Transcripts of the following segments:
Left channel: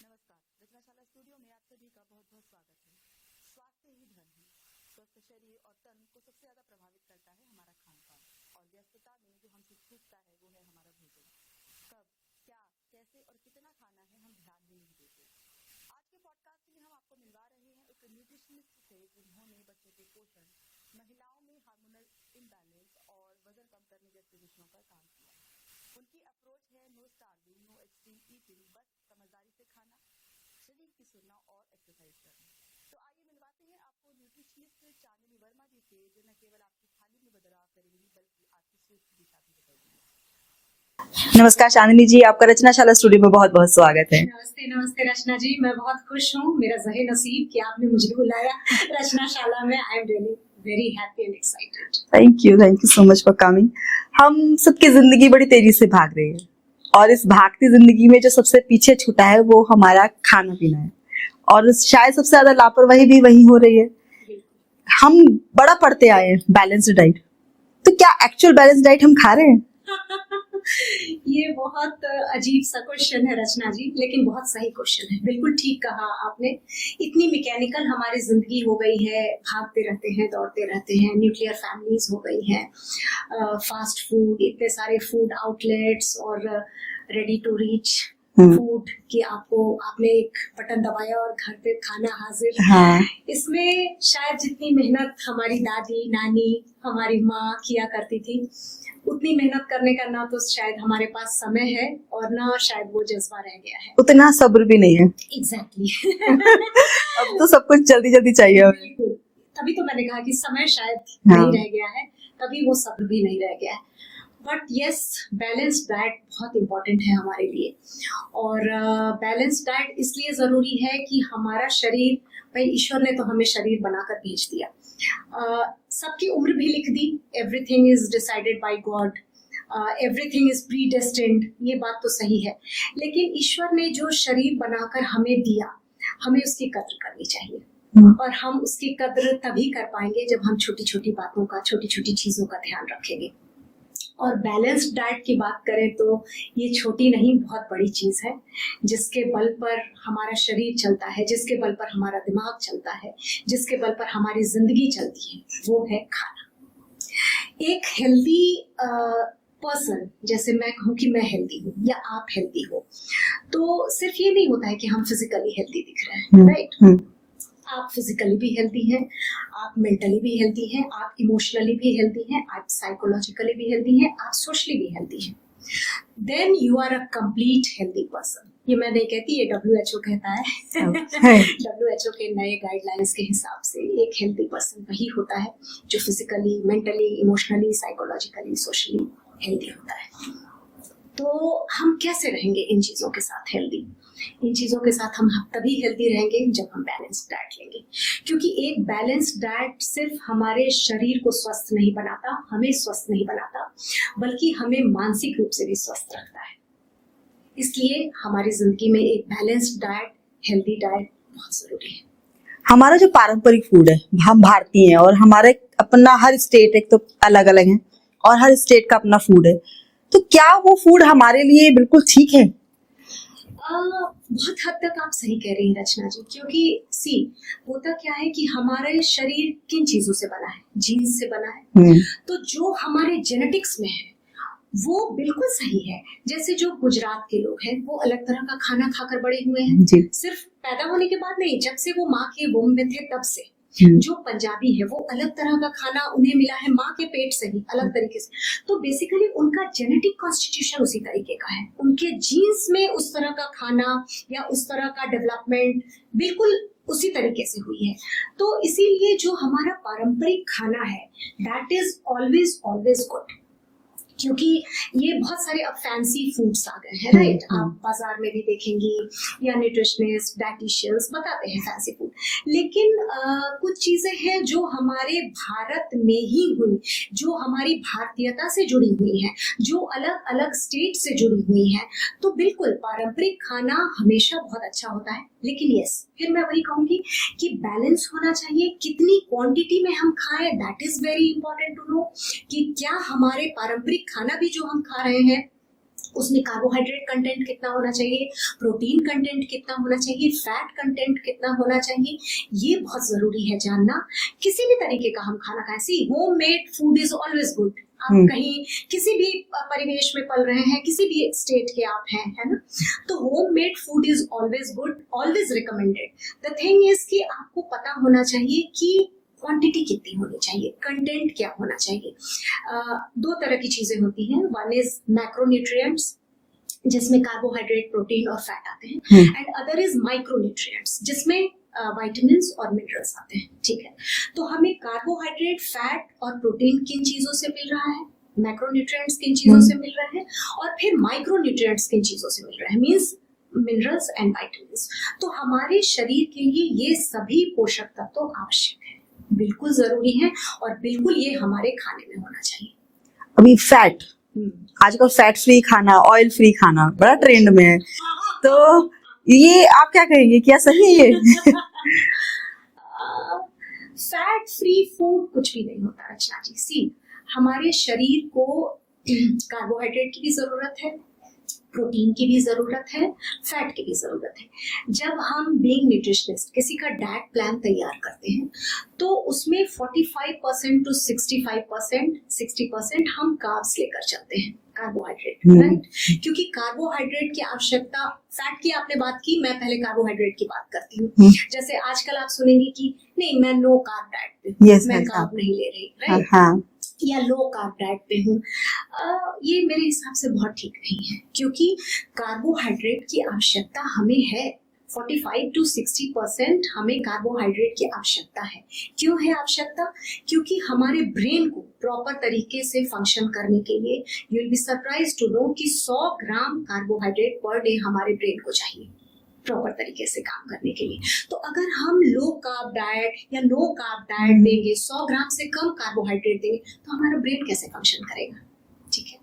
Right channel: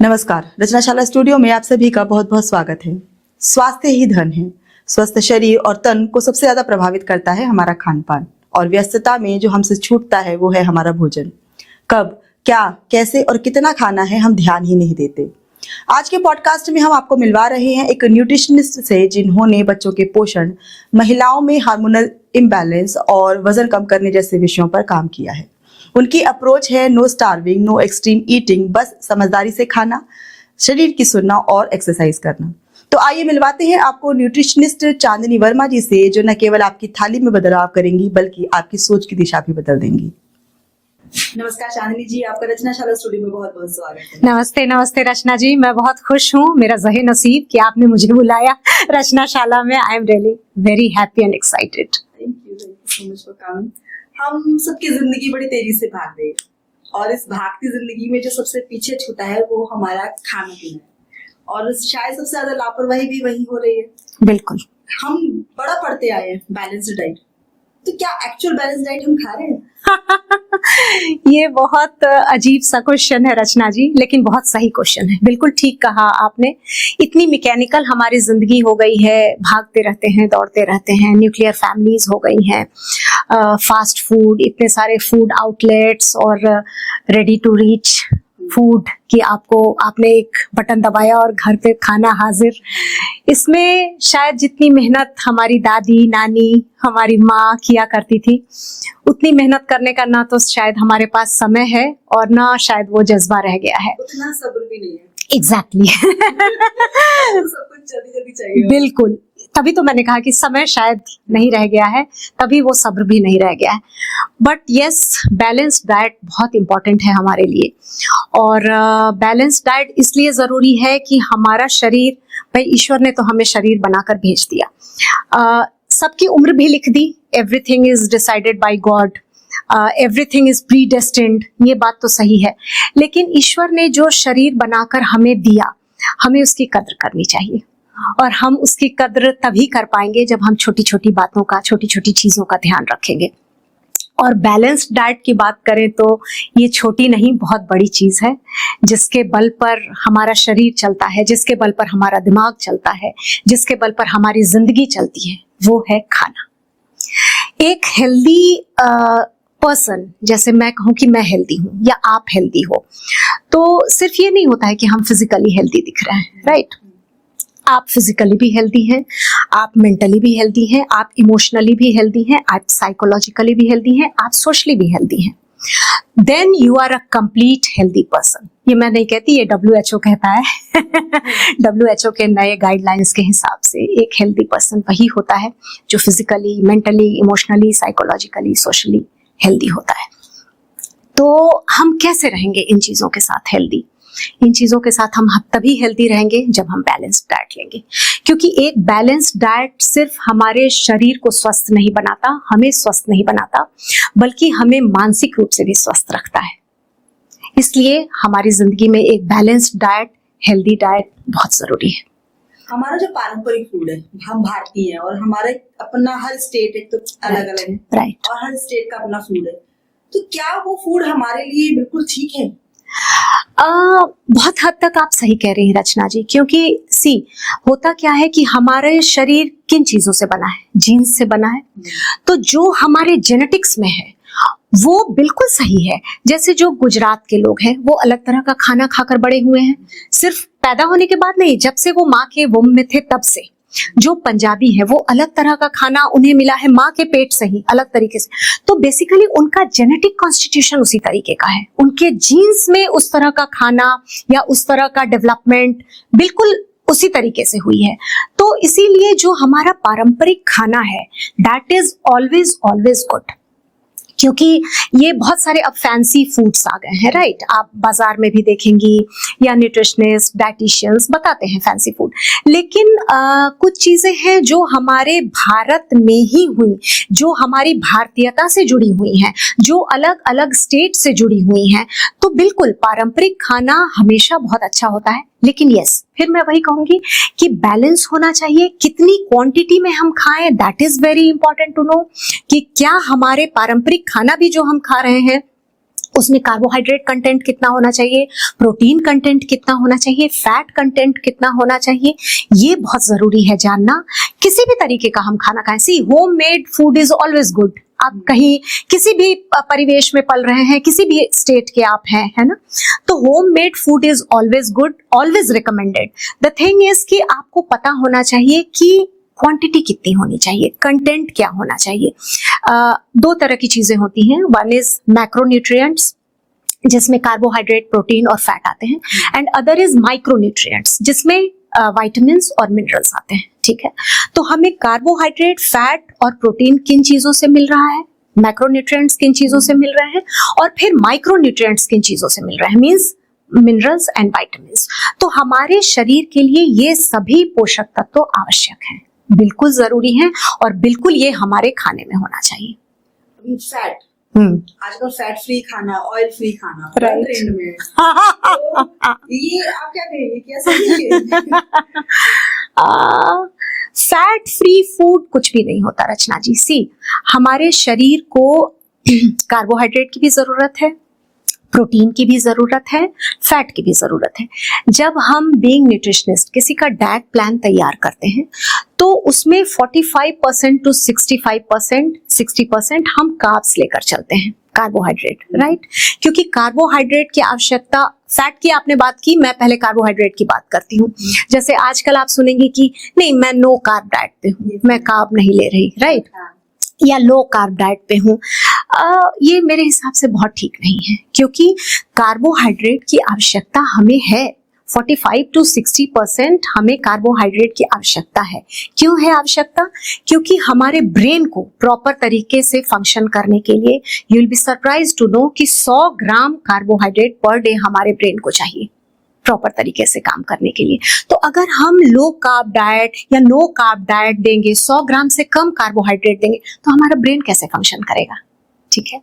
नमस्कार। रचनाशाला स्टूडियो में आप सभी का बहुत बहुत स्वागत है। स्वास्थ्य ही धन है। स्वस्थ शरीर और तन को सबसे ज्यादा प्रभावित करता है हमारा खान पान, और व्यस्तता में जो हमसे छूटता है वो है हमारा भोजन। कब, क्या, कैसे और कितना खाना है हम ध्यान ही नहीं देते। आज के पॉडकास्ट में हम आपको मिलवा रहे हैं एक न्यूट्रिशनिस्ट से जिन्होंने बच्चों के पोषण, महिलाओं में हार्मोनल इम्बैलेंस और वजन कम करने जैसे विषयों पर काम किया है। उनकी अप्रोच है no starving, no extreme eating, बस समझदारी से खाना, शरीर की सुनना और एक्सरसाइज करना। तो आइए मिलवाते हैं आपको न्यूट्रिशनिस्ट चांदनी वर्मा जी से, जो न केवल आपकी थाली में बदलाव करेंगी बल्कि आपकी सोच की दिशा भी बदल देंगी। नमस्कार चांदनी जी, आपका रचनाशाला स्टूडियो में बहुत बहुत स्वागत है। नमस्ते नमस्ते रचना जी, मैं बहुत खुश हूँ। मेरा ज़हे नसीब कि आपने मुझे बुलाया रचनाशाला में। I am really very happy and excited. Thank you so much for coming. हम सबकी जिंदगी बड़ी तेजी से भाग रही है, और इस भागती जिंदगी में जो सबसे पीछे छूटा है वो हमारा खाना पीना है, और शायद सबसे ज्यादा लापरवाही भी वही हो रही है। बिल्कुल। हम बड़ा पढ़ते आए हैं बैलेंस्ड डाइट, तो क्या एक्चुअल बैलेंस डाइट हम खा रहे हैं? ये बहुत अजीब सा क्वेश्चन है रचना जी, लेकिन बहुत सही क्वेश्चन है। बिल्कुल ठीक कहा आपने। इतनी मैकेनिकल हमारी जिंदगी हो गई है, भागते रहते हैं, दौड़ते रहते हैं, न्यूक्लियर फैमिलीज हो गई हैं, फास्ट फूड, इतने सारे फूड आउटलेट्स और रेडी टू रीच फूड कि आपने एक बटन दबाया और घर पे खाना हाजिर। इसमें शायद जितनी मेहनत हमारी दादी नानी, हमारी माँ किया करती थी, उतनी मेहनत करने का ना तो शायद हमारे पास समय है और ना शायद वो जज्बा रह गया है। उतना सब्र भी नहीं है। एग्जैक्टली तो सब कुछ जल्दी जल्दी चाहिए। बिल्कुल, तभी तो मैंने कहा कि समय शायद नहीं रह गया है, तभी वो सब्र भी नहीं रह गया है। बट यस, बैलेंस डाइट बहुत इंपॉर्टेंट है हमारे लिए। और बैलेंस डाइट इसलिए जरूरी है कि हमारा शरीर, भाई ईश्वर ने तो हमें शरीर बनाकर भेज दिया, सबकी उम्र भी लिख दी। Everything is decided by God, everything is predestined, ये बात तो सही है। लेकिन ईश्वर ने जो शरीर बनाकर हमें दिया, हमें उसकी कद्र करनी चाहिए। और हम उसकी कद्र तभी कर पाएंगे जब हम छोटी छोटी बातों का, छोटी छोटी चीजों का ध्यान रखेंगे। और बैलेंस्ड डाइट की बात करें तो ये छोटी नहीं, बहुत बड़ी चीज है, जिसके बल पर हमारा शरीर चलता है, जिसके बल पर हमारा दिमाग चलता है, जिसके बल पर हमारी जिंदगी चलती है, वो है खाना। एक हेल्दी पर्सन, जैसे मैं कहूँ कि मैं हेल्दी हूँ या आप हेल्दी हो, तो सिर्फ ये नहीं होता है कि हम फिजिकली हेल्दी दिख रहे हैं, राइट? आप फिजिकली भी हेल्दी हैं, आप मेंटली भी हेल्दी हैं, आप इमोशनली भी हेल्दी हैं, आप साइकोलॉजिकली भी हेल्दी हैं, आप सोशली भी हेल्दी हैं। Then you are a complete healthy person. ये मैं नहीं कहती, ये WHO कहता है। WHO के नए गाइडलाइंस के हिसाब से एक हेल्दी पर्सन वही होता है जो physically, mentally, emotionally, psychologically, socially healthy होता है। तो हम कैसे रहेंगे इन चीजों के साथ हेल्दी? इन चीजों के साथ हम तभी हेल्दी रहेंगे जब हम बैलेंस्ड डाइट लेंगे, क्योंकि एक बैलेंस्ड डाइट सिर्फ हमारे शरीर को स्वस्थ नहीं बनाता, हमें स्वस्थ नहीं बनाता, बल्कि हमें मानसिक रूप से भी स्वस्थ रखता है। इसलिए हमारी जिंदगी में एक बैलेंस्ड डाइट, हेल्दी डाइट बहुत जरूरी है। हमारा जो पारंपरिक फूड है, हम भारतीय हैं, और हमारा अपना हर स्टेट एक तो अलग अलग है, राइट, और हर स्टेट का अपना फूड है। तो क्या वो फूड हमारे लिए बिल्कुल ठीक है? बहुत हद तक आप सही कह रही हैं रचना जी, क्योंकि होता क्या है कि हमारे शरीर किन चीजों से बना है? जीन्स से बना है। तो जो हमारे जेनेटिक्स में है वो बिल्कुल सही है। जैसे जो गुजरात के लोग हैं, वो अलग तरह का खाना खाकर बड़े हुए हैं, सिर्फ पैदा होने के बाद नहीं, जब से वो माँ के वुम्ब में थे तब से। जो पंजाबी है वो अलग तरह का खाना उन्हें मिला है माँ के पेट से ही, अलग तरीके से। तो बेसिकली उनका जेनेटिक कॉन्स्टिट्यूशन उसी तरीके का है, उनके जीन्स में उस तरह का खाना या उस तरह का डेवलपमेंट बिल्कुल उसी तरीके से हुई है। तो इसीलिए जो हमारा पारंपरिक खाना है, that is always always good. क्योंकि ये बहुत सारे अब फैंसी फूड्स आ गए हैं, राइट? आप बाजार में भी देखेंगी या न्यूट्रिशनिस्ट, डाइटिशियंस बताते हैं फैंसी फूड, लेकिन कुछ चीजें हैं जो हमारे भारत में ही हुई, जो हमारी भारतीयता से जुड़ी हुई हैं, जो अलग अलग स्टेट से जुड़ी हुई हैं। तो बिल्कुल पारंपरिक खाना हमेशा बहुत अच्छा होता है, लेकिन यस, फिर मैं वही कहूंगी कि बैलेंस होना चाहिए। कितनी क्वांटिटी में हम खाएं, that is very important to know, कि क्या हमारे पारंपरिक खाना भी जो हम खा रहे हैं उसमें कार्बोहाइड्रेट कंटेंट कितना होना चाहिए, प्रोटीन कंटेंट कितना होना चाहिए, फैट कंटेंट कितना होना चाहिए, ये बहुत जरूरी है जानना। किसी भी तरीके का हम खाना खाएं, see home made food is always good. आप कहीं किसी भी परिवेश में पल रहे हैं, किसी भी स्टेट के आप हैं, है ना, तो home made food is always good, always recommended. The thing is कि आपको पता होना चाहिए कि क्वांटिटी कितनी होनी चाहिए, कंटेंट क्या होना चाहिए। दो तरह की चीजें होती हैं, वन इज मैक्रोन्यूट्रिएंट्स जिसमें कार्बोहाइड्रेट, प्रोटीन और फैट आते हैं, एंड अदर इज माइक्रोन्यूट्रिएंट्स जिसमें विटामिन्स और मिनरल्स आते हैं। ठीक है, तो हमें कार्बोहाइड्रेट, फैट और प्रोटीन किन चीजों से मिल रहा है, मैक्रोन्यूट्रिएंट्स किन चीजों से मिल रहे हैं, और फिर माइक्रोन्यूट्रिएंट्स किन चीजों से मिल रहे हैं, मींस मिनरल्स एंड विटामिन्स। तो हमारे शरीर के लिए ये सभी पोषक तत्व आवश्यक हैं, बिल्कुल जरूरी हैं, और बिल्कुल ये हमारे खाने में होना चाहिए। अभी फैट, आजकल फैट फ्री खाना, ऑयल फ्री खाना बड़ा ट्रेंड में है, तो ये आप क्या कहेंगे, क्या सही है? फैट फ्री फूड कुछ भी नहीं होता रचना जी। सी, हमारे शरीर को कार्बोहाइड्रेट की भी जरूरत है, प्रोटीन की भी जरूरत है, फैट की भी जरूरत है। जब हम बीइंग न्यूट्रिशनिस्ट किसी का डाइट प्लान तैयार करते हैं तो उसमें 45% टू 65%, 60% हम कार्ब्स लेकर चलते हैं, कार्बोहाइड्रेट, राइट? क्योंकि कार्बोहाइड्रेट की आवश्यकता, फैट की आपने बात की, मैं पहले कार्बोहाइड्रेट की बात करती हूँ। जैसे आजकल आप सुनेंगे कि नहीं मैं नो कार्ब डाइट पे हूँ, मैं कार्ब नहीं ले रही, राइट? हाँ। या लो कार्ब डाइट पे हूँ, ये मेरे हिसाब से बहुत ठीक नहीं है, क्योंकि कार्बोहाइड्रेट की आवश्यकता हमें है। 45 टू 60% हमें कार्बोहाइड्रेट की आवश्यकता है। क्यों है आवश्यकता? क्योंकि हमारे ब्रेन को प्रॉपर तरीके से फंक्शन करने के लिए, you will be surprise to know कि 100 ग्राम कार्बोहाइड्रेट पर डे हमारे ब्रेन को चाहिए प्रॉपर तरीके से काम करने के लिए। तो अगर हम लो कार्ब डाइट या नो कार्ब डाइट लेंगे, 100 ग्राम से कम कार्बोहाइड्रेट देंगे, तो हमारा ब्रेन कैसे फंक्शन करेगा? ठीक है,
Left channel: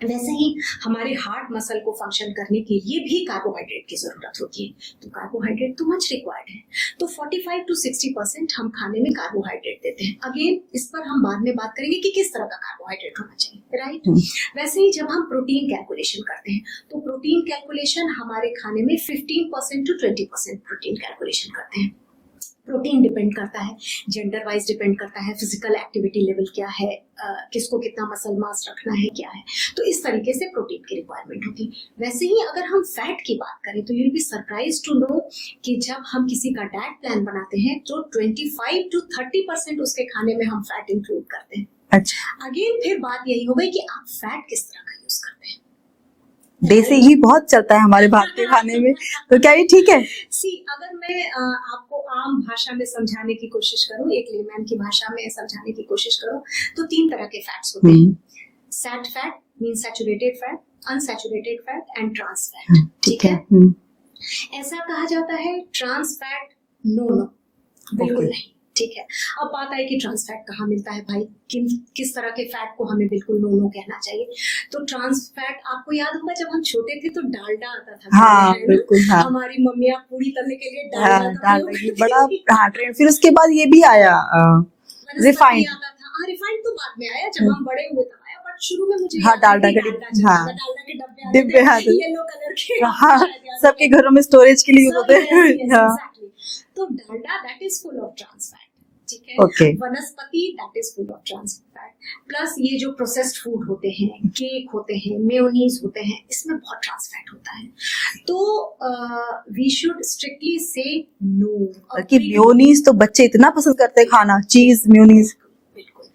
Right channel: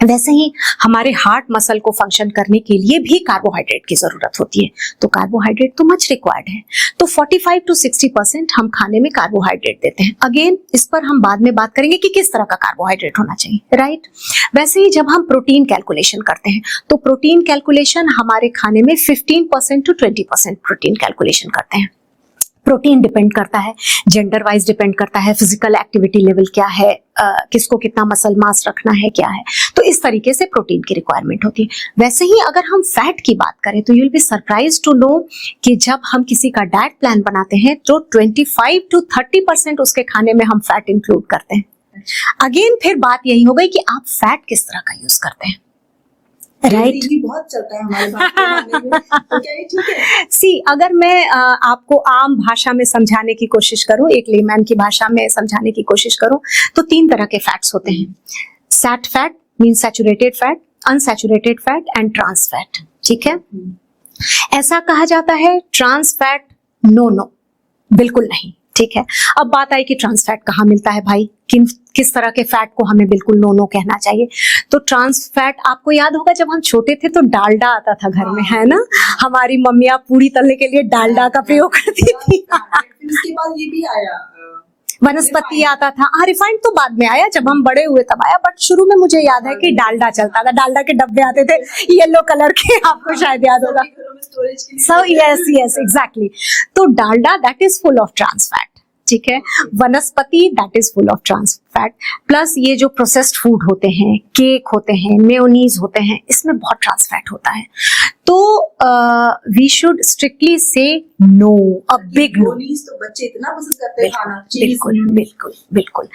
वैसे ही हमारे हार्ट मसल को फंक्शन करने के लिए भी कार्बोहाइड्रेट की जरूरत होती है, तो कार्बोहाइड्रेट तो मच रिक्वायर्ड है। तो 45 टू 60% हम खाने में कार्बोहाइड्रेट देते हैं। अगेन इस पर हम बाद में बात करेंगे कि किस तरह का कार्बोहाइड्रेट होना चाहिए, राइट? वैसे ही जब हम प्रोटीन कैलकुलेशन करते हैं तो प्रोटीन कैलकुलेशन हमारे खाने में 15% टू 20% प्रोटीन कैलकुलेशन करते हैं। प्रोटीन डिपेंड करता है, जेंडर वाइज डिपेंड करता है, फिजिकल एक्टिविटी लेवल क्या है, किसको कितना मसल मास रखना है, क्या है, तो इस तरीके से प्रोटीन की रिक्वायरमेंट होती है। वैसे ही अगर हम फैट की बात करें तो you will be surprise to know कि जब हम किसी का डाइट प्लान बनाते हैं तो 25 टू 30% उसके खाने में हम फैट इंक्लूड करते हैं। अच्छा, अगेन फिर बात यही हो गई कि आप फैट किस तरह का यूज करते हैं। देसी घी बहुत चलता है हमारे भारतीय खाने में, तो क्या ये ठीक है? सी, अगर मैं आपको आम भाषा में समझाने की कोशिश करूं, एक लेमैन की भाषा में समझाने की कोशिश करूं, तो 3 तरह के फैट्स होते हैं। Sat fat mean saturated fat, unsaturated fat and trans fat. ठीक है, ऐसा कहा जाता है ट्रांस फैट नो, बिल्कुल नहीं। ठीक है, अब बात आई कि ट्रांस फैट कहाँ मिलता है भाई, किस तरह के फैट को हमें बिल्कुल नो कहना चाहिए। तो ट्रांस फैट, आपको याद होगा जब हम छोटे थे तो डालडा आता था घर में, है ना? हाँ। हमारी मम्मियाँ पूरी तलने के लिए डालडा का प्रयोग करती थी। फिर उसके बाद ये भी आया, वनस्पति आता था। हाँ, रिफाइंड तो बाद में आया, जब हम बड़े हुए तब आया, बट शुरू में मुझे याद है कि डालडा चलता था। डालडा के डब्बे आते थे येलो कलर के, आपको शायद याद होगा, सबके घरों में स्टोरेज के लिए। Yes exactly. तो Dalda that is full of trans fat. ठीक है, vanaspati that is full of trans fat, plus ये जो प्रोसेस्ड फूड होते हैं, केक होते हैं, मेयोनीज होते हैं, इसमें बहुत ट्रांस फैट होता है। तो वी शुड स्ट्रिक्टली से नो। मेयोनीज तो बच्चे इतना पसंद करते हैं खाना, चीज मेयोनीज। बिल्कुल,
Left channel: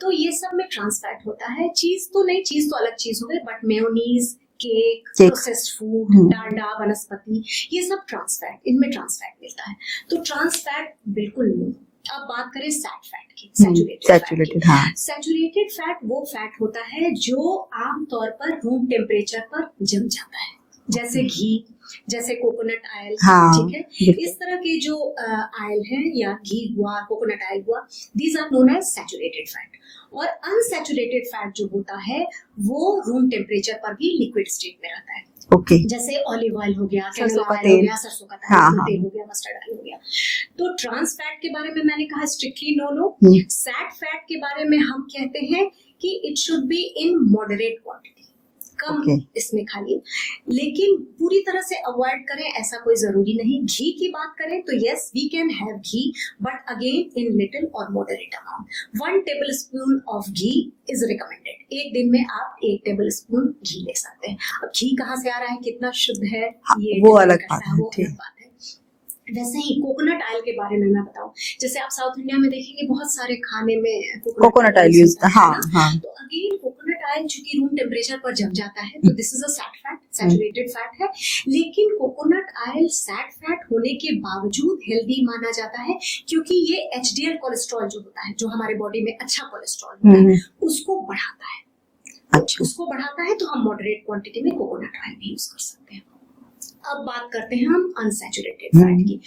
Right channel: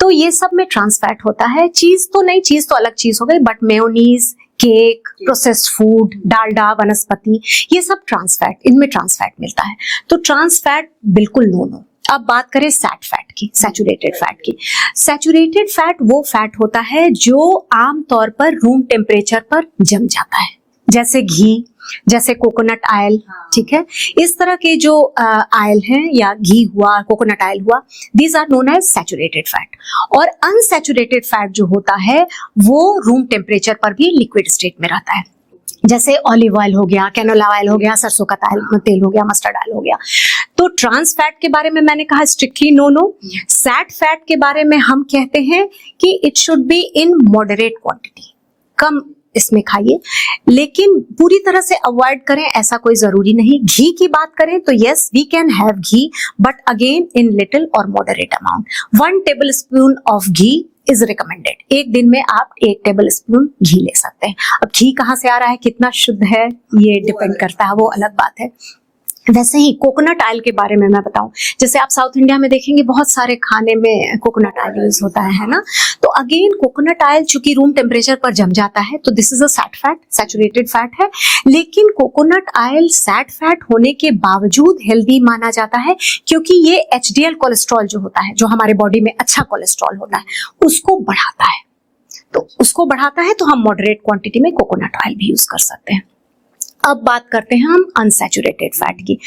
तो ये सब में ट्रांस फैट होता है। चीज तो नहीं, चीज तो अलग चीज हो गई, but mayonnaise, cake, processed food, Dalda, वनस्पति, ये सब ट्रांस फैट, इनमें ट्रांस फैट मिलता है। तो ट्रांस फैट बिल्कुल नो। अब बात करें सैट फैट की, सैचुरेटेड फैट की। सैचुरेटेड फैट वो फैट होता है जो आमतौर पर रूम टेम्परेचर पर जम जाता है, जैसे घी, जैसे कोकोनट ऑयल। ठीक है, इस तरह के जो ऑयल हैं, या घी हुआ, कोकोनट ऑयल हुआ, these are known as saturated fat. और अनसैचुरेटेड फैट जो होता है वो रूम टेम्परेचर पर भी लिक्विड स्टेट में रहता है। जैसे ऑलिव ऑयल हो गया, कैनोला ऑयल हो गया, सरसों का तेल हो गया, मस्टर्ड ऑयल हो गया। तो ट्रांस फैट के बारे में मैंने कहा स्ट्रिक्टली नो। सैट फैट के बारे में हम कहते हैं कि it should be in moderate quantity, come Okay. इसमें खाइए, लेकिन पूरी तरह से अवॉइड करें ऐसा कोई जरूरी नहीं। घी की बात करें तो yes we can have ghee, but again in little और moderate amount. 1 tablespoon of ghee is recommended. एक दिन में आप 1 टेबल स्पून घी ले सकते हैं। अब घी कहाँ से आ रहा है, कितना शुद्ध है, ये वो डिपेंड अलग करता बात है, है, वो जी। अलग बात है। वैसे ही कोकोनट ऑयल के बारे में मैं बताऊं, जैसे आप साउथ इंडिया में देखेंगे बहुत सारे खाने में coconut Coconut oil oil use use होता है हाँ, ना। हाँ। तो अगेन कोकोनट ऑयल चूंकि रूम टेम्परेचर पर जम जाता है तो this is a sat fat, saturated fat है, लेकिन कोकोनट ऑयल सैट फैट होने के बावजूद हेल्दी माना जाता है, क्योंकि ये एचडीएल कोलेस्ट्रॉल जो होता है, जो हमारे बॉडी में अच्छा कोलेस्ट्रॉल होता है, उसको बढ़ाता है। तो अच्छा। उसको बढ़ाता है तो हम मॉडरेट क्वांटिटी में कोकोनट ऑयल भी यूज कर सकते हैं। अब बात करते हैं हम अनसैचुरेटेड फैट की।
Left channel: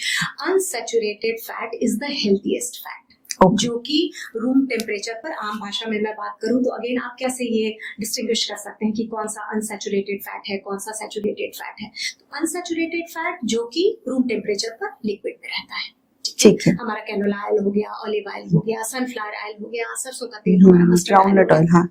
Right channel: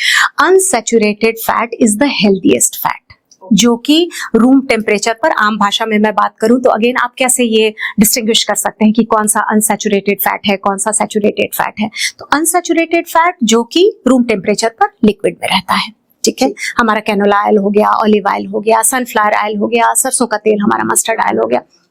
Unsaturated fat is the healthiest fat, Okay. जो कि रूम टेम्परेचर पर, आम भाषा में मैं बात करूं तो अगेन आप कैसे ये डिस्टिंग्विश कर सकते हैं कि कौन सा अनसैचुरेटेड फैट है, कौन सा सैचुरेटेड फैट है। तो अनसैचुरेटेड फैट जो कि रूम टेम्परेचर पर लिक्विड में रहता है, ठीक है। ठीक है। हमारा कैनोला ऑयल हो गया, ऑलिव ऑयल हो गया, सनफ्लावर ऑयल हो गया, सरसों का तेल, हमारा मस्टर्ड ऑयल हो गया, हाँ।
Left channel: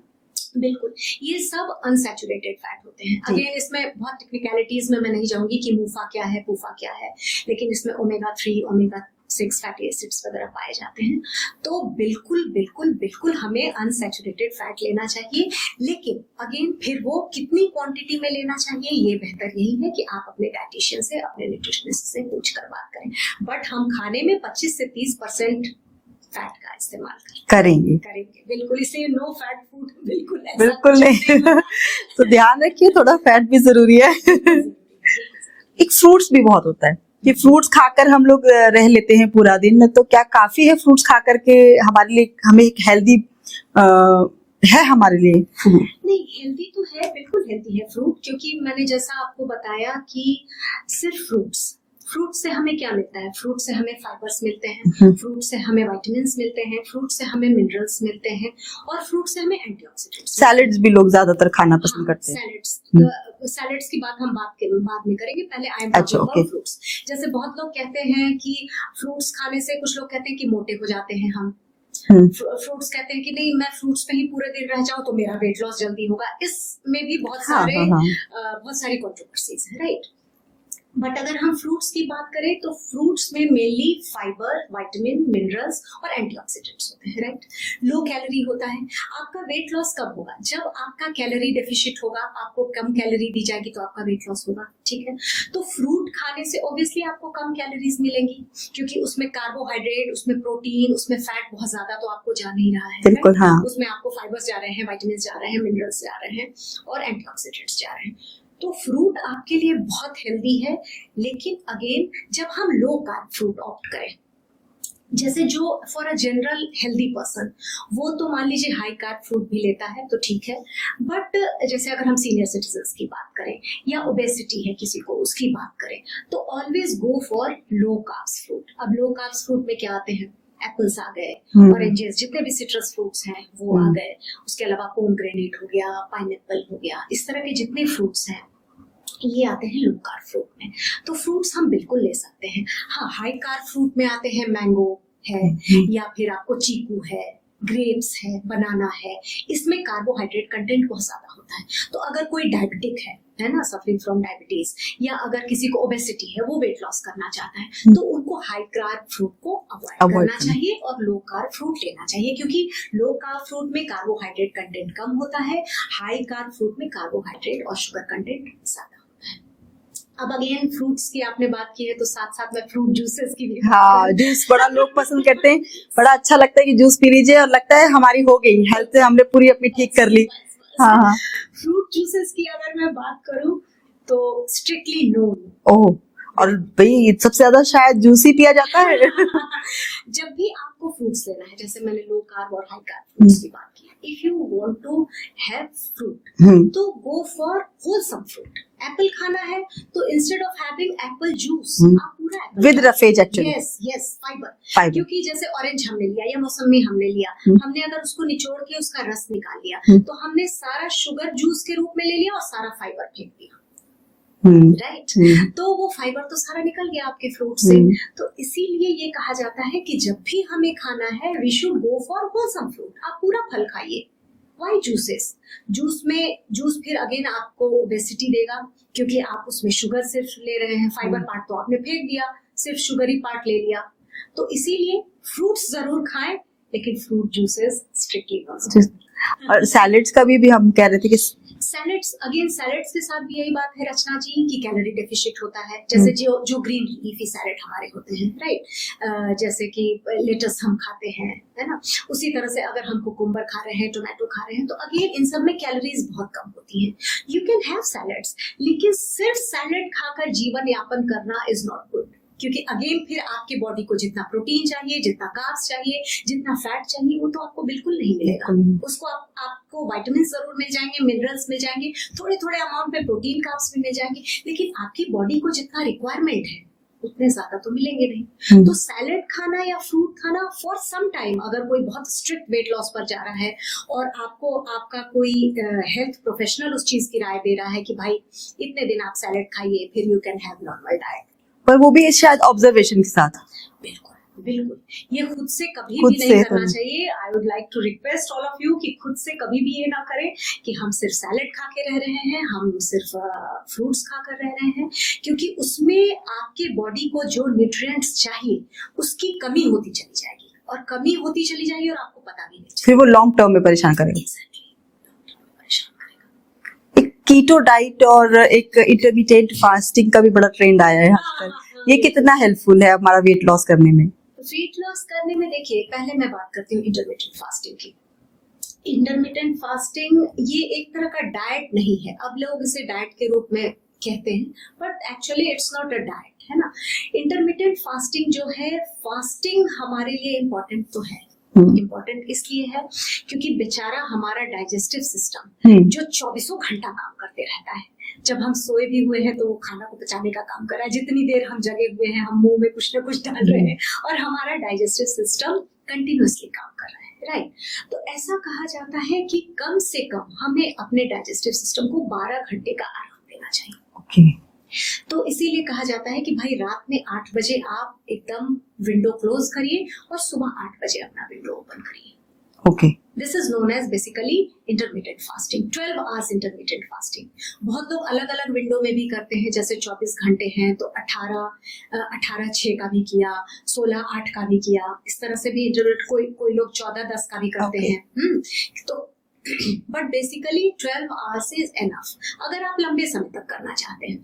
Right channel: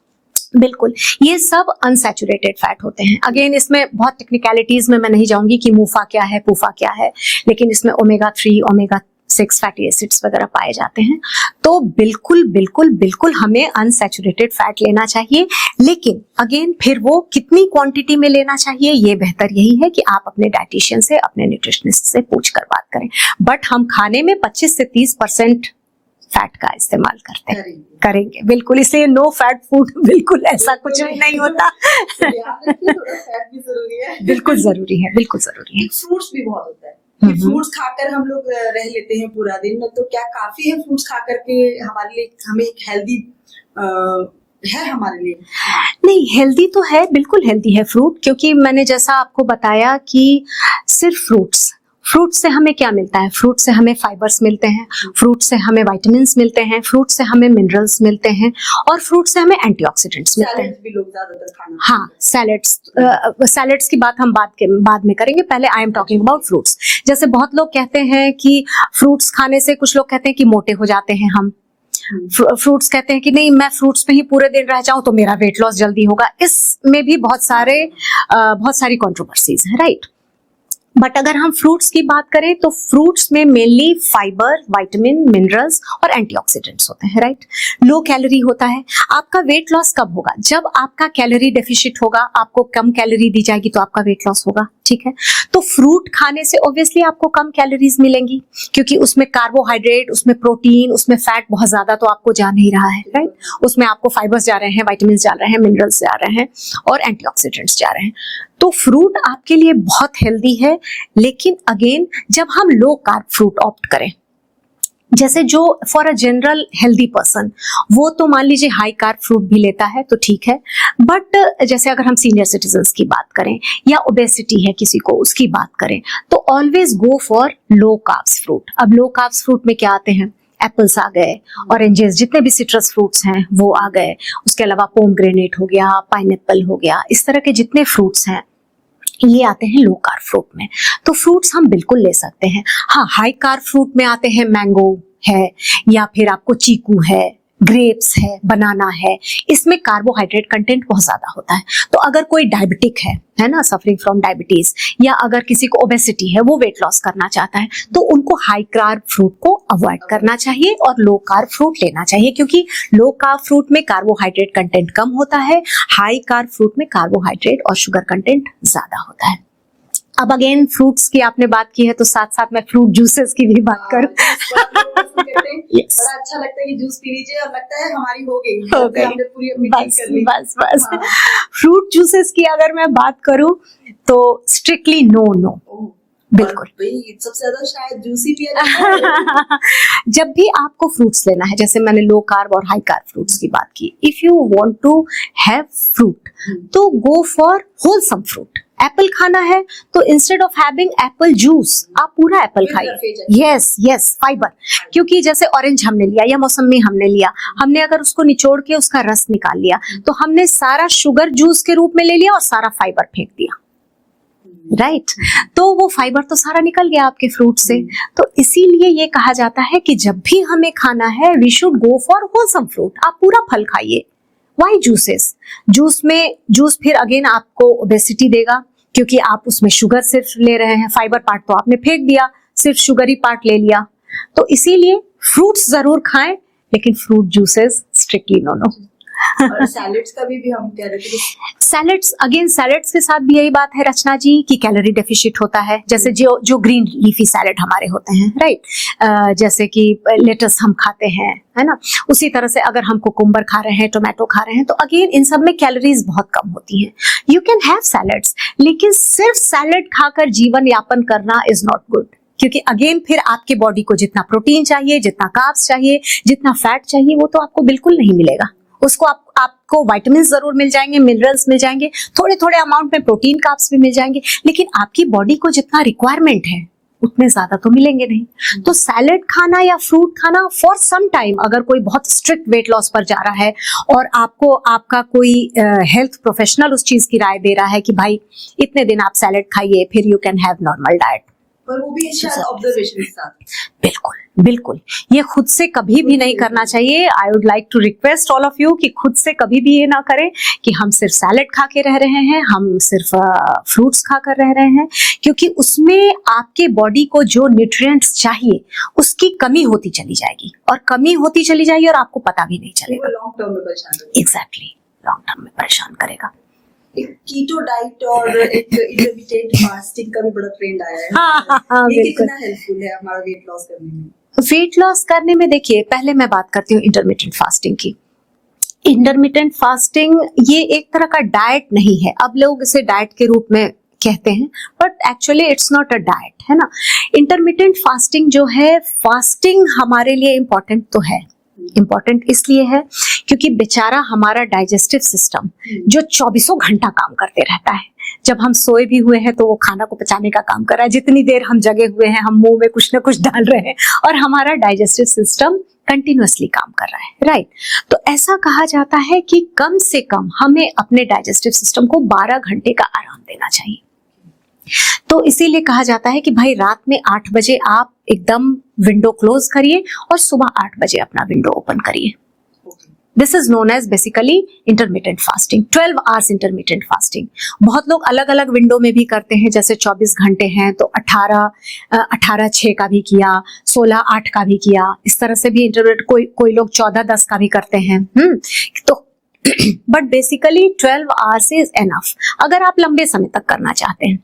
बिल्कुल ये सब अनसैचुरेटेड फैट होते हैं। अगेन इसमें बहुत टेक्निकलिटीज में मैं नहीं जाऊंगी कि मूफा क्या है, पूफा क्या है, लेकिन इसमें ओमेगा 3 ओमेगा 6 फैटी एसिड्स वगैरह पाए जाते हैं। तो बिल्कुल बिल्कुल बिल्कुल हमें अनसैचुरेटेड फैट लेना चाहिए, लेकिन अगेन फिर वो कितनी क्वांटिटी में लेना चाहिए, ये बेहतर यही है कि आप अपने डाइटिशियन से, अपने न्यूट्रिशनिस्ट से पूछ कर बात करें। बट हम खाने में 25 से 30% फैट का इस्तेमाल करते हैं, करेंगे बिल्कुल। इसलिए नो फैट फूड बिल्कुल ऐसा बिल्कुल कुछ नहीं होता। तो ध्यान रखिए, थोड़ा फैट भी जरूरी है। बिल्कुल जरूरी है, बिल्कुल जरूरी है। एक फ्रूट्स भी बहुत होता है कि फ्रूट्स खाकर हम लोग रह लेते हैं पूरा दिन, तो क्या काफी है फ्रूट्स खा करके हमारे लिए, हमें एक हेल्दी है हमारे लिए? नहीं, हेल्दी तो है, बिल्कुल हेल्दी है फ्रूट, क्योंकि मैंने जैसा आपको बताया कि सिर्फ फ्रूट से हमें क्या मिलता है, फ्रूट से हमें फाइबर्स मिलते हैं, फ्रूट से हमें विटामिन्स मिलते हैं, फ्रूट से हमें मिनरल्स मिलते हैं, और फ्रूट से हमें एंटीऑक्सीडेंट्स मिलते हैं। सैलेड्स भी लोग ज्यादातर खाना पसंद करते हैं। सैलेड्स की बात हम बाद में करेंगे, पहले आई एम टॉकिंग अच्छा, अबाउट फ्रूट्स। जैसे बहुत लोग कहते हैं कि फ्रूट्स खाने से, कुछ लोग कहते हैं कि मोटे हो जाते हैं हम, फ्रूट्स कहते हैं कि नहीं मैं फ्रूट्स पे ही पूरे दिन रह जाऊं तो मेरा वेट लॉस जल्दी होगा। इसमें भी बहुत सारी कंट्रोवर्सीज है, राइट। बट अगर हम फ्रूट्स की बात करें तो फ्रूट्स में मेनली फाइबर, विटामिन, मिनरल्स और एंटीऑक्सीडेंट्स होते हैं, राइट। लो कैलोरी होता है। आपका वेट लॉस कब होगा? जब आपका कैलोरी डेफिशिट होगा, आपको कम कैलोरी दी जाएगी तो आपका वेट लॉस होगा, ठीक है। तो फ्रूट खाने से ऑब्वियसली आपको कम कैलोरीज मिलेंगी, क्योंकि उसमें कार्बोहाइड्रेट, उसमें प्रोटीन, उसमें फैट बहुत ज्यादा तो आपको जा नहीं रहा है, बिल्कुल, हाँ। उसमें आपको फाइबर्स जा रहे हैं, विटामिन जा रहे हैं, मिनरल्स जा रहे हैं और एंटीऑक्सीडेंट्स जा रहे हैं। तो फ्रूट आपके लिए बहुत हेल्दी है, लेकिन अगेन जब हम लो कार्ब फ्रूट ऑप्ट करें, जैसे जो for a general healthy person, वो तो मान लीजिए हाई कार्ब फ्रूट भी लेता है तो ठीक है, बट जैसे अगर हम सीनियर सिटीजन्स की बात करें या ओबेसिटी है किसी को, उसकी बात करें, तो always go for low carbs fruit. अब लो कार्ब्स फ्रूट में क्या आते हैं? एप्पल्स आ गए, ऑरेंजेस, जितने भी सिट्रस फ्रूट्स हैं वो आ गए, उसके अलावा पोमग्रेनेट हो गया, पाइनएप्पल हो गया, इस तरह के जितने फ्रूट्स हैं ये आते हैं लो कार्ब फ्रूट में। तो फ्रूट्स हम बिल्कुल ले सकते हैं। हाँ, हाई कार्ब फ्रूट में आते हैं मैंगो है, या फिर आपको चीकू है, ग्रेप्स है, बनाना है, इसमें कार्बोहाइड्रेट कंटेंट बहुत ज्यादा होता है। तो अगर कोई डायबिटिक है ना, सफरिंग फ्रॉम डायबिटीज, या अगर किसी को ओबेसिटी है, वो वेट लॉस करना चाहता है, तो उनको हाई कार्ब फ्रूट को अवॉइड करना चाहिए और लो कार्ब फ्रूट लेना चाहिए, क्योंकि लो कार्ब फ्रूट में कार्बोहाइड्रेट कंटेंट कम होता है, हाई कार्ब फ्रूट में कार्बोहाइड्रेट और शुगर कंटेंट ज्यादा होता है। अब अगेन फ्रूट्स की आपने बात की है तो साथ साथ मैं फ्रूट जूसेस की भी बात करूं। जूस बड़ा लोग पसंद करते हैं। yes. बड़ा अच्छा लगता है कि जूस पी लीजिए और लगता है हमारी हो गई, हमने पूरी अपनी ठीक कर ली। बस फ्रूट जूसेस की अगर मैं बात करूं तो स्ट्रिक्टली नो। ओह बिल्कुल भाई, सबसे ज्यादा शायद जूस ही पिया जाता है। जब भी आपको फ्रूट्स लेना है, जैसे मैंने लो कार्ब और हाई कार्ब फ्रूट्स की बात की, if you want to have fruit तो go for wholesome fruit. Apple खाना है तो instead of having apple juice, आप पूरा एप्पल खाइए। यस फाइबर, क्योंकि जैसे ऑरेंज हमने लिया या मौसमी हमने लिया, हमने अगर उसको निचोड़ के उसका रस निकाल लिया तो हमने सारा शुगर जूस के रूप में ले लिया और सारा फाइबर फेंक दिया, राइट। तो वो फाइबर तो सारा निकल गया आपके फ्रूट से। तो इसीलिए ये कहा जाता है कि जब भी हमें खाना है we should go for wholesome fruit. आप पूरा फल खाइए, व्हाई जूसेस? जूस फिर अगेन आपको ओबेसिटी देगा, क्योंकि आप उसमें शुगर सिर्फ ले रहे हैं, फाइबर पार्ट तो आपने फेंक दिया, सिर्फ शुगरी पार्ट ले लिया। तो इसीलिए फ्रूट्स जरूर खाएं, लेकिन फ्रूट जूसेस स्ट्रिक्टली नो। और सैलेड्स का भी हम कह रहे थे कि सैलेड्स के साथ भी यही बात है रचना जी कि कैलोरी डेफिशिट होता है। जैसे जो ग्रीन लीफी सैलेड हमारे होते हैं, राइट, जैसे कि लेटस हम खाते हैं, है ना, उसी तरह से अगर हम कुकुम्बर खा रहे हैं, टोमेटो खा रहे हैं, तो अगेन इन सब में कैलोरीज बहुत कम होती हैं। यू कैन हैव सैलेड्स, लेकिन सिर्फ सैलेड खाकर जीवन यापन करना इज नॉट गुड, क्योंकि अगेन फिर आपके बॉडी को जितना प्रोटीन चाहिए, जितना कार्ब्स चाहिए, जितना फैट चाहिए, वो तो आपको बिल्कुल नहीं मिलेगा। उसको आपको विटामिन जरूर मिल जाएंगे, मिनरल्स मिल जाएंगे, थोड़े थोड़े अमाउंट में प्रोटीन कार्ब्स भी मिल जाएंगे, लेकिन आपकी बॉडी को जितना रिक्वायरमेंट है उतने ज्यादा तो मिलेंगे नहीं। तो सैलेड खाना या फ्रूट खाना फॉर सम टाइम, अगर कोई बहुत स्ट्रिक्ट वेट लॉस पर जा रहा है और आपका कोई हेल्थ प्रोफेशनल उस चीज की राय दे रहा है कि भाई इतने दिन आप सैलेड खाइए, फिर you can have normal diet, पर वो भी शायद ऑब्जर्वेशन के साथ। बिल्कुल ये खुद से कभी भी नहीं करना चाहिए। I would like to request all of you कि खुद से कभी भी ये ना करें कि हम सिर्फ सैलेड खा के रह रहे हैं, हम सिर्फ फ्रूट्स खा कर रह रहे हैं, क्योंकि उसमें आपके बॉडी को जो न्यूट्रिएंट्स चाहिए उसकी कमी होती चली जाएगी, और कमी होती चली जाएगी और आपको पता भी नहीं चलेगा। फिर वो लॉन्ग टर्म में परेशान करेगा। एग्जैक्टली, लॉन्ग टर्म में परेशान करेगा। एक कीटो डाइट और एक इंटरमिटेंट फास्टिंग का भी बड़ा ट्रेंड आया है। ये कितना हेल्पफुल है हमारा वेट लॉस करने में? वेट लॉस करने में देखिए, पहले मैं बात करती हूँ इंटरमिटेंट फास्टिंग की। इंटरमिटेंट फास्टिंग ये एक तरह का डाइट नहीं है, अब लोग इसे डाइट के रूप में कहते हैं, but actually it's not a diet, है ना। इंटरमिटेंट फास्टिंग जो है, फास्टिंग हमारे लिए इम्पोर्टेंट तो है, इम्पोर्टेंट इसलिए है क्योंकि बेचारा हमारा डाइजेस्टिव सिस्टम जो 24 घंटा काम करते रहता है, जब हम सोए भी हुए हैं तो वो खाना को पचाने का काम कर रहा है, जितनी देर हम जगे हुए हैं हम मुंह में कुछ ना कुछ डाल रहे हैं, और हमारा डाइजेस्टिव सिस्टम कंटिन्यूअसली काम कर रहा है, राइट। तो ऐसा कहा जाता है कि कम से कम हमें अपने डाइजेस्टिव सिस्टम को 12 घंटे का आराम देना चाहिए। तो इसीलिए कहा जाता है कि भाई रात में 8 बजे आप एकदम विंडो क्लोज करिए और सुबह 8 बजे अपना विंडो ओपन करिए। Okay, this is known as basically intermittent fasting, 12 hours intermittent fasting. बहुत लोग अलग अलग विंडो में भी करते हैं, जैसे 24 घंटे हैं तो 18-6 का भी किया, 16-8 का भी किया, इस तरह से भी इंटरमिटेंट, कोई लोग 14-10 का भी करते हैं। तो but basically 12 hours is enough अगर आप लंबे समय तक करना चाहते हैं,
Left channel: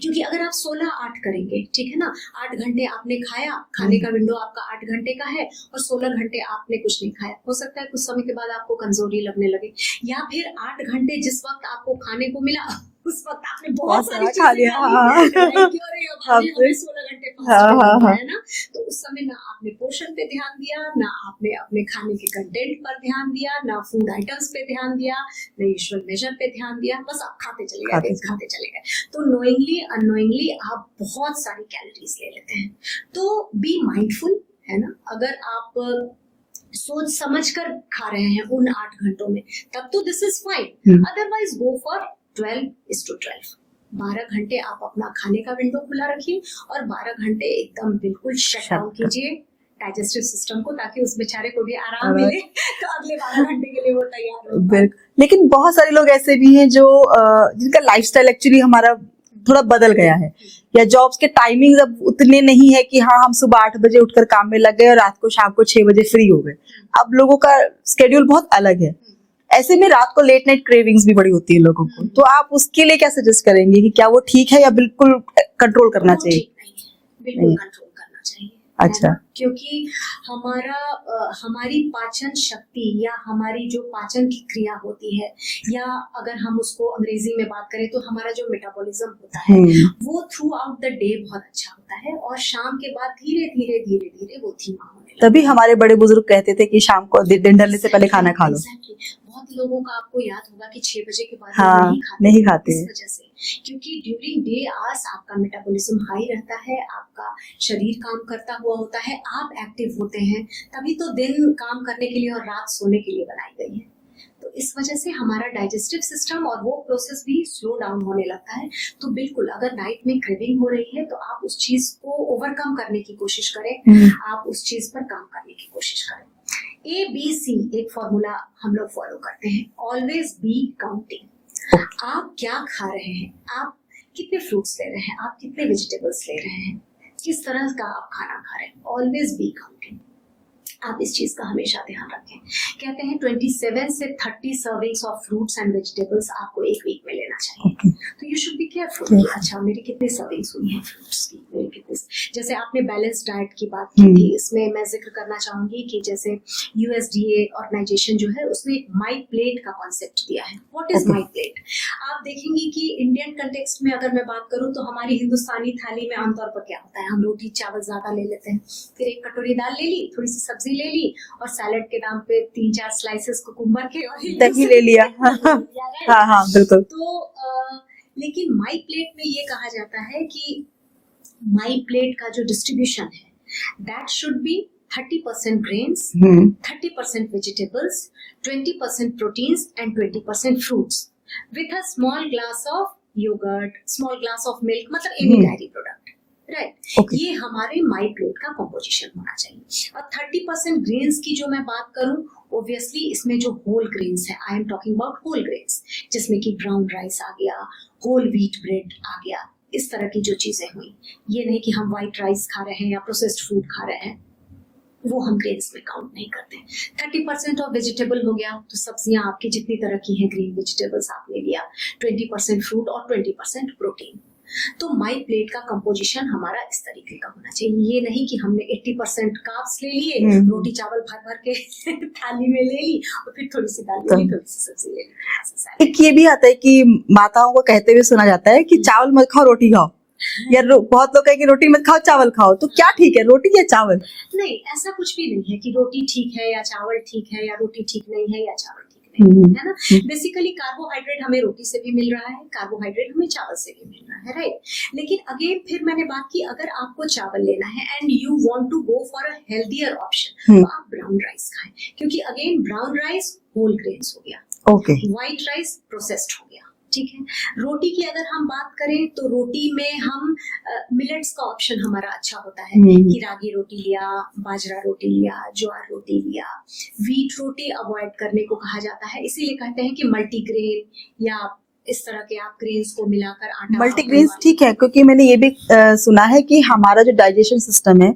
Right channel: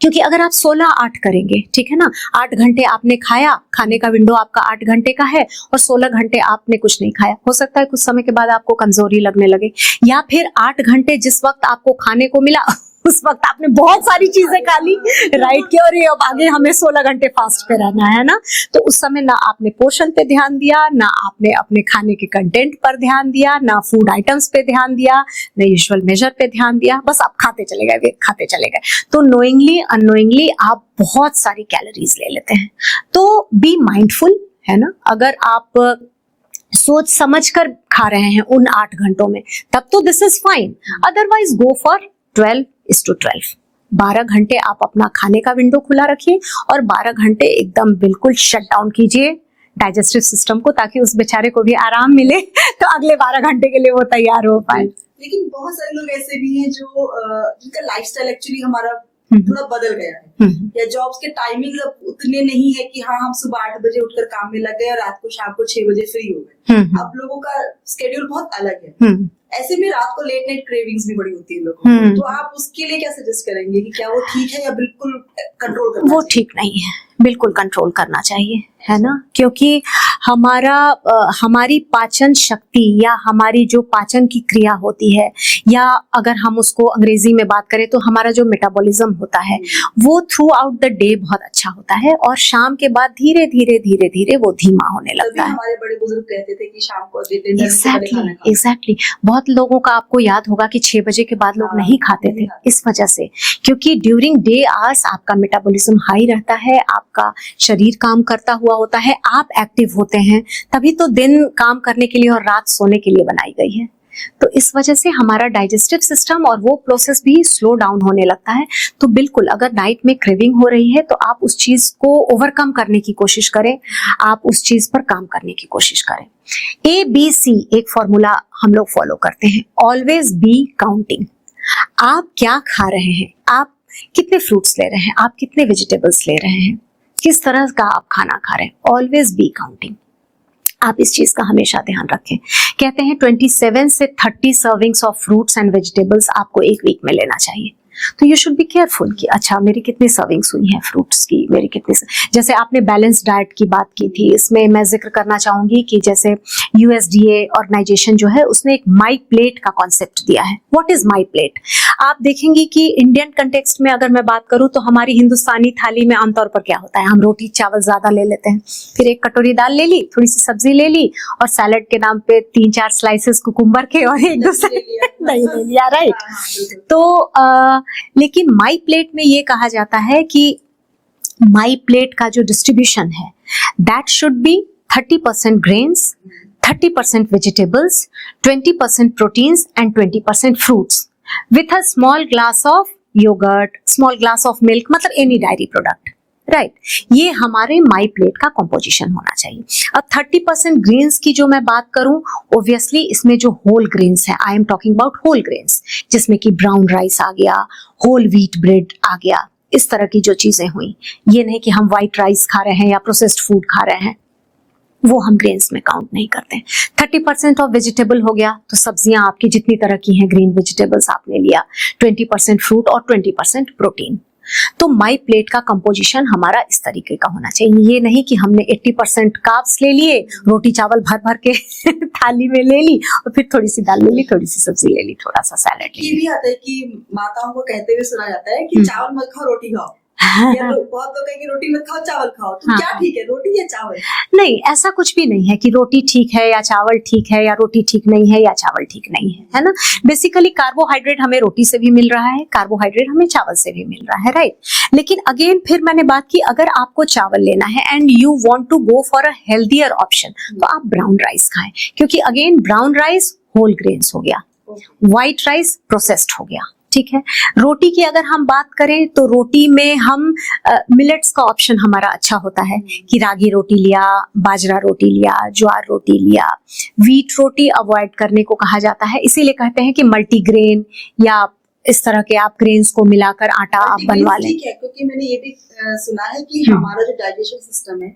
क्योंकि अगर आप 16-8 करेंगे, ठीक है ना, 8 घंटे आपने खाया, खाने का विंडो आपका 8 घंटे का है, और 16 घंटे आपने कुछ नहीं खाया, हो सकता है कुछ समय के बाद आपको कमजोरी लगने लगे, या फिर 8 घंटे जिस वक्त आपको खाने को मिला उस वक्त आपने बहुत सारी चीजें खा ली, राइट, क्यों रे अब आगे हमें 16 घंटे फास्ट पे रहना है ना, तो उस समय ना आपने पोषण पे ध्यान दिया, ना आपने अपने खाने के कंटेंट पर ध्यान दिया, ना फूड आइटम्स पे ध्यान दिया, ना यूजुअल मेजर पे ध्यान दिया, बस आप खाते चले गए, तो नोइंगली अननोइंगली आप बहुत सारी कैलोरीज ले लेते हैं। तो बी माइंडफुल, है ना, अगर आप सोच समझ कर खा रहे हैं उन 8 घंटों में, तब तो this is fine, otherwise go for 12:12। 12 घंटे आप अपना खाने का विंडो खुला रखिए और 12 घंटे एकदम बिल्कुल शट डाउन कीजिए डाइजेस्टिव सिस्टम को, ताकि उस बेचारे को भी आराम मिले तो अगले 12 घंटे के लिए वो तैयार हो पाए। लेकिन बहुत सारे लोग ऐसे भी हैं जो जिनका लाइफस्टाइल एक्चुअली हमारा थोड़ा बदल गया है, या जॉब्स के टाइमिंग अब उतने नहीं है कि हाँ हम सुबह 8 बजे उठकर काम में लग गए और रात को शाम को 6 बजे फ्री हो गए। अब लोगों का स्केड्यूल बहुत अलग है, ऐसे में रात को लेट नाइट क्रेविंग्स भी बड़ी होती है लोगों को, तो आप उसके लिए क्या सजेस्ट करेंगे कि क्या वो ठीक है या बिल्कुल कंट्रोल करना चाहिए? वो ठीक नहीं है, बिल्कुल कंट्रोल करना चाहिए, है ना, क्योंकि हमारी पाचन शक्ति या हमारी जो पाचन की क्रिया होती है, या अगर हम उसको अंग्रेजी में बात करें तो हमारा जो मेटाबॉलिज्म होता है वो थ्रू आउट द डे बहुत अच्छा होता है, और शाम के बाद धीरे धीरे वो धीमा होने लगता है। तभी हमारे बड़े बुजुर्ग कहते थे कि शाम को दिन ढलने से पहले खाना खा लो। एग्जैक्टली, बहुत लोगों का आपको याद होगा कि 6 बजे के बाद लोग नहीं खाते इस वजह से, क्योंकि ड्यूरिंग डे आवर्स आपका मेटाबॉलिज्म हाई रहता है, आपका शरीर काम करता हुआ होता है, आप एक्टिव होते हैं, तभी तो दिन काम करने के लिए और रात सोने के लिए बनाई गई है। तो इस वजह से हमारा डाइजेस्टिव सिस्टम और वो प्रोसेस भी स्लो डाउन होने लगता है। तो बिल्कुल अगर नाइट में क्रेविंग हो रही है तो आप उस चीज को ओवरकम करने की कोशिश करें, आप उस चीज पर काम करने की कोशिश करें। ABC एक फॉर्मूला हम लोग फॉलो करते हैं, ऑलवेज बी काउंटिंग। आप क्या खा रहे हैं, आप कितने फ्रूट्स ले रहे हैं, आप कितने वेजिटेबल्स ले रहे हैं, किस तरह का आप खाना खा रहे हैं, ऑलवेज बी काउंटिंग। आप इस चीज का हमेशा ध्यान रखें। कहते हैं 27 से 30 servings of fruits and vegetables आपको एक वीक में लेना चाहिए। तो यू शुड बी केयरफुल कि अच्छा मेरी कितनी सर्विंग्स हुई हैं फ्रूट्स की, मेरी कितनी। जैसे आपने बैलेंस डाइट की बात की थी, इसमें मैं जिक्र करना चाहूंगी कि जैसे USDA ऑर्गेनाइजेशन जो है उसने एक माई प्लेट का कॉन्सेप्ट दिया है। What is my plate? आप देखेंगे कि इंडियन कंटेक्स्ट में अगर मैं बात करूं तो हमारी हिंदुस्तानी थाली में आमतौर पर क्या होता है, हम रोटी चावल ज्यादा ले लेते हैं, फिर एक कटोरी दाल ले ली, थोड़ी सी सब्जी ले ली और सैलेड के नाम पे 3-4 स्लाइसेस कुकुम्बर के और एक दही ले लिया। दही ले लिया, राइट। हाँ हाँ बिल्कुल। तो लेकिन माई प्लेट में ये कहा जाता है कि माई प्लेट का जो डिस्ट्रीब्यूशन है that should be 30% grains, 30% vegetables, 20% proteins and 20% fruits with a small glass of yogurt, small glass of milk, मतलब एनी डायरी प्रोडक्ट, राइट। ये हमारे माई प्लेट का कॉम्पोजिशन होना चाहिए। अब 30% ग्रेन्स की जो मैं बात करूं, ओब्वियसली इसमें जो होल ग्रेन्स है, I am talking about whole grains, जिसमें कि ब्राउन राइस आ गया, होल व्हीट ब्रेड आ गया, इस तरह की जो चीजें हुई। ये नहीं कि हम व्हाइट राइस खा रहे हैं या प्रोसेस्ड फूड खा रहे हैं, वो हम ग्रेन्स में काउंट नहीं करते। 30% ऑफ वेजिटेबल हो गया, तो सब्जियां आपकी जितनी तरह की हैं, ग्रीन वेजिटेबल्स आपने लिया, 20% फ्रूट और 20% प्रोटीन। तो माई प्लेट का कंपोजिशन हमारा इस तरीके का होना चाहिए। ये नहीं कि हमने 80% कार्ब्स ले लिए, रोटी चावल भर भर के थाली में ले ली और फिर थोड़ी सी दाल ले ली, थोड़ी सी सब्जी ले ली, थोड़ा सा सैलेड। एक ये भी आता है कि माताओं को कहते हुए सुना जाता है कि चावल मत खाओ रोटी खाओ, या बहुत लोग कहें कि रोटी मत खाओ चावल खाओ। तो क्या ठीक है, रोटी या चावल? नहीं, ऐसा कुछ भी नहीं है कि रोटी ठीक है या चावल ठीक है, या रोटी ठीक नहीं है या चावल ठीक नहीं है ना। बेसिकली कार्बोहाइड्रेट हमें रोटी से भी मिल रहा है, कार्बोहाइड्रेट हमें चावल से भी मिल रहा है, राइट। लेकिन अगेन फिर मैंने बात की, अगर आपको चावल लेना है and you want to go for a healthier option, तो आप ब्राउन राइस खाएं, क्योंकि again brown rice whole grains हो गया, व्हाइट राइस प्रोसेस्ड हो गया, ठीक है। रोटी की अगर हम बात करें तो रोटी में हम मिलेट्स का ऑप्शन हमारा अच्छा होता है कि रागी रोटी लिया, बाजरा रोटी लिया, ज्वार रोटी लिया। व्हीट रोटी अवॉइड करने को कहा जाता है, इसीलिए कहते हैं कि मल्टीग्रेन या इस तरह के आप ग्रेन्स को मिलाकर आटा आप बनवा लें। ठीक है, क्योंकि मैंने ये भी सुना है कि हमारा जो डाइजेशन सिस्टम है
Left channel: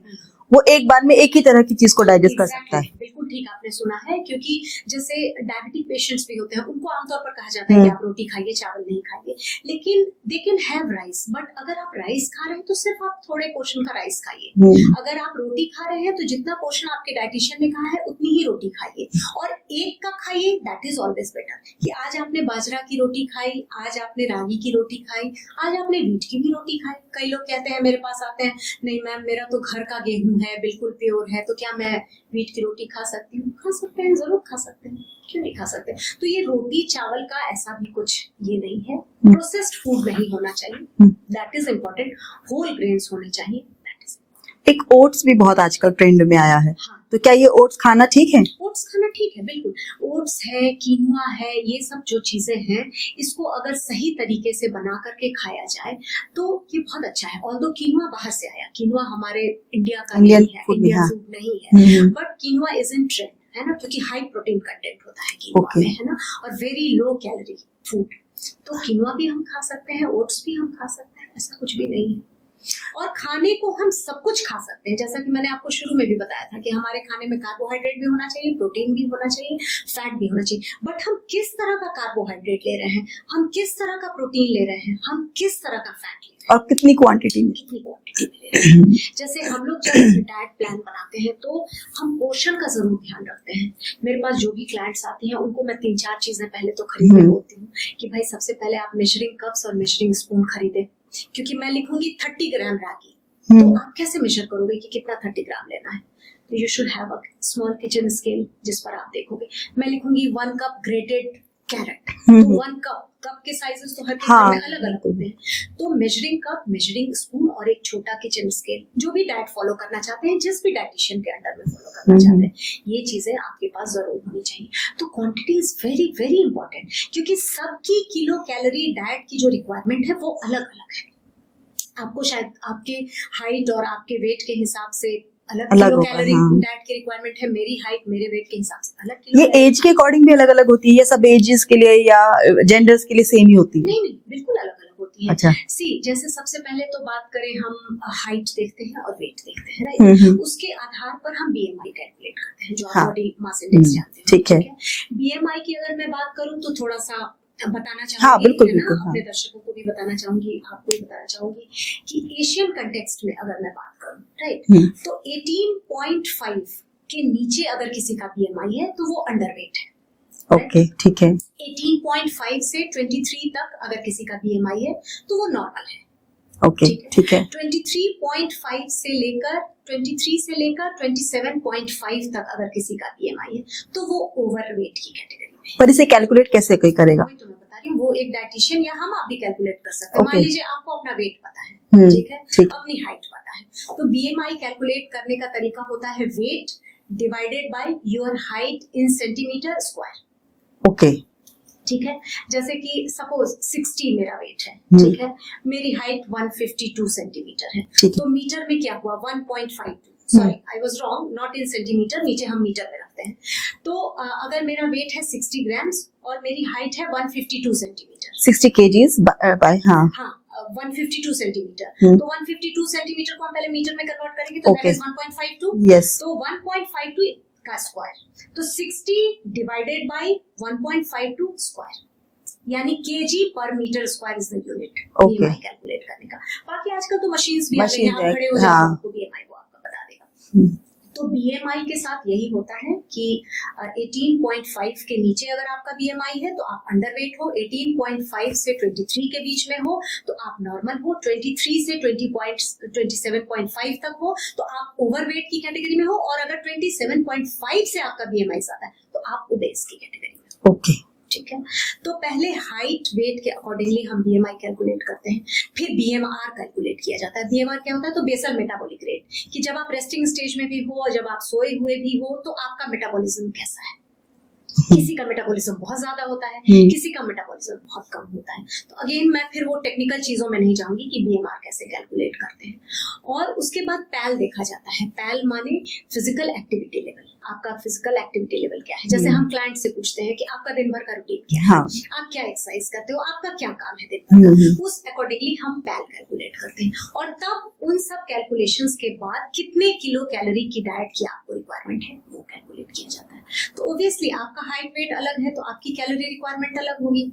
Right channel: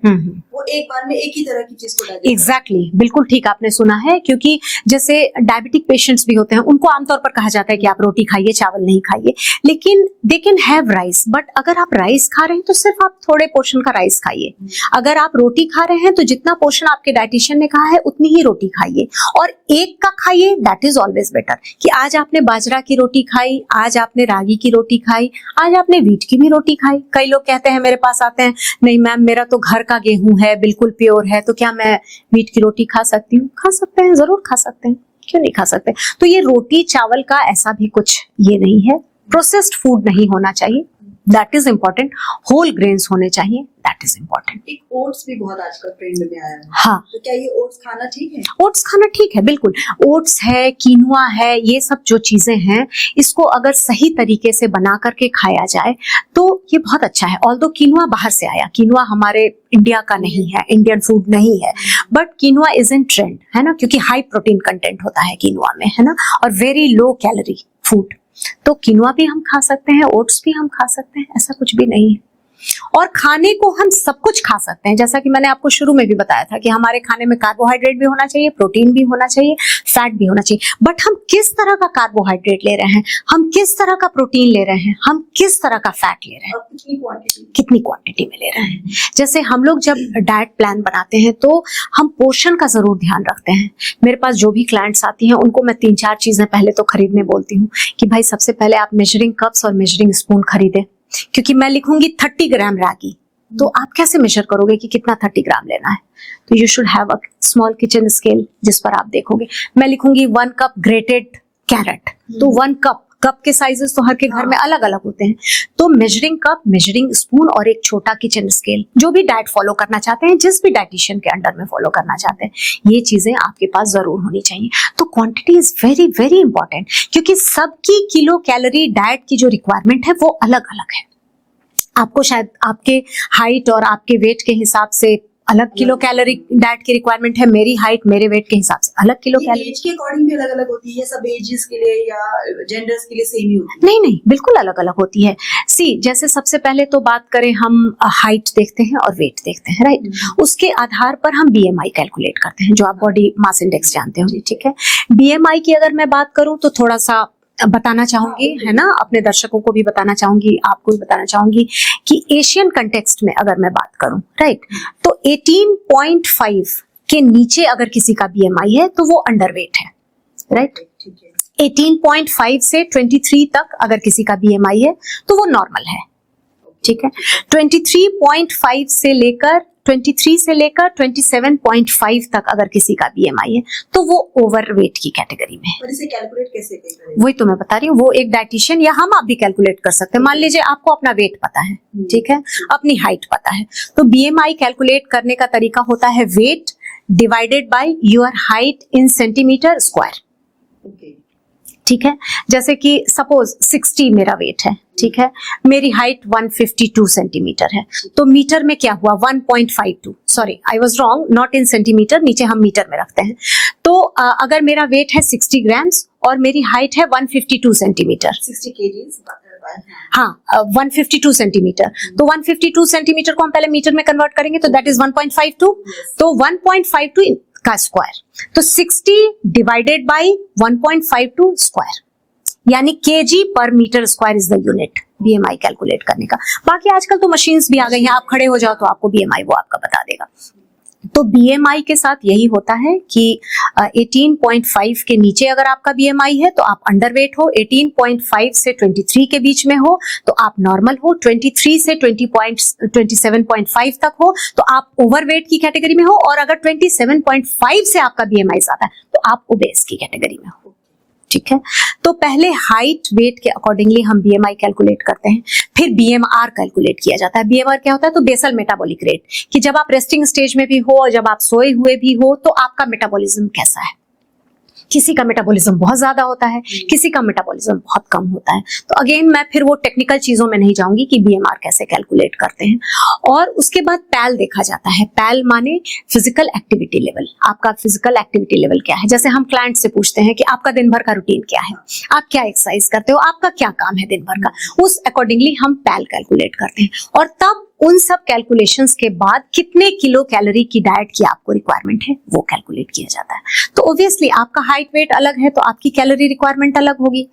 वो एक बार में एक ही तरह की चीज को डाइजेस्ट करता है। बिल्कुल ठीक आपने सुना है, क्योंकि जैसे डायबिटिक पेशेंट्स भी होते हैं, उनको आमतौर पर कहा जाता है कि आप रोटी खाइए, चावल नहीं खाइए, लेकिन they can have rice. But अगर आप राइस खा रहे हैं तो सिर्फ आप थोड़े पोर्शन का राइस खाइए। अगर आप रोटी खा रहे हैं तो जितना पोर्शन आपके डाइटिशियन ने कहा है उतनी ही रोटी खाइए, और एक का खाइए, दैट इज ऑलवेज बेटर। कि आज आपने बाजरा की रोटी खाई, आज आपने रागी की रोटी खाई, आज आपने व्हीट की भी रोटी खाई। कई लोग कहते हैं, मेरे पास आते हैं, नहीं मैम मेरा तो घर का गेहूं है, बिल्कुल प्योर है, तो क्या मैं व्हीट की रोटी खा सकती हूँ? खा सकते हैं, जरूर खा सकते हैं, क्यों नहीं खा सकते। तो ये रोटी चावल का ऐसा भी कुछ ये नहीं है। प्रोसेस्ड फूड नहीं होना चाहिए, that is important. Whole grains होने चाहिए, दैट इज इम्पोर्टेंट। एक ओट्स भी बहुत आजकल ट्रेंड में आया है, हाँ, तो क्या ये ओट्स खाना ठीक है? ओट्स खाना ठीक है, बिल्कुल। ओट्स है, कीनुआ है, ये सब जो चीजें हैं, इसको अगर सही तरीके से बना करके खाया जाए तो ये बहुत अच्छा है। ऑल्दो कीनुआ बाहर से आया, कीनुआ हमारे इंडिया का नहीं है, इंडियन फूड नहीं है, बट कीनुआ इज इन ट्रेंड, है ना, क्योंकि हाई प्रोटीन कंटेंट होता है कीनुआ में, है ना, और वेरी लो कैलोरी फूड। तो कीनुआ भी हम खा सकते हैं, ओट्स भी हम खा सकते हैं, ऐसा कुछ भी नहीं है। और खाने को हम सब कुछ खा सकते हैं, जैसा कि मैंने आपको शुरू में भी बताया था कि हमारे खाने में कार्बोहाइड्रेट भी होना चाहिए, प्रोटीन भी होना चाहिए, फैट भी होना चाहिए। बट हम किस तरह का कार्बोहाइड्रेट ले रहे हैं, हम किस तरह का प्रोटीन ले रहे हैं, हम किस तरह का फैट ले रहे हैं, और कितनी क्वांटिटी में ले रहे हैं। जैसे हम लोग जब डाइट प्लान बनाते हैं तो हम पोर्शन का जरूर ध्यान रखते हैं। मेरे पास जो भी क्लाइंट्स आती हैं उनको मैं 3-4 चीजें पहले तो खरीदने बोलती हूँ कि भाई सबसे पहले आप मेजरिंग कप्स और मेजरिंग स्पून खरीदें, क्योंकि मैं लिखूंगी 30 ग्राम रागी, तो आप कैसे मेजर करोगे कि कितना 30 ग्राम लेना है? तो you should have a small kitchen scale जिस पर आप देखोगे। मैं लिखूंगी 1 कप ग्रेटेड कैरेट, तो 1 कप के साइजेस तो हर के घर में अलग अलग होते हैं। तो मेजरिंग कप, मेजरिंग स्पून और एक छोटा किचन स्केल, जो भी डाइट फॉलो करना चाहते हैं, जिस भी डाइटिशियन के अंडर में फॉलो करना चाहते हैं, ये चीजें आपके पास जरूर होनी चाहिए। तो quantity is very very important, क्योंकि सबकी किलो कैलोरी डाइट की जो रिक्वायरमेंट है वो अलग अलग है। आपको शायद आपके हाइट और आपके वेट के हिसाब से अलग अलग किलो होगा, कैलोरी हाँ। डाइट की रिक्वायरमेंट है, मेरी हाइट मेरे वेट के हिसाब से अलग किलो ये एज के अकॉर्डिंग भी अलग अलग होती है, ये सब एजेस के लिए या जेंडर्स के लिए सेम ही होती है? नहीं नहीं, बिल्कुल अलग अलग होती है। अच्छा। सी जैसे सबसे पहले तो बात करें, हम हाइट देखते हैं और वेट देखते हैं, राइट। उसके आधार पर हम बीएमआई कैलकुलेट करते हैं, जो आप हाँ। बॉडी मास इंडेक्स जानते हो, ठीक है। ठीक है। बीएमआई की अगर मैं बात करूं तो थोड़ा सा बताना चाहूंगी, बिल्कुल, है ना, बिल्कुल, अपने दर्शकों को भी बताना चाहूंगी, आपको भी बताना चाहूंगी कि एशियन कंटेक्स्ट में अगर मैं बात करूं, राइट, तो 18.5 के नीचे अगर किसी का बीएमआई है तो वो अंडरवेट है, राइट। ओके, ठीक है। 18.5 से 23 तक अगर किसी का बीएमआई है तो वो नॉर्मल है, ओके, ठीक है। ठीक है। 23.5 से लेकर 23 से लेकर 27.5 तक अगर किसी का बीएमआई है तो वो ओवरवेट की कैटेगरी में है। पर इसे कैलकुलेट कैसे कोई करेगा? वही तो मैं बता रही हूँ, वो एक डाइटिशियन या हम आप भी कैलकुलेट कर सकते हैं। मान Okay. लीजिए आपको अपना वेट पता है, ठीक है, ठीक। अपनी हाइट पता है, तो बीएमआई कैलकुलेट करने का तरीका होता है weight divided by your height in centimetre square, okay, ठीक है। जैसे कि सपोज 60 मेरा वेट है, ठीक है, मेरी हाइट 152 सेंटीमीटर है, ठीक है। तो मीटर में क्या हुआ 1.52, sorry I was wrong, not in centimetre, नीचे हम मीटर में रखते हैं। तो अगर मेरा वेट है 60 ग्राम्स और मेरी हाइट है 152 सेंटीमीटर, 60 केजीज बाय, हाँ, हाँ 152 सेंटीमीटर, तो 152 सेंटीमीटर को हम पहले मीटर में कन्वर्ट करेंगे तो दैट Okay. इज 1.52, यस, तो 1.52 का स्क्वायर, तो 60 डिवाइडेड बाय 1.52 स्क्वायर, यानी KG per metre square is the unit BMI calculate करने का। बाकी आजकल तो मशीन्स भी आ गई हैं, आप खड़े हो जाओ तो आपको बीएमआई वो आपका बता देगा। तो बीएमआई के साथ यही होता है कि 18.5 के नीचे अगर आपका बीएमआई है तो आप अंडरवेट हो, 18.5 से 23 के बीच में हो तो आप नॉर्मल हो, 23 से 27.5 तक हो तो आप ओवरवेट की कैटेगरी में हो, और अगर 27.5 से आपका बीएमआई आता है तो आप ओबेस की कैटेगरी में हो, ओके, ठीक है। तो पहले हाइट वेट के अकॉर्डिंगली हम बीएमआई कैलकुलेट करते हैं, फिर बीएमआर कैलकुलेट किया जाता है। बीएमआर क्या होता है? तो बेसल मेटाबॉलिक रेट, कि जब आप रेस्टिंग स्टेज में भी हो और जब आप सोए हुए भी हो तो आपका मेटाबॉलिज्म कैसा है। किसी का मेटाबॉलिज्म बहुत ज्यादा होता है, किसी का मेटाबॉलिज्म बहुत कम होता है। तो अगेन मैं फिर वो टेक्निकल चीजों में नहीं जाऊंगी कि बीएमआर कैसे कैलकुलेट करते हैं। और उसके बाद पैल देखा जाता है। पैल माने फिजिकल एक्टिविटी लेवल। आपका फिजिकल एक्टिविटी लेवल क्या है? जैसे हम क्लाइंट से पूछते हैं कि आपका दिन भर का रूटीन क्या है, हाँ। आप क्या एक्सरसाइज करते हो, आपका क्या काम है दिन भर का, उस अकॉर्डिंगली हम पैल कैलकुलेट करते हैं। और तब उन सब कैलकुलेशंस के बाद कितने किलो कैलोरी की डाइट की आपको रिक्वायरमेंट है वो कैलकुलेट किया जाता है। तो ऑब्वियसली आपका हाइट वेट अलग है तो आपकी कैलोरी रिक्वायरमेंट अलग होगी,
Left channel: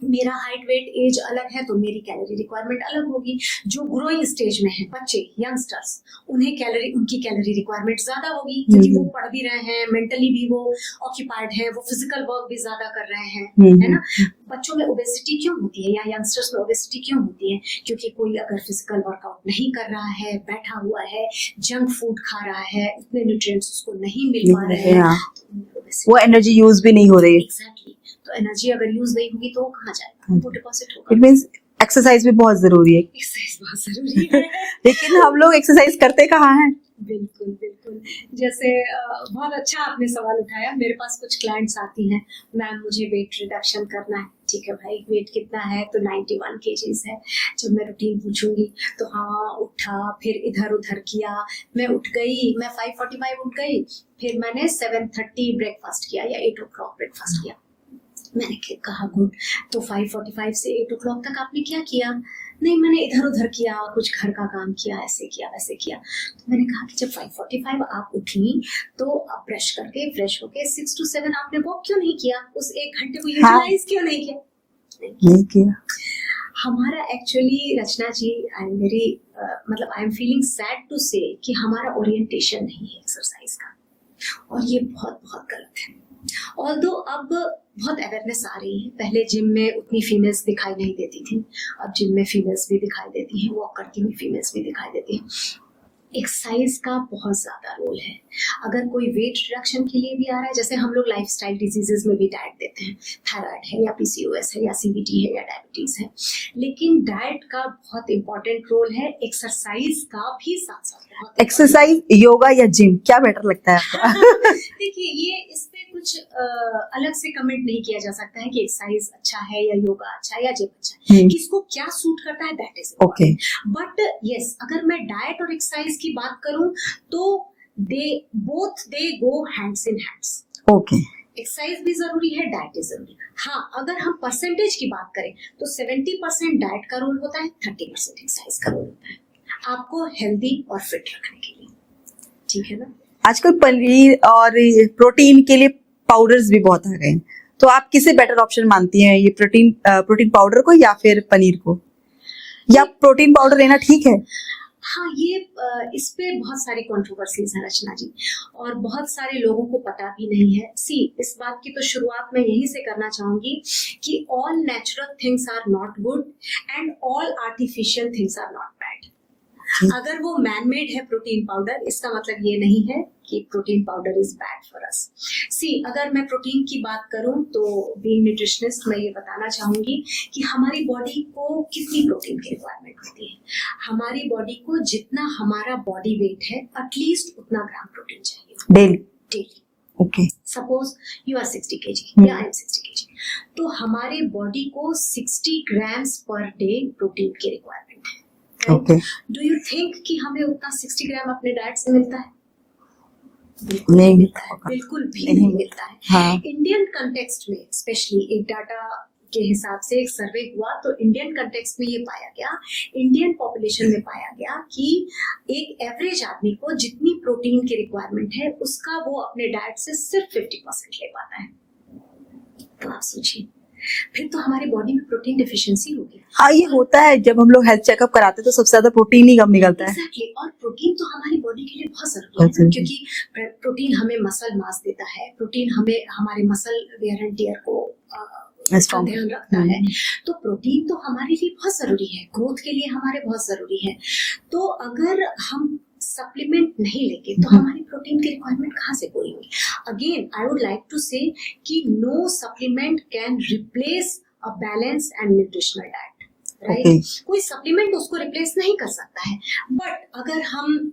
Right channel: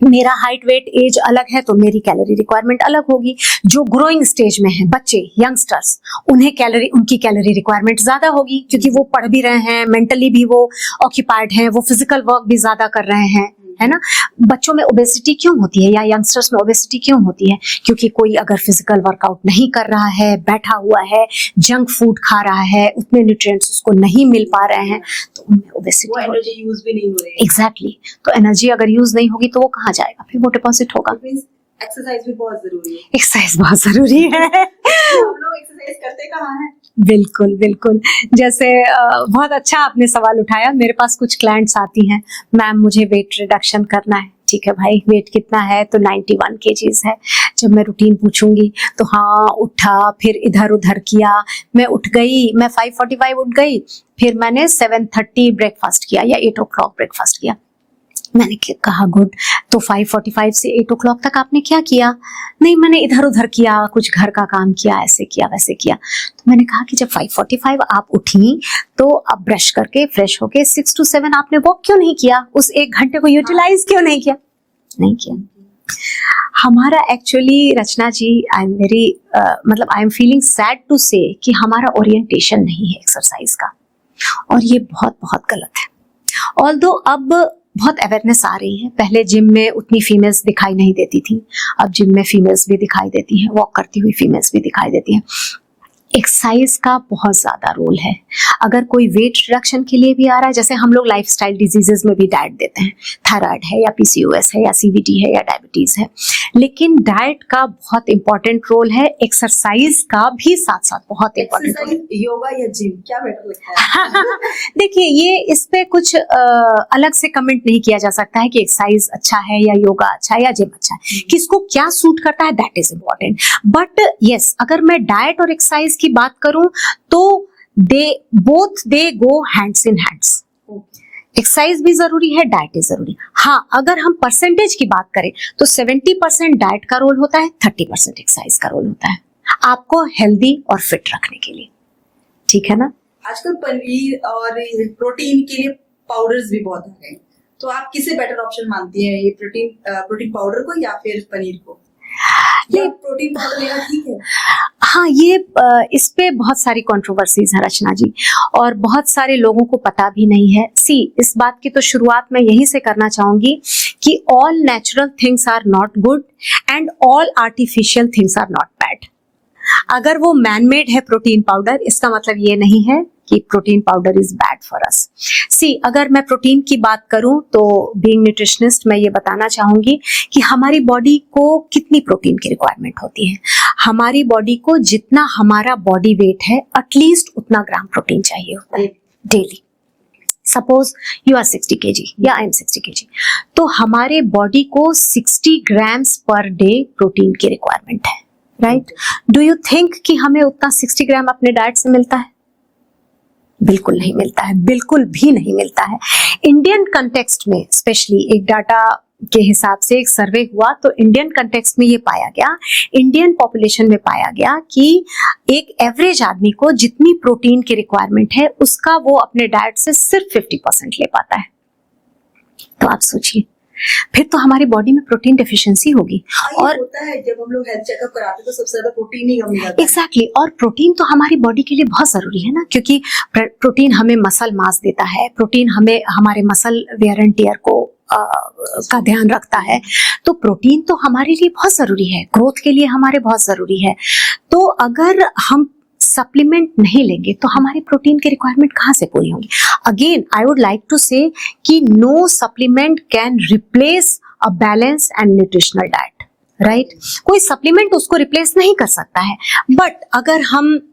मेरा हाइट वेट एज अलग है तो मेरी कैलोरी रिक्वायरमेंट अलग होगी। जो ग्रोइंग स्टेज में है बच्चे, यंगस्टर्स, उनकी कैलोरी रिक्वायरमेंट ज्यादा होगी क्योंकि वो पढ़ भी रहे हैं, मेंटली भी वो ऑक्यूपाइड हैं, वो फिजिकल वर्क भी ज्यादा कर रहे हैं, है ना। बच्चों में ओबेसिटी क्यों होती है या यंगस्टर्स में ओबेसिटी क्यों होती है? क्योंकि कोई अगर फिजिकल वर्कआउट नहीं कर रहा है, बैठा हुआ है, जंक फूड खा रहा है, उतने न्यूट्रिएंट्स उसको नहीं मिल पा रहे हैं, तो उनमें ओबेसिटी, वो एनर्जी यूज भी नहीं हो रही। एग्जैक्टली। तो एनर्जी अगर यूज नहीं होगी तो वो कहाँ जाएगा? फिर वो डिपॉजिट होगा। इट मींस एक्सरसाइज भी बहुत जरूरी है। एक्सरसाइज बहुत जरूरी है लेकिन हम लोग एक्सरसाइज करते कहाँ हैं? बिल्कुल बिल्कुल। जैसे बहुत अच्छा आपने सवाल उठाया। मेरे पास कुछ क्लाइंट्स आती हैं, मैम मुझे वेट रिडक्शन करना है। ठीक है भाई, वेट कितना है? तो 91 केजीज है। जब मैं रूटीन पूछूंगी तो हाँ, उठा, फिर इधर उधर किया, मैं उठ गई, मैं 5:45 उठ गई, फिर मैंने 7:30 ब्रेकफास्ट किया या 8 o'clock ब्रेकफास्ट किया। मैंने कहा गुड, तो 5:45 से 8 o'clock तक आपने क्या किया? नहीं, मैंने इधर उधर किया, कुछ घर का काम किया, ऐसे किया वैसे किया। तो मैंने कहा कि जब 5:45 आप उठी तो अब ब्रश करके फ्रेश होके 6 to 7 आपने वॉक क्यों नहीं किया? उस 1 घंटे को यूटिलाइज क्यों नहीं किया? नहीं किया। हमारा actually Rachna ji, I am feeling sad to say कि हमारा ओरिएंटेशन नहीं है एक्सरसाइज का, और ये बहुत बहुत गलत है। ऑल्दो अब बहुत अवेयरनेस आ रही है। पहले जिम में उतनी फीमेल्स दिखाई नहीं देती थी, अब जिम में फीमेल्स भी दिखाई देती हैं, वॉक करती हुई फीमेल्स भी दिखाई देती हैं। एक्सरसाइज का बहुत ज्यादा रोल है। अगर कोई वेट रिडक्शन के लिए भी आ रहा है, जैसे हम लोग लाइफस्टाइल डिजीजेस में भी डाइट देते हैं, थायराइड है या पीसीओएस है या सीवीटी है या डायबिटीज है, लेकिन डाइट का बहुत इंपॉर्टेंट रोल है, एक्सरसाइज का भी साथ साथ बहुत। एक्सरसाइज, योगा या जिम, क्या बेटर लगता है? देखिए, ये इस पे कुछ अलग से कमेंट नहीं किया जा सकता है कि एक्सरसाइज अच्छा है या योगा अच्छा है या जिम अच्छा है। किसको क्या सूट करता है that is important. But yes, अगर मैं डाइट और एक्सरसाइज एक्सरसाइज की बात करूं तो they go hands in hands. Okay, exercise भी जरूरी है, डाइट भी जरूरी। हाँ, अगर हम परसेंटेज की बात करें तो 70% डाइट का रोल होता है, 30% एक्सरसाइज का रोल होता है आपको हेल्दी और फिट रखने के लिए। ठीक है ना? आजकल पनीर और प्रोटीन के लिए पाउडर्स भी बहुत आ गए हैं, तो आप किसे बेटर ऑप्शन मानती हैं, ये प्रोटीन पाउडर को या फिर पनीर को, या प्रोटीन पाउडर लेना ठीक है? हाँ, ये इस पे बहुत सारी कंट्रोवर्सीज है रचना जी, और बहुत सारे लोगों को पता भी नहीं है। इस बात की तो शुरुआत मैं यहीं से करना चाहूंगी कि all natural things are not good and all artificial things are not bad. अगर वो मैनमेड है प्रोटीन पाउडर, इसका मतलब ये नहीं है कि protein powder is bad for us. अगर मैं प्रोटीन की बात करूं तो बीइंग न्यूट्रिशनिस्ट मैं ये बताना चाहूंगी कि हमारी बॉडी को कितनी प्रोटीन की रिक्वायरमेंट होती है। हमारी बॉडी को जितना हमारा बॉडी वेट है एटलीस्ट उतना ग्राम प्रोटीन चाहिए daily. Okay, suppose you are 60 kg या आई एम 60 kg, तो हमारे बॉडी को 60 ग्राम्स पर डे प्रोटीन की रिक्वायरमेंट है, राइट? डू यू थिंक कि हमें उतना 60 ग्राम अपने डाइट से मिलता है? बिल्कुल नहीं मिलता है, बिल्कुल भी नहीं मिलता है। हाँ। इंडियन कंटेक्स्ट में स्पेशली एक डाटा के हिसाब से एक सर्वे हुआ तो इंडियन कंटेक्स्ट में ये पाया गया, इंडियन पॉपुलेशन में पाया गया कि एक एवरेज आदमी को जितनी प्रोटीन की रिक्वायरमेंट है उसका वो अपने डाइट से सिर्फ 50% ले पाता है। तो आप सोचिए, फिर तो हमारी बॉडी में प्रोटीन डेफिशिएंसी होगी। ये होता है जब हम लोग हेल्थ चेकअप कराते हैं तो सबसे ज्यादा प्रोटीन ही कम निकलता है। एग्जैक्टली, और प्रोटीन तो हमारी बॉडी के लिए बहुत जरूरी है ना, क्योंकि प्रोटीन हमें मसल मास देता है, प्रोटीन हमें हमारे मसल वेयर एंड टियर को का ध्यान रखता है। तो प्रोटीन तो हमारे लिए बहुत जरूरी है, ग्रोथ के लिए हमारे बहुत जरूरी है। तो अगर हम सप्लीमेंट नहीं लेंगे तो हमारी प्रोटीन की रिक्वायरमेंट कहाँ से पूरी होगी? Again I would like to say that no supplement can replace a balance and nutritional diet, right? कोई सप्लीमेंट उसको रिप्लेस नहीं कर सकता है। बट अगर हम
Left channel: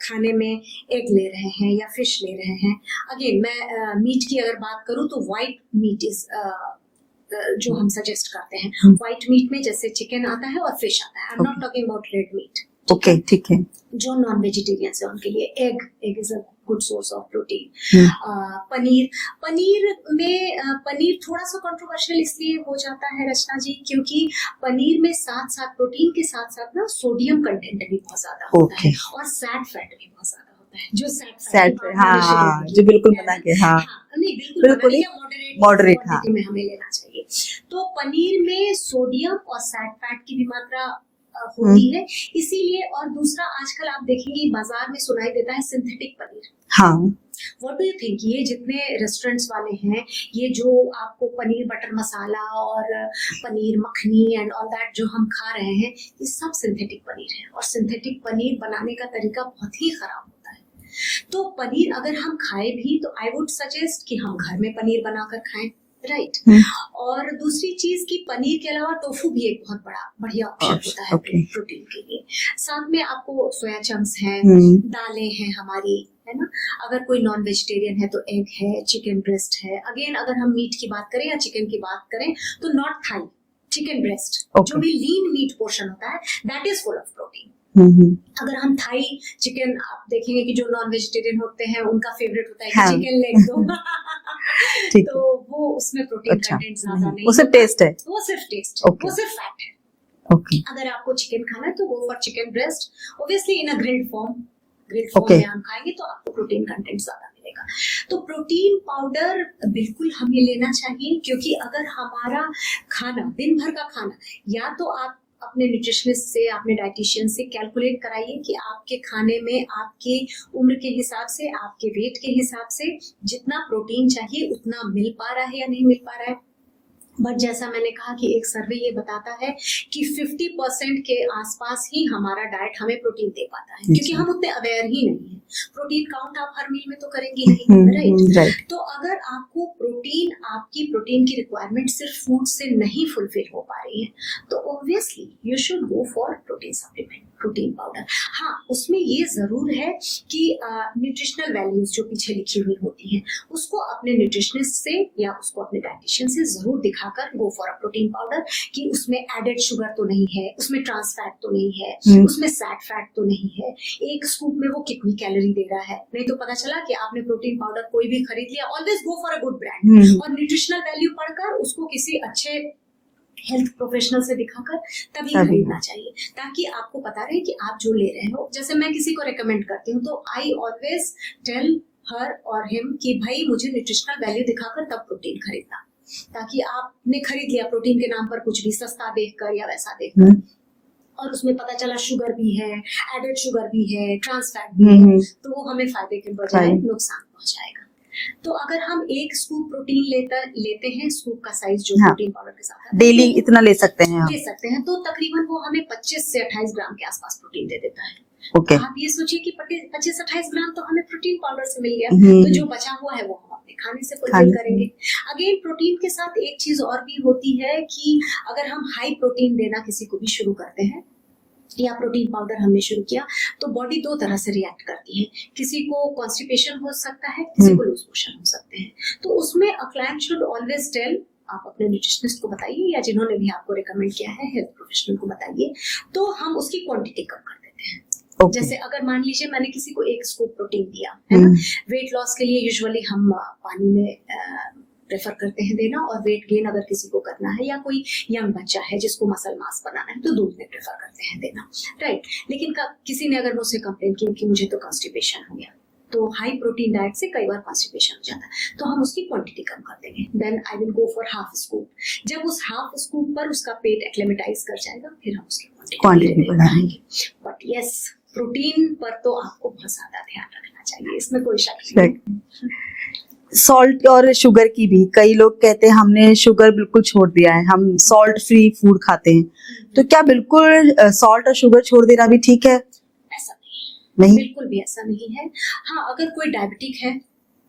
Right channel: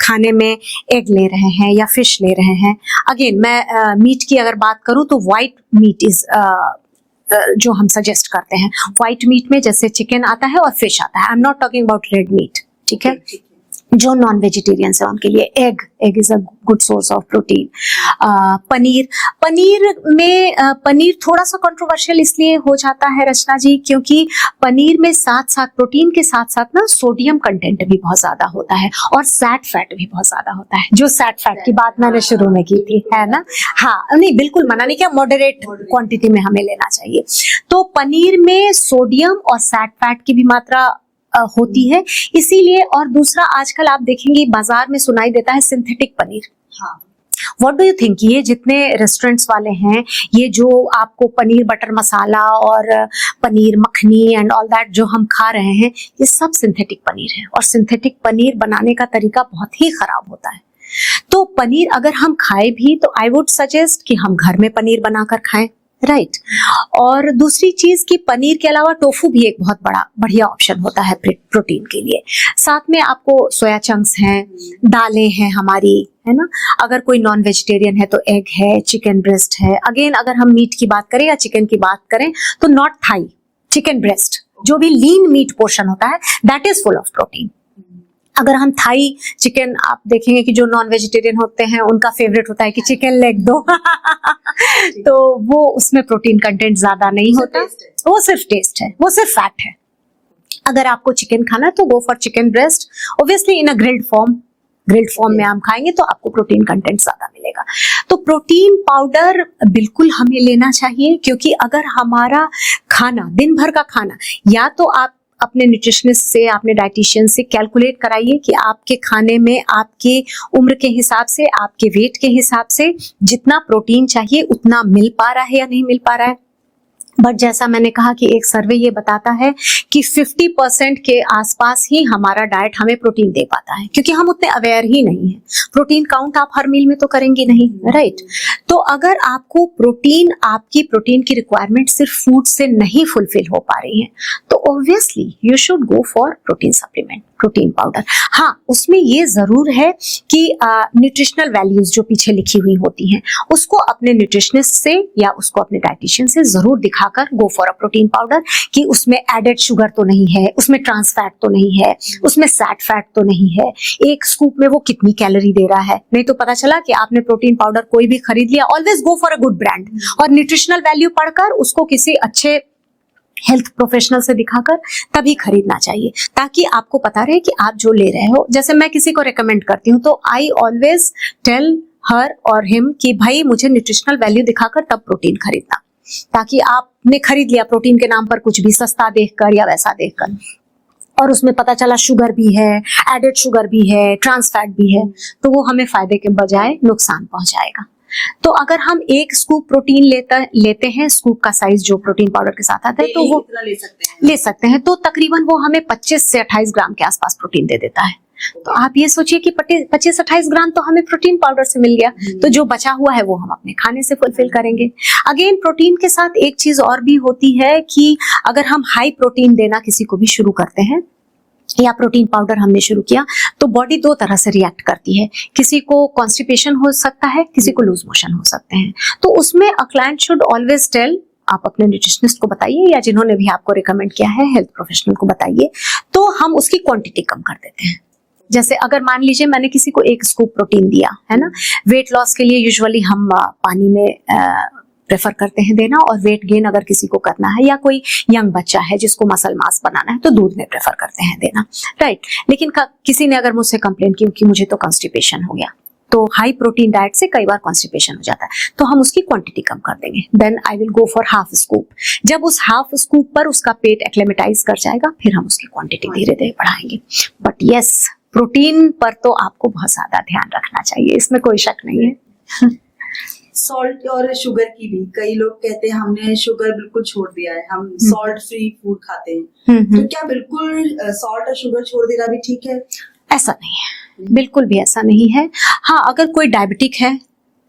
खाने में एग ले रहे हैं या फिश ले रहे हैं, अगेन मैं मीट की अगर बात करूं तो व्हाइट मीट इज जो हम सजेस्ट करते हैं। व्हाइट मीट में जैसे चिकन आता है और फिश आता है, I am not talking about red meat. ठीक है। जो नॉन वेजिटेरियंस है उनके लिए egg is a good source of protein. Paneer थोड़ा सा कंट्रोवर्शियल इसलिए हो जाता है रचना जी, क्योंकि पनीर में साथ साथ प्रोटीन के साथ साथ ना सोडियम कंटेंट भी बहुत ज्यादा होता है और सैट फैट भी बहुत ज्यादा होता है। जो सैट फैट की बात मैंने शुरू में की है ना, हाँ नहीं बिल्कुल मना नहीं किया, मॉडरेट क्वांटिटी में हमें लेना चाहिए। तो पनीर में सोडियम और सैट फैट की भी मात्रा होती है, इसीलिए। और दूसरा, आजकल आप देखेंगे बाजार में सुनाई देता है सिंथेटिक पनीर। हाँ, व्हाट डू यू थिंक, ये जितने रेस्टोरेंट्स वाले हैं, ये जो आपको पनीर बटर मसाला और paneer makhani and all that जो हम खा रहे हैं, ये सब सिंथेटिक पनीर है। और सिंथेटिक पनीर बनाने का तरीका बहुत ही खराब होता है। तो पनीर अगर हम खाए भी तो आई वुड सजेस्ट कि हम घर में पनीर बनाकर खाएं, राइट? और दूसरी चीज कि पनीर के अलावा टोफू भी एक बहुत बढ़िया ऑप्शन होता है प्रोटीन के लिए। साथ में आपको सोया चंक्स हैं, दालें हैं हमारी, है ना। अगर कोई नॉन वेजिटेरियन है तो एग है, चिकन ब्रेस्ट है। अगेन अगर हम मीट की बात करें या चिकन की बात करें तो नॉट थाई, चिकन ब्रेस्ट, जो भी लीन मीट पोर्शन होता है, that is full of protein. अगर हम थाई चिकन, आप देखेंगे कि जो नॉन वेजिटेरियन होते हैं उनका फेवरेट होता है कि चिकन लेग दो तो वो उसमें प्रोटीन कंटेंट ज्यादा नहीं होता, टेस्ट है, वो सिर्फ टेस्ट है, वो सिर्फ फैट है। अगर आपको चिकन खाना है तो go for chicken breast, obviously in a grilled form में हम खाएंगे तो आपको प्रोटीन कंटेंट ज्यादा मिलेगा। तो प्रोटीन पाउडर बिल्कुल हमें लेना चाहिए, क्योंकि अगर हमारा खाना, दिन भर का खाना, या तो आप अपने न्यूट्रिशनिस्ट से, अपने डाइटिशियन से कैलकुलेट कराइए कि आपके खाने में आपके उम्र के हिसाब से, आपके वेट के हिसाब से जितना प्रोटीन चाहिए उतना मिल पा रहा है या नहीं मिल पा रहा है। बट जैसा मैंने कहा कि एक सर्वे ये बताता है कि 50% के आसपास ही हमारा डाइट हमें प्रोटीन दे पाता है, क्योंकि हम उतने अवेयर ही नहीं है। प्रोटीन काउंट आप हर मील में तो करेंगे नहीं, राइट? तो अगर आपको आपकी प्रोटीन की रिक्वायरमेंट सिर्फ फूड से नहीं फुलफिल हो पा रही है तो obviously you should go for protein supplement. Protein powder. हाँ, उसमें ये जरूर है कि न्यूट्रिशनल वैल्यूज जो पीछे लिखी हुई होती हैं उसको अपने न्यूट्रिशनिस्ट से या उसको अपने डाइटिशियन से जरूर दिखाकर गो फॉर अ प्रोटीन पाउडर कि उसमें एडेड शुगर तो नहीं है, उसमें ट्रांस फैट तो नहीं है, उसमें सैट फैट तो नहीं है, एक स्कूप में वो कितनी कैलोरी दे रहा है। नहीं तो पता चला कि आपने प्रोटीन पाउडर कोई भी खरीद लिया। Always go for a good brand और न्यूट्रिशनल वैल्यू पढ़कर उसको किसी अच्छे हेल्थ प्रोफेशनल से दिखाकर तभी खरीदना चाहिए, ताकि आपको पता रहे कि आप जो ले रहे हो। जैसे मैं किसी को रेकमेंड करती हूँ तो आई ऑलवेज टेल हर और हिम कि भाई मुझे न्यूट्रिशनल वैल्यू दिखाकर तब प्रोटीन खरीदना, ताकि आपने खरीद लिया प्रोटीन के नाम पर कुछ भी सस्ता देखकर या वैसा देखकर और उसमें पता चला शुगर भी है, एडेड शुगर भी है, ट्रांस फैट भी है, तो वो हमें फायदे के बजाय नुकसान पहुंचाएगा। तो अगर हम एक स्कूप प्रोटीन लेते हैं, स्कूप का साइज जो प्रोटीन पाउडर के साथ आता है, डेली तो वो इतना ले सकते हैं तो तकरीबन वो हमें 25 से 28 ग्राम के आसपास प्रोटीन दे देता है। तो आप ये सोचिए कि 25-28 ग्राम तो हमें प्रोटीन पाउडर से मिल गया, तो जो बचा हुआ है वो हम अपने खाने से फुलफिल करेंगे। अगेन प्रोटीन के साथ एक चीज और भी होती है कि अगर हम हाई प्रोटीन देना किसी को भी शुरू करते हैं या प्रोटीन पाउडर हमने शुरू किया, तो बॉडी दो तरह से रिएक्ट करती है। किसी को कॉन्स्टिपेशन हो सकता है, किसी को लूज मोशन हो सकते हैं। तो उसमें a client should always tell, आप अपने न्यूट्रिशनिस्ट को बताइए या जिन्होंने भी आपको रिकमेंड किया है हेल्थ प्रोफेशनल को बताइए, तो हम उसकी क्वांटिटी कम कर देते हैं। जैसे अगर मान लीजिए मैंने किसी को एक स्कूप प्रोटीन दिया है ना, वेट लॉस के लिए यूजुअली हम पानी में प्रेफर करते हैं देना, और वेट गेन अगर किसी को करना है या कोई यंग बच्चा है जिसको मसल मास बनाना है तो दूध में प्रेफर करते हैं देना, राइट। लेकिन किसी ने अगर मुझसे कंप्लेन की कि मुझे तो कॉन्स्टिपेशन हो गया, तो हाई प्रोटीन डाइट से कई बार कॉन्स्टिपेशन हो जाता है, तो हम उसकी क्वांटिटी कम कर देंगे। Then I will go for half scoop. जब उस हाफ स्कूप पर उसका पेट एक्लेमेटाइज कर जाएगा, फिर हम उसकी क्वांटिटी धीरे-धीरे बढ़ाएंगे। बट यस, प्रोटीन पर तो आपको बहुत ज्यादा ध्यान रखना चाहिए, इसमें कोई शक नहीं है। सॉल्ट और शुगर की भी, कई लोग कहते हैं हमने शुगर बिल्कुल छोड़ दिया है, हम सॉल्ट फ्री फूड खाते हैं, तो क्या बिल्कुल सॉल्ट और शुगर छोड़ देना भी ठीक है? ऐसा नहीं है, बिल्कुल भी ऐसा नहीं है। हाँ, अगर कोई डायबिटिक है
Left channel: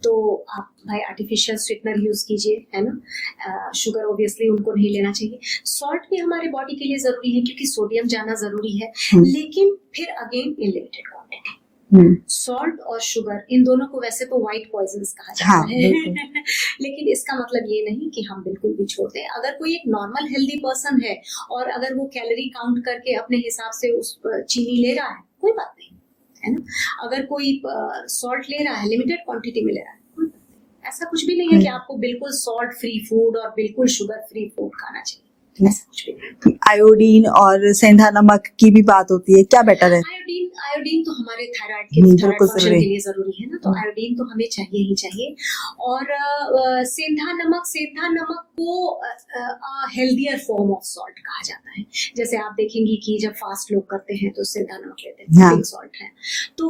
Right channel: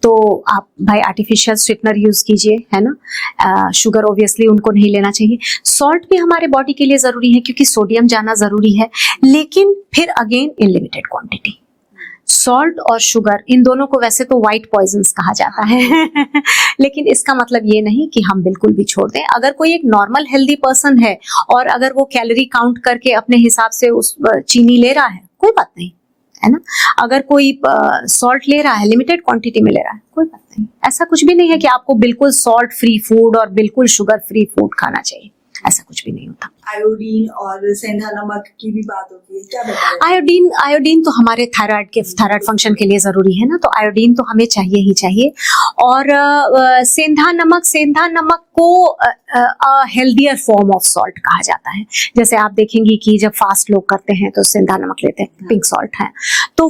तो आप भाई आर्टिफिशियल स्वीटनर यूज कीजिए, है ना। शुगर ऑब्वियसली उनको नहीं लेना चाहिए। सॉल्ट भी हमारे बॉडी के लिए जरूरी है क्योंकि सोडियम जाना जरूरी है, लेकिन फिर again in limited quantity. Salt और शुगर इन दोनों को वैसे तो व्हाइट पॉइजन्स कहा जाता है लेकिन इसका मतलब ये नहीं कि हम बिल्कुल भी छोड़ दें। अगर कोई एक नॉर्मल हेल्दी पर्सन है और अगर वो कैलोरी काउंट करके अपने हिसाब से उस चीनी ले रहा है, कोई बात नहीं, है ना। अगर कोई सॉल्ट ले रहा है, लिमिटेड क्वांटिटी में ले रहा है, कोई बात नहीं। ऐसा कुछ भी नहीं है कि आपको बिल्कुल सॉल्ट फ्री फूड और बिल्कुल शुगर फ्री फूड खाना चाहिए, ऐसा कुछ भी नहीं होता। आयोडीन और सेंधा नमक की भी बात होती है, क्या बेटर है? आयोडीन तो हमारे थायराइड फंक्शन के लिए जरूरी है ना, तो आयोडीन तो हमें चाहिए ही चाहिए। और सेंधा नमक को हेल्दियर फॉर्म ऑफ सॉल्ट कहा जाता है। जैसे आप देखेंगे कि जब फास्ट लोग करते हैं तो सेंधा नमक लेते हैं, पिंक सॉल्ट है, तो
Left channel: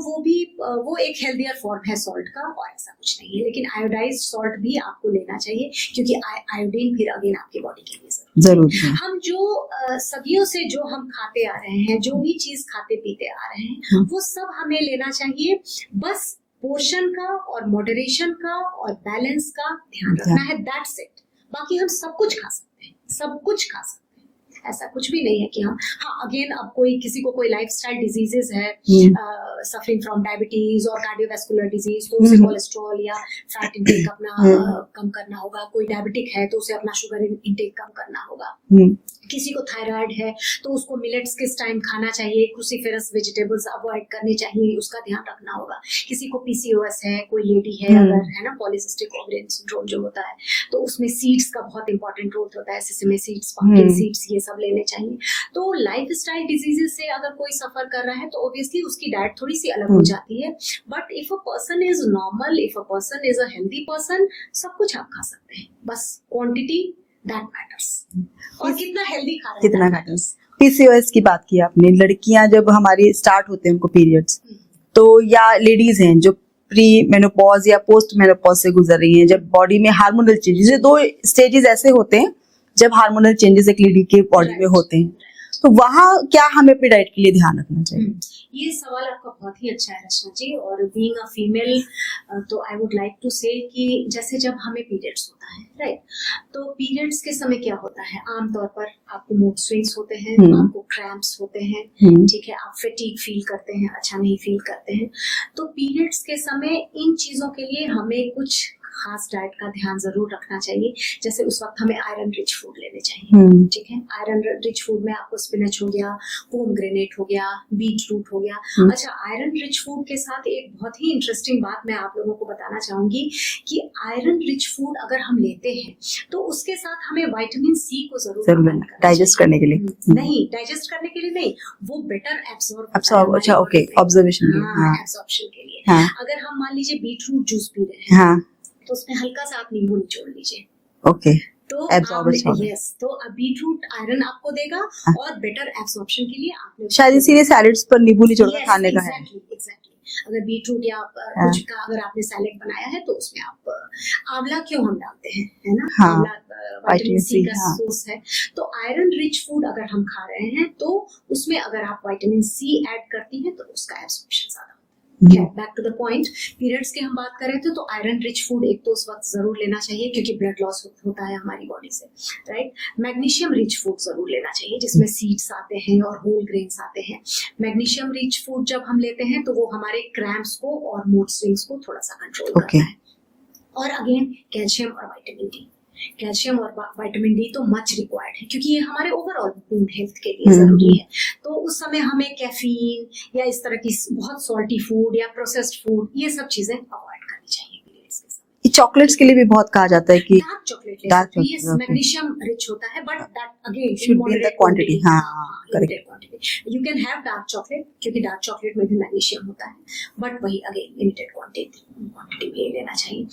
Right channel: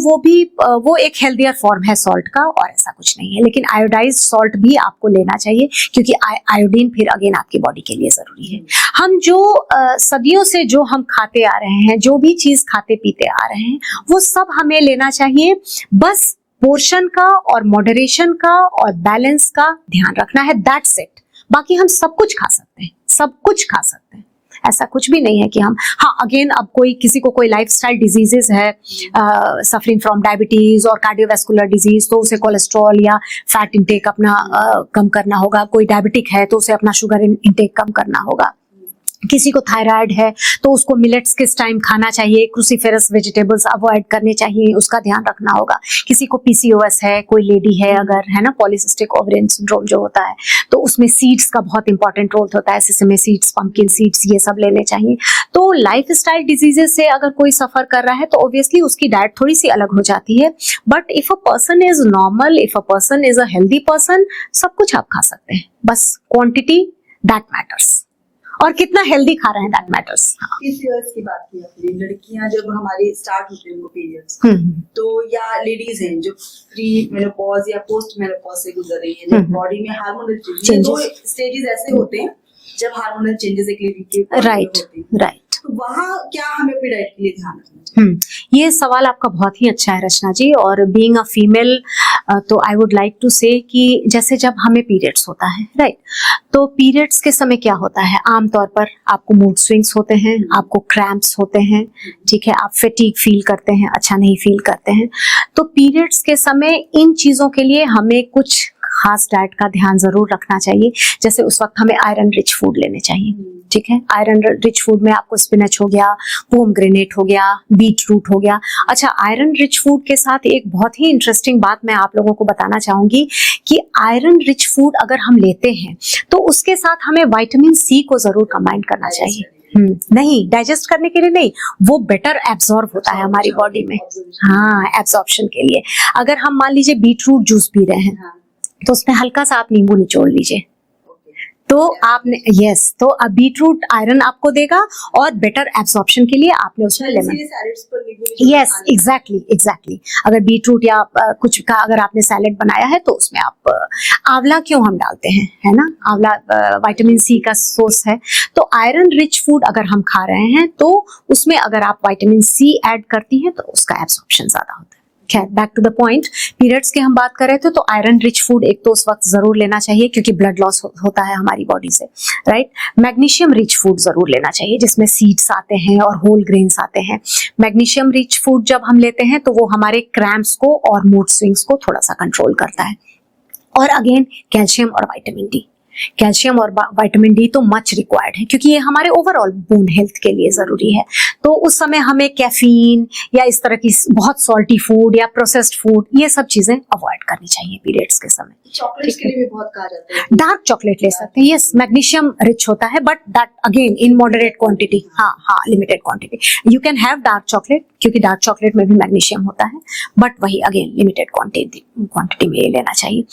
वो एक हेल्दियर फॉर्म है सॉल्ट का, और ऐसा कुछ नहीं है। लेकिन आयोडाइज्ड सॉल्ट भी आपको लेना चाहिए क्योंकि आयोडीन फिर अगेन आपकी बॉडी के लिए जरूरी है। हम जो सदियों से जो हम खाते आ रहे हैं, जो भी चीज खाते पीते आ रहे हैं, वो सब हमें लेना चाहिए। बस पोर्शन का और मॉडरेशन का और बैलेंस का ध्यान रखना है, दैट्स इट। बाकी हम सब कुछ खा सकते हैं, सब कुछ खा सकते हैं, ऐसा कुछ भी नहीं है कि हम, हाँ अगेन अब किसी को कोई लाइफस्टाइल डिजीजेस है, सफरिंग फ्रॉम डायबिटीज और कार्डियोवैस्कुलर डिजीज, तो उसे कोलेस्ट्रॉल या फैट इंटेक अपना कम करना होगा। कोई डायबिटिक है तो उसे अपना शुगर इंटेक कम करना होगा। किसी को थायराइड है तो उसको मिलेट्स किस टाइम खाना चाहिए, क्रूसीफेरस वेजिटेबल्स अवॉइड करने चाहिए, उसका ध्यान रखना होगा। किसी को पीसीओएस है, कोई लेडी है अगर, है ना, पॉलीसिस्टिक ओवरियन सिंड्रोम जो होता है, तो उसमें सीड्स का बहुत इंपॉर्टेंट रोल होता है, सेसमे सीड्स, पंपकिन सीड्स, ये सब लेने चाहिए। तो लाइफस्टाइल डिजीजेस से अगर कोई सफर कर रहा है तो ऑब्वियसली उसकी डाइट थोड़ी सी अलग हो जाती है। But if a person is normal, if a person is a healthy person, सब कुछ आप खा सकते हैं, बस क्वांटिटी दैट मैटर्स, और कितना हेल्दी खा रहे हैं दैट मैटर्स। पीसीओएस की बात की आपने, लड़कियां जब हमारी स्टार्ट होते हैं उनको पीरियड्स, तो या लेडीज हैं जो प्री मेनोपॉज या पोस्ट मेनोपॉज से गुजर रही हैं, जब बॉडी में हार्मोनल चेंजेस, दो स्टेजेस ऐसे होते हैं जब हार्मोनल चेंजेस एक लेडी के बॉडी में होते हैं, राइट। तो वहाँ क्या हमें अपनी डाइट के लिए ध्यान रखना चाहिए? ये सवाल आपका बहुत ही अच्छा है रचना जी। और बीइंग अ फीमेल तो आई वुड लाइक टू से कि जैसे जब हमें पीरियड्स होता है, राइट, तो पीरियड्स के समय क्या होता है, आमतौर पर आपको मूड स्विंग्स होते हैं, आपको क्रैम्प्स होते हैं, ठीक है, आप फैटीग फील करते हैं, अच्छा नहीं फील करते हैं। तो पीरियड्स के समय इन चीजों के लिए हमें कुछ खास डाइट का ध्यान जरूर रखना चाहिए। जैसे उस वक्त हमें आयरन रिच फूड लेने चाहिए, ठीक है। आयरन रिच फूड में आपको स्पिनच हो गया, पोमग्रेनेट हो गया, बीट रूट हो गया। अच्छा, आयरन रिच फूड के साथ एक बहुत ही इंटरेस्टिंग बात मैं आप लोगों को बताना चाहूंगी कि आयरन रिच फूड अगर हम लेते हैं तो उसके साथ हमें विटामिन सी को जरूर कंबाइन करना डाइजेस्ट चाहिए। करने के लिए नहीं, डाइजेस्ट करने के लिए नहीं, वो बेटर एब्जॉर्ब होता है हमारी बॉडी में, ऑब्जर्वेशन, हाँ, एब्जॉर्प्शन के लिए। अगर हम मान लीजिए बीट रूट जूस पी रहे हैं, तो उसमें हल्का सा आप नींबू निचोड़ लीजिए, ओके, तो आपने तो अब बीटरूट आयरन आपको देगा और बेटर एब्सॉर्प्शन के लिए आपने इसीलिए सैलेड्स पर नींबू निचोड़ खाने का। एग्जैक्टली। अगर बीटरूट या कुछ का अगर आपने सैलेड बनाया है तो उसमें आप आंवला क्यों हम डालते हैं, है ना, आंवला विटामिन सी का सोर्स है। तो आयरन रिच फूड अगर हम खा रहे हैं तो उसमें अगर आप विटामिन सी ऐड करती हैं तो उसका एब्सॉर्प्शन ज्यादा होता है। Back to the point, periods की हम बात कर रहे थे, तो आयरन रिच फूड एक तो उस वक्त जरूर लेना चाहिए क्योंकि ब्लड लॉस होता है हमारी बॉडी से, राइट। मैग्नीशियम रिच फूड जरूर लेना चाहिए जिसमें सीड्स आते हैं और होल ग्रेन्स आते हैं। मैग्नीशियम रिच फूड जब हम लेते हैं तो वो हमारे क्रैम्प्स को और मूड स्विंग्स को थोड़ा सा कंट्रोल करता है। और अगेन कैल्शियम और विटामिन डी, कैल्शियम और विटामिन डी तो मच रिक्वायर्ड है क्योंकि ये हमारे ओवरऑल बोन हेल्थ के लिए जरूरी है। तो उस समय हमें कैफीन या इस तरह की बहुत सॉल्टी फूड या प्रोसेस्ड फूड ये सब चीजें अवॉइड करनी चाहिए पीरियड्स के समय। चॉकलेट्स के लिए भी बहुत कहा जाता है कि डार्क चॉकलेट ले सकते हैं, यस, मैग्नीशियम रिच होता है but that again in moderate quantity, हाँ, limited quantity. You can have dark chocolate क्योंकि डार्क चॉकलेट में भी मैग्नीशियम होता है, बट वही अगेन लिमिटेड क्वांटिटी में लेना चाहिए।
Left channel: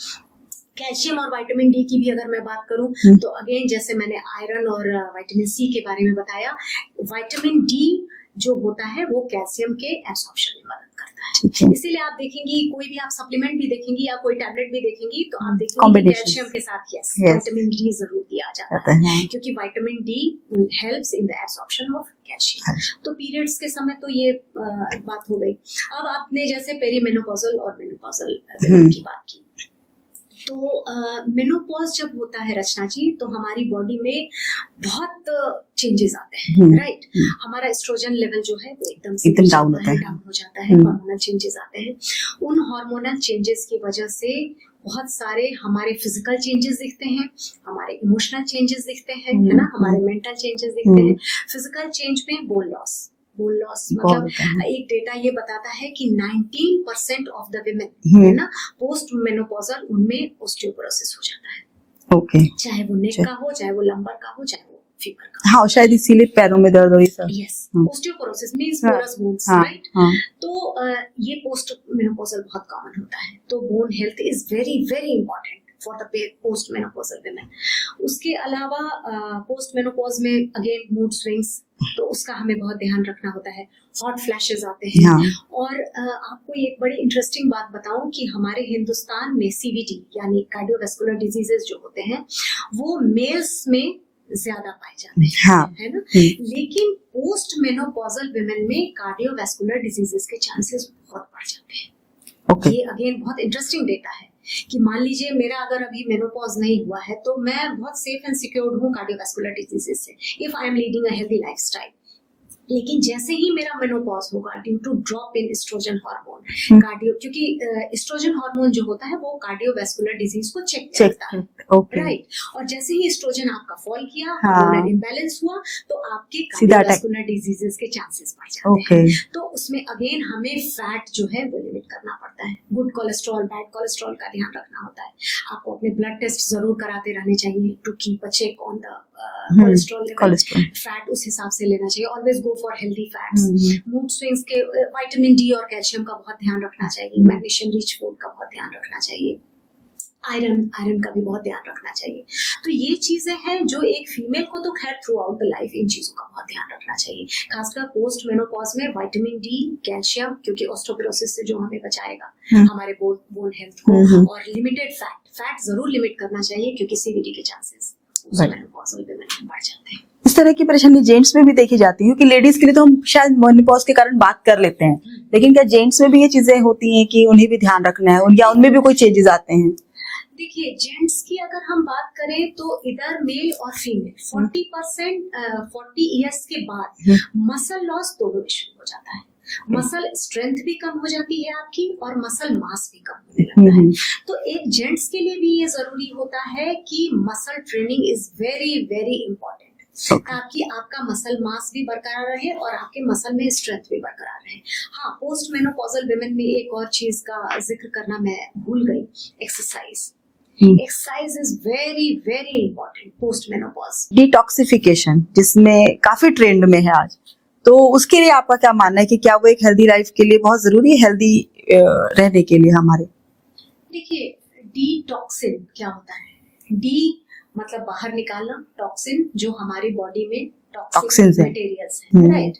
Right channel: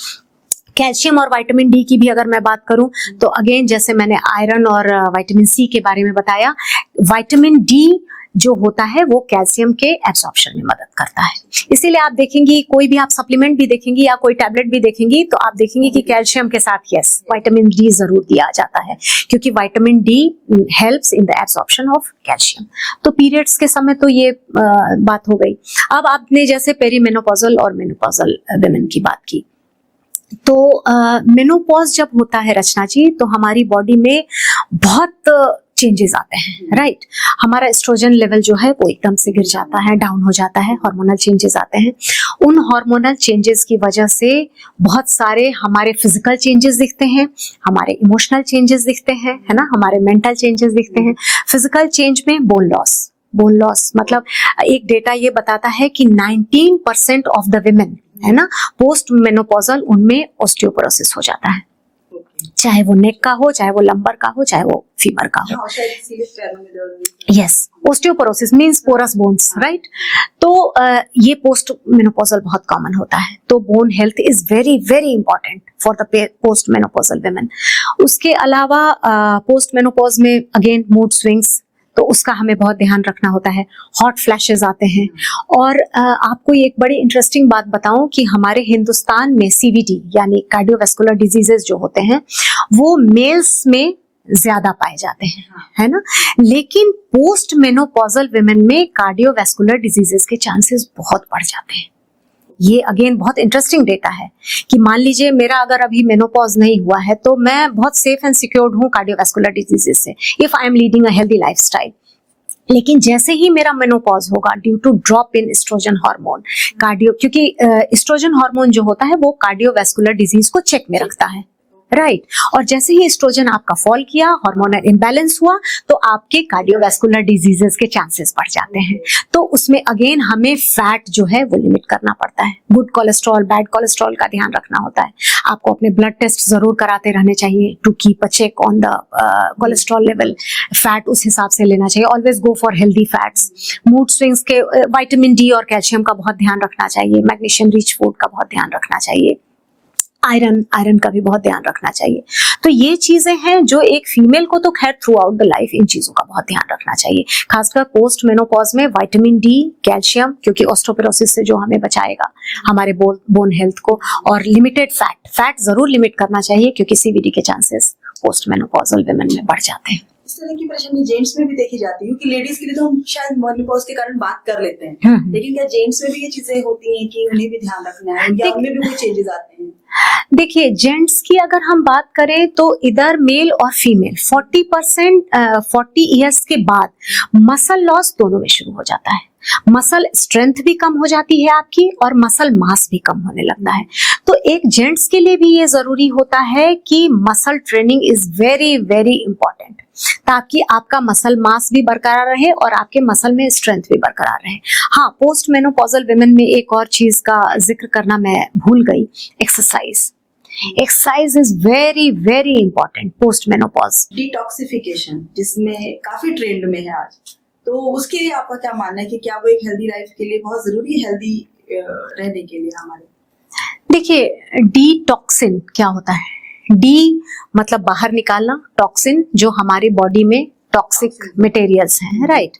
कैल्शियम और विटामिन डी की भी अगर मैं बात करूं तो अगेन जैसे मैंने आयरन और विटामिन सी के बारे में बताया, विटामिन डी जो होता है वो कैल्शियम के एब्सॉर्प्शन में मदद करता है। इसीलिए आप देखेंगी कोई भी आप सप्लीमेंट भी देखेंगी या कोई टैबलेट भी देखेंगी तो आप देखेंगी कि कैल्शियम के साथ यस विटामिन डी जरूर दिया जाता है क्योंकि vitamin D helps in the absorption of calcium. तो पीरियड्स के समय तो ये बात हो गई। अब आपने जैसे पेरीमेनोपॉजल और मेनोपॉजल वुमेन की बात की, तो मेनोपॉज जब होता है रचना जी तो हमारी बॉडी में बहुत चेंजेस आते हैं, राइट। हमारा एस्ट्रोजन लेवल जो है वो एकदम से गिर जाता है, डाउन हो जाता है, हार्मोनल चेंजेस आते हैं। उन हार्मोनल चेंजेस की वजह से बहुत सारे हमारे फिजिकल चेंजेस दिखते हैं, हमारे इमोशनल चेंजेस दिखते हैं, है ना, हमारे मेंटल चेंजेस दिखते हैं। फिजिकल चेंज में बोन लॉस मतलब एक डेटा ये बताता है कि 19% ऑफ द विमेन, है ना, पोस्ट मेनोपॉजल उनमें ऑस्टियोपोरोसिस हो जाता है। ओके, चाहे वो नेक का हो, चाहे वो लंबर का हो, चाहे वो फीमर का हो। हाँ, शायद इसीलिए पैरों में दर्द हो रही है। Yes, osteoporosis means porous bones, right. तो ये पोस्ट मेनोपॉजल बहुत कॉमन होता है। तो bone health is very very important for the post menopausal women. उसके अलावा पोस्ट मेनोपॉज में अगेन मूड स्विंग्स, तो उसका हमें बहुत ध्यान रखना होता है। हॉट फ्लैशेस आते हैं। और आपको एक बड़ी इंटरेस्टिंग बात बताऊं कि हमारे हिंदुस्तान में सीवीडी यानी कार्डियोवैस्कुलर डिजीजेस जो होते हैं वो मेल्स में ज्यादा पाए जाते हैं, है ना, लेकिन पोस्ट मेनोपॉजल विमेन में कार्डियोवैस्कुलर डिजीजेस के चांसेस बहुत बढ़ जाते हैं। ये अगेन बहुत इंटरेस्टिंग डेटा है कि मान लीजिए मेरा अगर अभी मेनोपॉज नहीं हुआ है तो मैं बहुत सेफ एंड सिक्योर्ड हूँ कार्डियोवैस्कुलर डिजीजेस से, if I am leading a healthy lifestyle. लेकिन जैसे ही मेरा मेनोपॉज होगा due to drop in estrogen hormone, क्योंकि एस्ट्रोजन हार्मोन जो होता है वो कार्डियोवैस्कुलर डिजीज को चेक में रखता है, राइट। और जैसे ही एस्ट्रोजन आपका फॉल किया, हार्मोनल इम्बैलेंस हुआ, तो आपके कार्डियोवैस्कुलर डिजीजेस के चांसेस बढ़ जाते हैं। तो उसमें अगेन हमें फैट जो है वो लिमिट करना पड़ता है। गुड कोलेस्ट्रॉल, बैड कोलेस्ट्रॉल का ध्यान रखना होता है। आपको अपने ब्लड टेस्ट जरूर कराते रहने चाहिए to keep a check on the cholesterol level. Fat उस हिसाब से लेना चाहिए। Always go for healthy fats. Mood swings के विटामिन डी और कैल्शियम का बहुत ध्यान रखना चाहिए। मैग्नीशियम रिच फूड का बहुत ध्यान रखना चाहिए। आयरन का भी बहुत ध्यान रखना चाहिए। तो ये चीजें हैं जो एक फीमेल को तो खैर through out the life in चीजों का बहुत ध्यान रखना चाहिए, खासकर पोस्ट मेनोपॉज में विटामिन डी, कैल्शियम, क्योंकि ऑस्टियोपोरोसिस से जो हमें बचाएगा हमारे बोन हेल्थ को, और लिमिटेड फैट जरूर लिमिट करना चाहिए, क्योंकि सीवीडी के चांसेस पोस्ट मेनोपॉजल वुमेन में बढ़ जाते हैं। इस तरह की परेशानी जेंट्स में भी देखी जाती है, कि लेडीज के लिए तो हम शायद मेनोपॉज के कारण बात कर लेते हैं, लेकिन क्या जेंट्स में भी ये चीजें होती हैं कि उन्हें भी ध्यान रखना है, या उनमें भी कोई चेंजेस आते हैं? देखिए, जेंट्स की अगर हम बात करें तो इधर मेल और फीमेल 40 ईयर्स के बाद मसल लॉस दोनों में शुरू हो जाता है। मसल स्ट्रेंथ भी कम हो जाती है आपकी, और मसल मास भी कम होने लगता है। तो एक जेंट्स के लिए भी ये जरूरी होता है कि muscle training is very very important, ताकि आपका मसल मास भी बरकरार रहे और आपके मसल में स्ट्रेंथ भी बरकरार रहे। हाँ, पोस्ट मेनोपॉजल वुमेन में एक और चीज का जिक्र करना मैं भूल गई, exercise. Exercise is very very important post menopause. Detoxification जिसमें काफी ट्रेंड में है आज, तो उसके लिए आपका क्या मानना है कि क्या वो एक हेल्दी लाइफ के लिए बहुत जरूरी है, हेल्दी रहने के लिए हमारे? देखिए, डिटॉक्सिन क्या होता है? डी मतलब बाहर निकालना, टॉक्सिन जो हमारी बॉडी में टॉक्सिक मटेरियल्स हैं, राइट।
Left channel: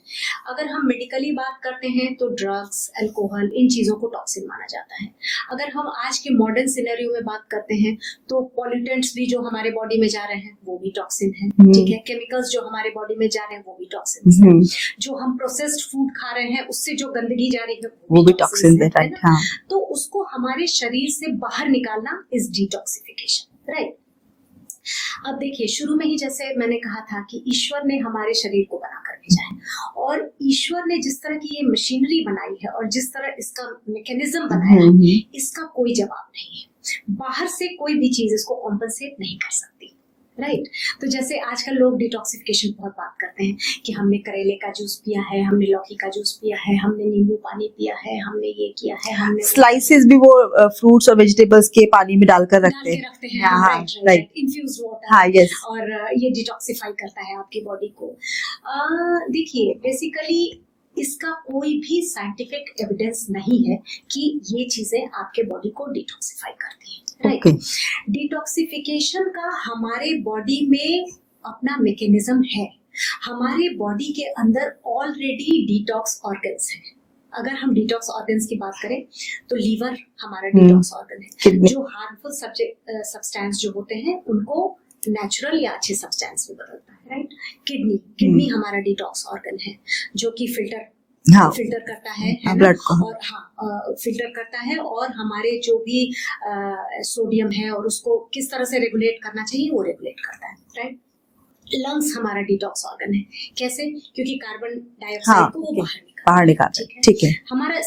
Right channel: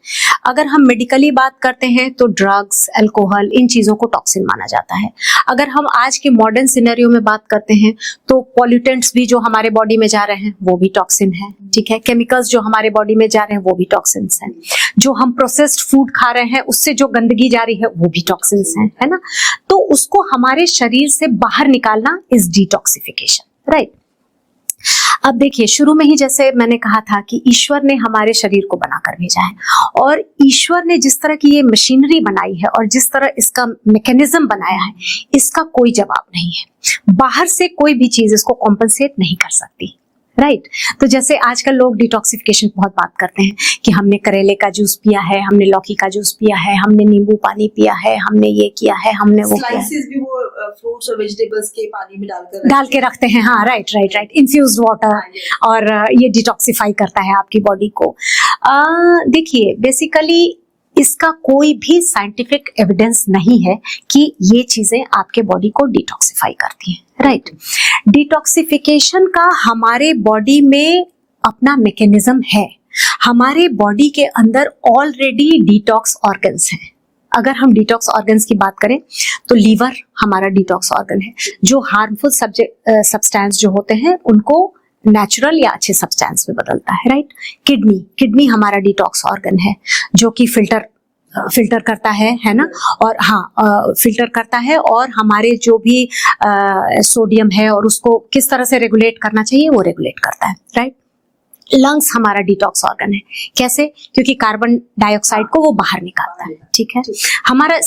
अगर हम मेडिकली बात करते हैं तो ड्रग्स, अल्कोहल, इन चीजों को टॉक्सिन माना जाता है। अगर हम आज के मॉडर्न सिनेरियो में बात करते हैं तो पॉल्यूटेंट्स भी जो हमारे बॉडी में जा रहे हैं वो भी टॉक्सिन है, ठीक है। केमिकल्स जो हमारे बॉडी में जा रहे हैं वो भी टॉक्सिन्स हैं। जो हम प्रोसेस्ड फूड खा रहे हैं उससे जो गंदगी जा रही है वो भी टॉक्सिन्स है ना। तो उसको हमारे शरीर से बाहर निकालना इज डिटॉक्सिफिकेशन, राइट। अब देखिए, शुरू में ही जैसे मैंने कहा था कि ईश्वर ने हमारे शरीर को बनाकर भेजा है, और ईश्वर ने जिस तरह की ये मशीनरी बनाई है और जिस तरह इसका मैकेनिज्म बनाया है, इसका कोई जवाब नहीं है। बाहर से कोई भी चीज इसको कॉम्पनसेट नहीं कर सकती, राइट। तो जैसे आजकल लोग डिटॉक्सिफिकेशन बहुत बात करते हैं कि हमने करेले का जूस पिया है, हमने लौकी का जूस पिया है, हमने नींबू पानी पिया है, हमने ये किया है, हमने वो स्लाइसेस भी वो फ्रूट्स और वेजिटेबल्स के पानी में डाल के रखते हैं। हाँ, राइट, इन्फ्यूज्ड वाटर, और ये डिटॉक्सिफाई करता है आपकी बॉडी को। देखिए, बेसिकली इसका कोई भी साइंटिफिक एविडेंस नहीं है कि ये चीजें आपके बॉडी को डिटॉक्सिफाई करती हैं, राइट। डिटॉक्सिफिकेशन का हमारे बॉडी में अपना मैकेनिज्म है। हमारे बॉडी के अंदर ऑलरेडी डिटॉक्स ऑर्गन्स हैं। अगर हम डिटॉक्स ऑर्गन्स की बात करें तो लीवर हमारा डिटॉक्स ऑर्गन है, जो हार्मफुल सब्सटेंस जो होते हैं उनको नेचुरल या अच्छे सब्सटेंस में बदलता है, राइट। किडनी हमारा डिटॉक्स ऑर्गन है, जो कि फिल्टर करता है ना, और फिल्टर करता है, और हमारे जो भी सोडियम है और उसको किस तरह से रेगुलेट करना चाहिए वो रेगुलेट करता है, राइट। लंग्स हमारा डिटॉक्स ऑर्गन है। कैसे? क्योंकि कार्बन डाइऑक्साइड को वो बाहर निकालता है, ठीक है। हमारा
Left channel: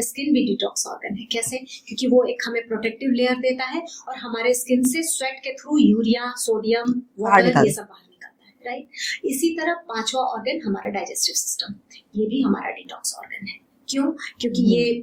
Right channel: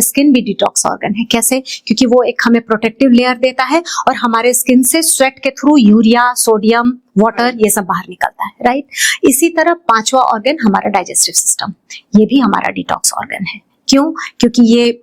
स्किन भी डिटॉक्स ऑर्गन है। कैसे? क्योंकि वो एक हमें प्रोटेक्टिव लेयर देता है, और हमारे स्किन से स्वेट के थ्रू यूरिया, सोडियम, वाटर ये सब बाहर निकलता है, राइट। इसी तरह पांचवा ऑर्गन हमारा डाइजेस्टिव सिस्टम, ये भी हमारा डिटॉक्स ऑर्गन है। क्यों? क्योंकि ये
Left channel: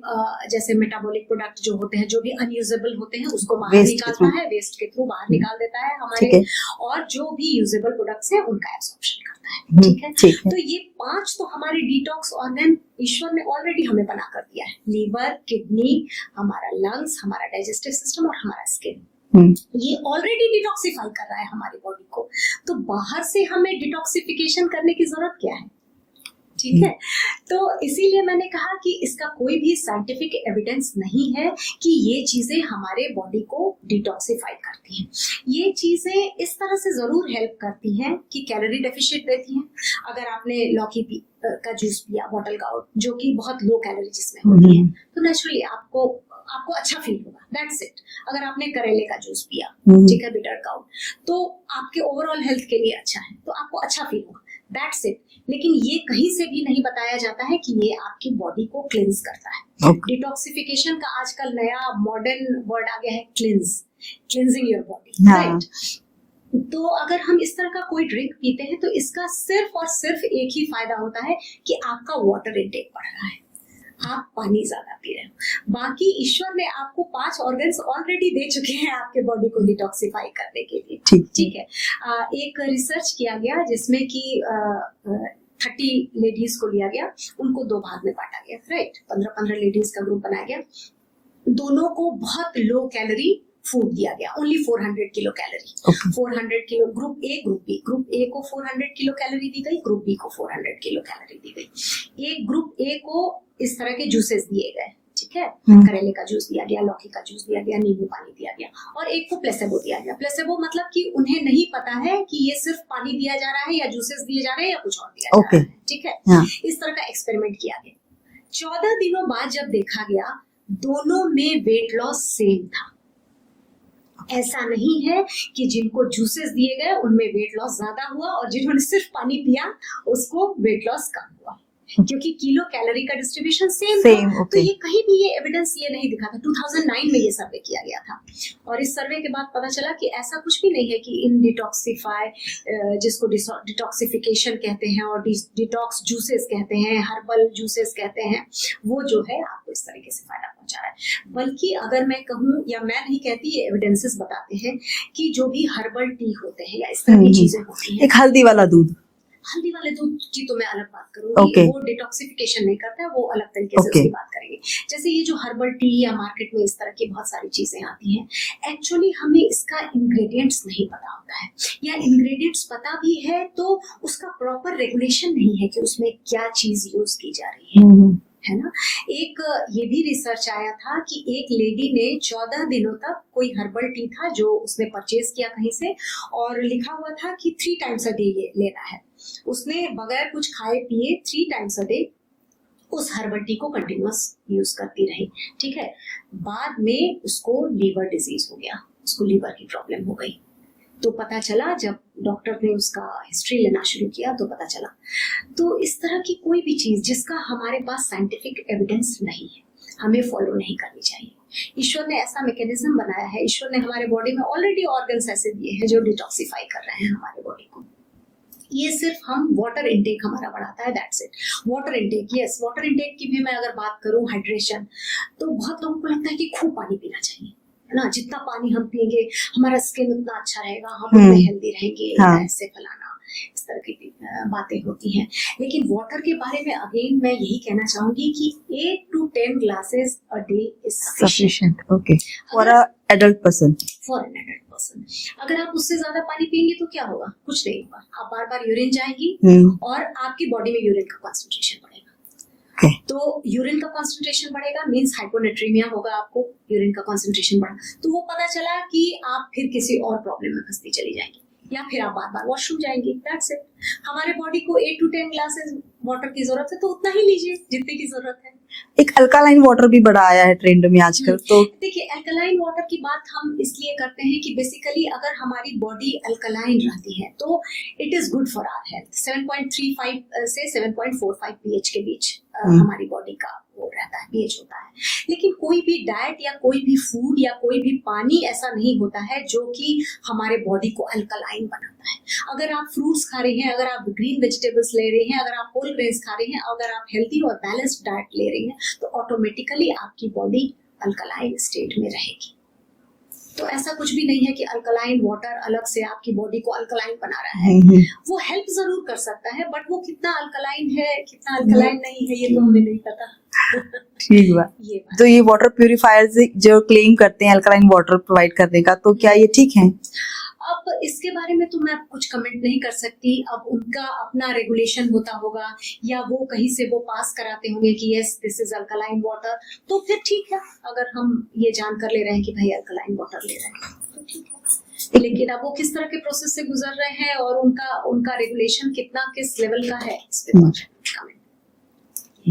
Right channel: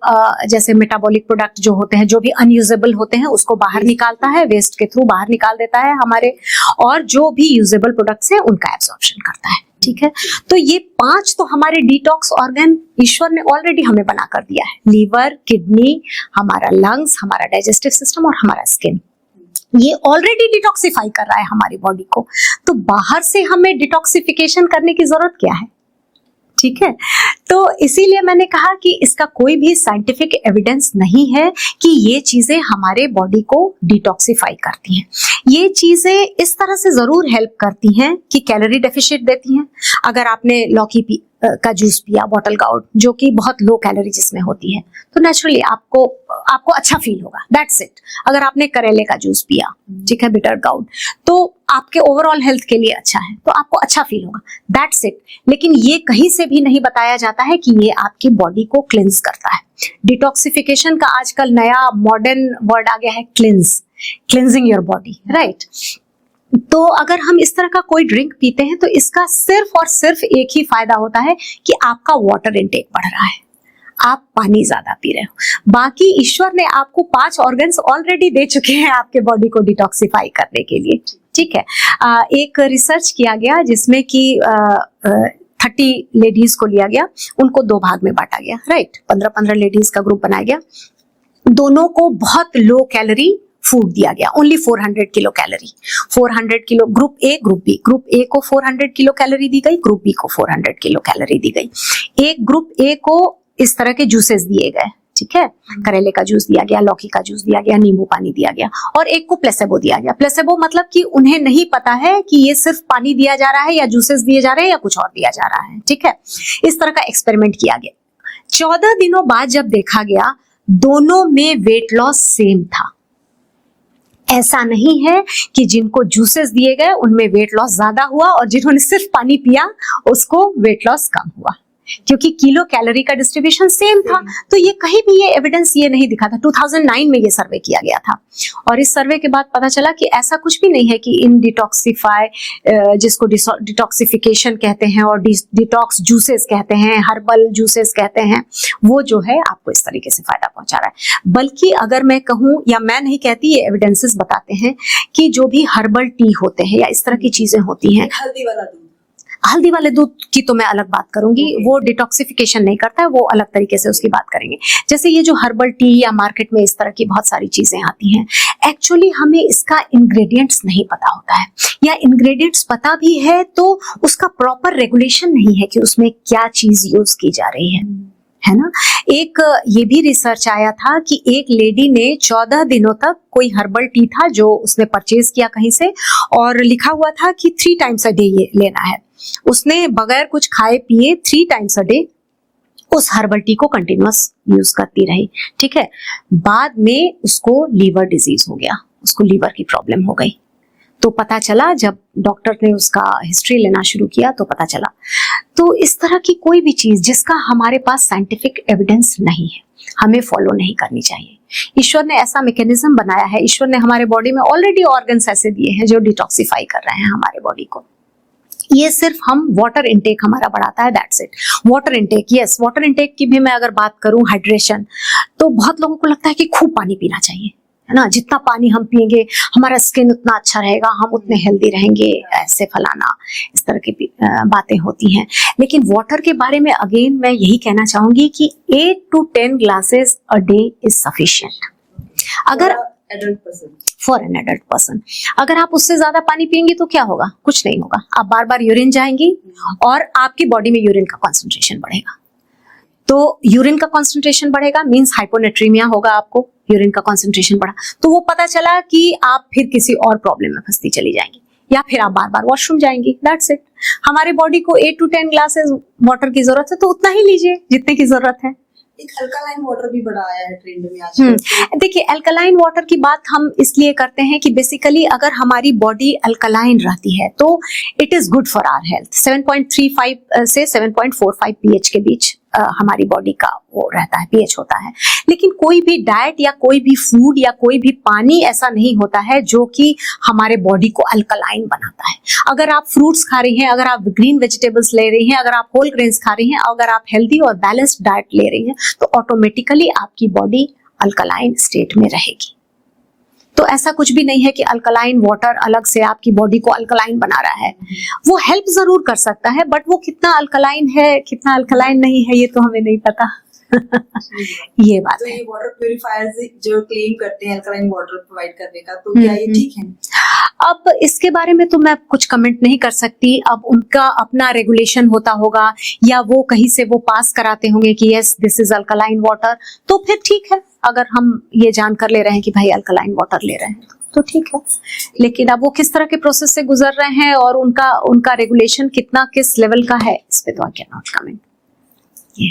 जैसे मेटाबॉलिक प्रोडक्ट जो होते हैं, जो भी अनयूजेबल होते हैं, उसको बाहर निकालता है, वेस्ट के थ्रू बाहर निकाल देता है हमारे, और जो भी यूजेबल प्रोडक्ट्स हैं उनका एब्जॉर्प्शन करता है, ठीक है। तो ये 5 तो हमारे डिटॉक्स ऑर्गन ईश्वर ने ऑलरेडी हमें बना कर दिया है। लीवर, किडनी, हमारा लंग्स, हमारा डाइजेस्टिव सिस्टम और हमारा स्किन, ये ऑलरेडी डिटॉक्सिफाई कर रहा है हमारी बॉडी को। तो बाहर से हमें डिटॉक्सिफिकेशन करने की जरूरत क्या है, ठीक है। तो इसीलिए मैंने कहा कि इसका कोई भी साइंटिफिक एविडेंस नहीं है कि ये चीजें हमारे बॉडी को डिटॉक्सिफाई करती हैं। ये चीजें इस तरह से जरूर हेल्प करती हैं कि कैलोरी डेफिशिएट देती हैं। अगर आपने लौकी का जूस पिया, बॉटल गाउट, जो कि बहुत लो कैलोरी जिसमें होती है, तो नेचुरली आपको अच्छा फील होगा, दैट्स इट। अगर आपने करेले का जूस पिया, ठीक है, बिटर गाउट, तो आपके ओवरऑल हेल्थ के लिए अच्छा है, तो आपको अच्छा फील होगा, दैट्स इट। लेकिन ये कहीं से भी नहीं बताया जाता है कि ये आपकी बॉडी को क्लिंज करता है। डिटॉक्सिफिकेशन का आजकल नया मॉडर्न वर्ड आ गया है, क्लिंजिंग योर बॉडी, राइट। तो अगर हम इस तरह का कोई ड्रिंक पीते हैं तो इसका सिर्फ और सिर्फ एक ही फायदा होता है कि आपका वाटर इंटेक बढ़ रहा है, आप पानी ज्यादा पी रहे हो। बाकी ईश्वर ने आपको 5 ऑर्गन्स ऑलरेडी दे चुके हैं आपके बॉडी को डिटॉक्सिफाई करने के लिए, ठीक है। एक रिसर्च किया गया जिसमें कि 30 लेडीज को लिया गया, उनको 2 भाग में बांटा गया, राइट। 15-15 लेडीज का ग्रुप बनाया गया। दोनों को बहुत लो कैलोरी फूड दिया गया, only 400 kilo calorie. 400 kilo group A, group B. Group A को 400 किलो कैलोरी दी गई, ग्रुप बी को 400 किलो कैलोरी दी गई। एक ग्रुप ए को इस तरह के जूसेस दिए गए, ठीक है, करेले का जूस दिया गया, लौकी का जूस दिया गया, नींबू पानी दिया गया, और एक को प्लेसेबो दिया गया। प्लेसेबो मतलब कि उन्हें नहीं पता है कि ये सिर्फ पानी दिया जा रहा है या जूसेस दिए जा रहे हैं या कुछ और दिया जा रहा है, ठीक है। इस तरह का एक्सपेरिमेंट किया गया। 14 दिनों बाद जब देखा गया, दोनों में वेट लॉस सेम था। ऐसा नहीं है कि जिनको जूसेस दिए गए उनमें वेट लॉस ज्यादा हुआ और जिन्होंने सिर्फ पानी पिया उसको वेट लॉस कम हुआ, क्योंकि किलो कैलोरी का डिस्ट्रीब्यूशन सेम था। तो ये कहीं भी ये एविडेंस ये नहीं दिखा था। 2009 में ये सर्वे किया गया था और इस सर्वे के बाद पता चला कि ऐसा कुछ भी नहीं है कि इन डिटॉक्सिफाई, जिसको डिटॉक्सिफिकेशन कहते हैं और डिटॉक्स जूसेस कहते हैं, हर्बल जूसेस कहते हैं, वो जो है आपको इस तरीके से फायदा पहुंचा रहा है। बल्कि अगर मैं कहूँ, या मैं नहीं कहती, ये एविडेंसेस बताते हैं कि जो भी हर्बल टी होते हैं या इस तरह की चीजें होती हैं, एक हल्दी वाला दूध, हल्दी वाले दूध की तो मैं अलग बात करूंगी, वो डिटॉक्सिफिकेशन नहीं करता है, वो अलग तरीके से उसकी बात करेंगे। जैसे ये जो हर्बल टी या मार्केट में इस तरह की बहुत सारी चीजें आती हैं, एक्चुअली हमें इसका इंग्रेडिएंट्स नहीं पता होता है, या इंग्रेडिएंट्स पता भी है तो उसका प्रॉपर रेगुलेशन नहीं है कि उसमें क्या चीज यूज की जा रही है ना। एक ये भी रिसर्च आया था कि एक लेडी ने 14 दिनों तक, कोई हर्बल टी था जो उसने परचेज किया कहीं से, और लिखा हुआ था कि 3 टाइम्स अ डे ये लेना है। उसने बगैर कुछ खाए पिए 3 टाइम्स अ डे उस हर्बल टी को कंटिन्यूअस यूज करती रही, ठीक है। बाद में उसको लीवर डिजीज हो गया, उसको लीवर की प्रॉब्लम हो गई। तो पता चला, जब डॉक्टर ने उसका हिस्ट्री लेना शुरू किया तो पता चला। तो इस तरह की कोई भी चीज जिसका हमारे पास साइंटिफिक एविडेंस नहीं है, हमें फॉलो नहीं करनी चाहिए। ईश्वर ने ऐसा मैकेनिज्म बनाया है, ईश्वर ने हमारे बॉडी में ऑलरेडी ऑर्गन्स ऐसे दिए हैं जो डिटॉक्सिफाई कर रहे हैं हमारे बॉडी को। ये सिर्फ हम वाटर इनटेक हमारा बढ़ाता है, that's it. Water intake, yes, water intake की भी मैं अगर बात करूं, हाइड्रेशन, तो बहुत लोगों को लगता है कि खूब पानी पीना चाहिए, है ना। जितना पानी हम पिएंगे हमारा स्किन उतना अच्छा रहेगा, हम उतने हेल्दी रहेंगे, ऐसे फलाना, इस तरह की बातें होती हैं। लेकिन वाटर के बारे में अगेन मैं यही कहना चाहूंगी कि 8 to 10 glasses a day is sufficient. Okay, अगर adult person, for an adult person, अगर आप उससे ज्यादा पानी पिएंगे तो क्या होगा? कुछ नहीं होगा। आप बार बार यूरिन जाएंगी और आपकी बॉडी में यूरिन का कॉन्सेंट्रेशन बढ़ेगा। तो यूरिन का कॉन्सेंट्रेशन बढ़ेगा मींस हाइपोनेट्रीमिया होगा, आपको यूरिन का कॉन्सेंट्रेशन बढ़ा तो वो पता चला कि आप फिर किसी और प्रॉब्लम में फंसती चली जाएंगी, या फिर आप बार बार वॉशरूम जाएंगी, दैट्स इट। हमारे बॉडी को 8 to 10 ग्लासेस वाटर की जरूरत है, तो उतना ही लीजिए जितने की जरूरत है। एक अल्कालाइन वाटर भी बड़ा आया है ट्रेंड में आजकल। तो देखिए, अल्कलाइन वाटर की बात हम इसलिए करते हैं कि बेसिकली अगर हमारी बॉडी अल्कलाइन रहती है तो it is good for our health. 7.35 से 7.45 पीएच के बीच हमारी बॉडी का वो रहता है, पीएच होता है। लेकिन कोई भी डाइट या कोई भी फूड या कोई भी पानी ऐसा नहीं होता है जो कि हमारे बॉडी को अल्कलाइन बनाता है। अगर आप फ्रूट्स खा रही हैं, अगर आप ग्रीन वेजिटेबल्स ले रही हैं, अगर आप होल ग्रेन्स खा रही हैं, अगर आप हेल्दी और बैलेंस्ड डाइट ले रही हैं, तो ऑटोमेटिकली आपकी बॉडी अल्कलाइन स्टेट में रहेगी। तो ऐसा कुछ भी नहीं है कि अल्कलाइन वाटर अलग से आपकी बॉडी को अल्कलाइन बना रहा है। वो हेल्प जरूर कर सकता है, बट वो कितना अल्कलाइन है, कितना अल्कलाइन नहीं है, ये तो हमें नहीं पता। ठीक है, ये बात। तो ये वाटर प्यूरिफायर्स जो क्लेम करते हैं अल्कलाइन वाटर प्रोवाइड करने का, तो क्या ये ठीक है? अब इसके बारे में तो मैं कुछ कमेंट नहीं कर सकती। अब उनका अपना रेगुलेशन होता होगा या वो कहीं से वो पास कराते होंगे कि yes this is alkaline water, तो फिर ठीक है। अगर हम ये जानकर ले रहे हैं कि भाई अल्कलाइन वाटर ले रहे हैं तो ठीक है। लेकिन अब वो किस तरह के प्रोसेस से गुजर रहे हैं और उनका रेगुलेशन कितना किस लेवल का है, इस पे तो I can not comment.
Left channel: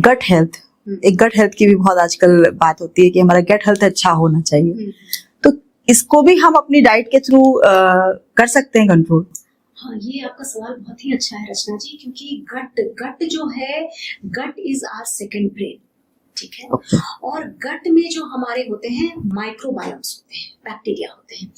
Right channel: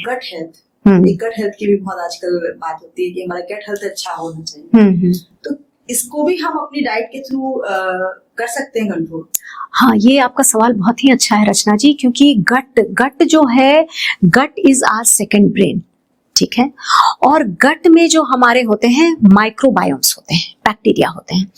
Gut health, एक गट हेल्थ की भी बहुत आजकल बात होती है कि हमारा गट हेल्थ अच्छा होना चाहिए, तो इसको भी हम अपनी डाइट के थ्रू कर सकते हैं कंट्रोल? हाँ, ये आपका सवाल बहुत ही अच्छा है रचना जी, क्योंकि गट जो है, गट इज आवर सेकंड ब्रेन, ठीक है। और गट में जो हमारे होते हैं माइक्रोबायोम्स होते हैं, बैक्टीरिया होते हैं।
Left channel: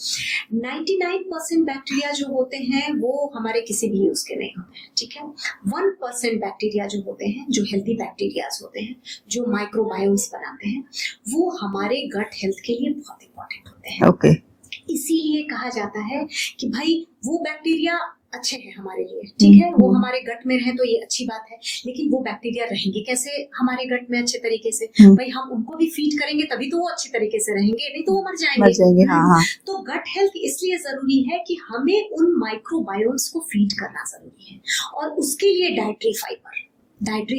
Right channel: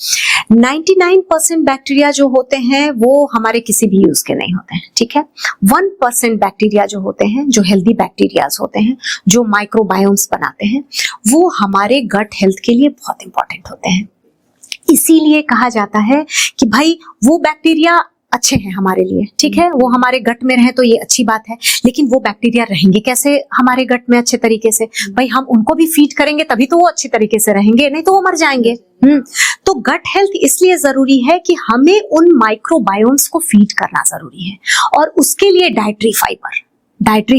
99% बैक्टीरिया जो होते हैं वो हमारे किसी भी यूज के नहीं होते हैं, ठीक है। 1% बैक्टीरिया जो होते हैं, जो हेल्दी बैक्टीरियाज होते हैं, जो माइक्रोबायोम्स बनाते हैं, वो हमारे गट हेल्थ के लिए बहुत इंपॉर्टेंट होते हैं। ओके। इसीलिए कहा जाता है कि भाई वो बैक्टीरिया अच्छे हैं हमारे लिए, ठीक है, वो हमारे गट में रहे तो ये अच्छी बात है, लेकिन वो बैक्टीरिया रहेंगे कैसे हमारे गट में अच्छे तरीके से? भाई हम उनको भी फीड करेंगे तभी तो वो अच्छी तरीके से रहेंगे, नहीं तो वो मर जाएंगे। हाँ। तो गट हेल्थ इसलिए जरूरी है कि हमें उन माइक्रोबायोम्स को फीड करना जरूरी है, और उसके लिए डाइटरी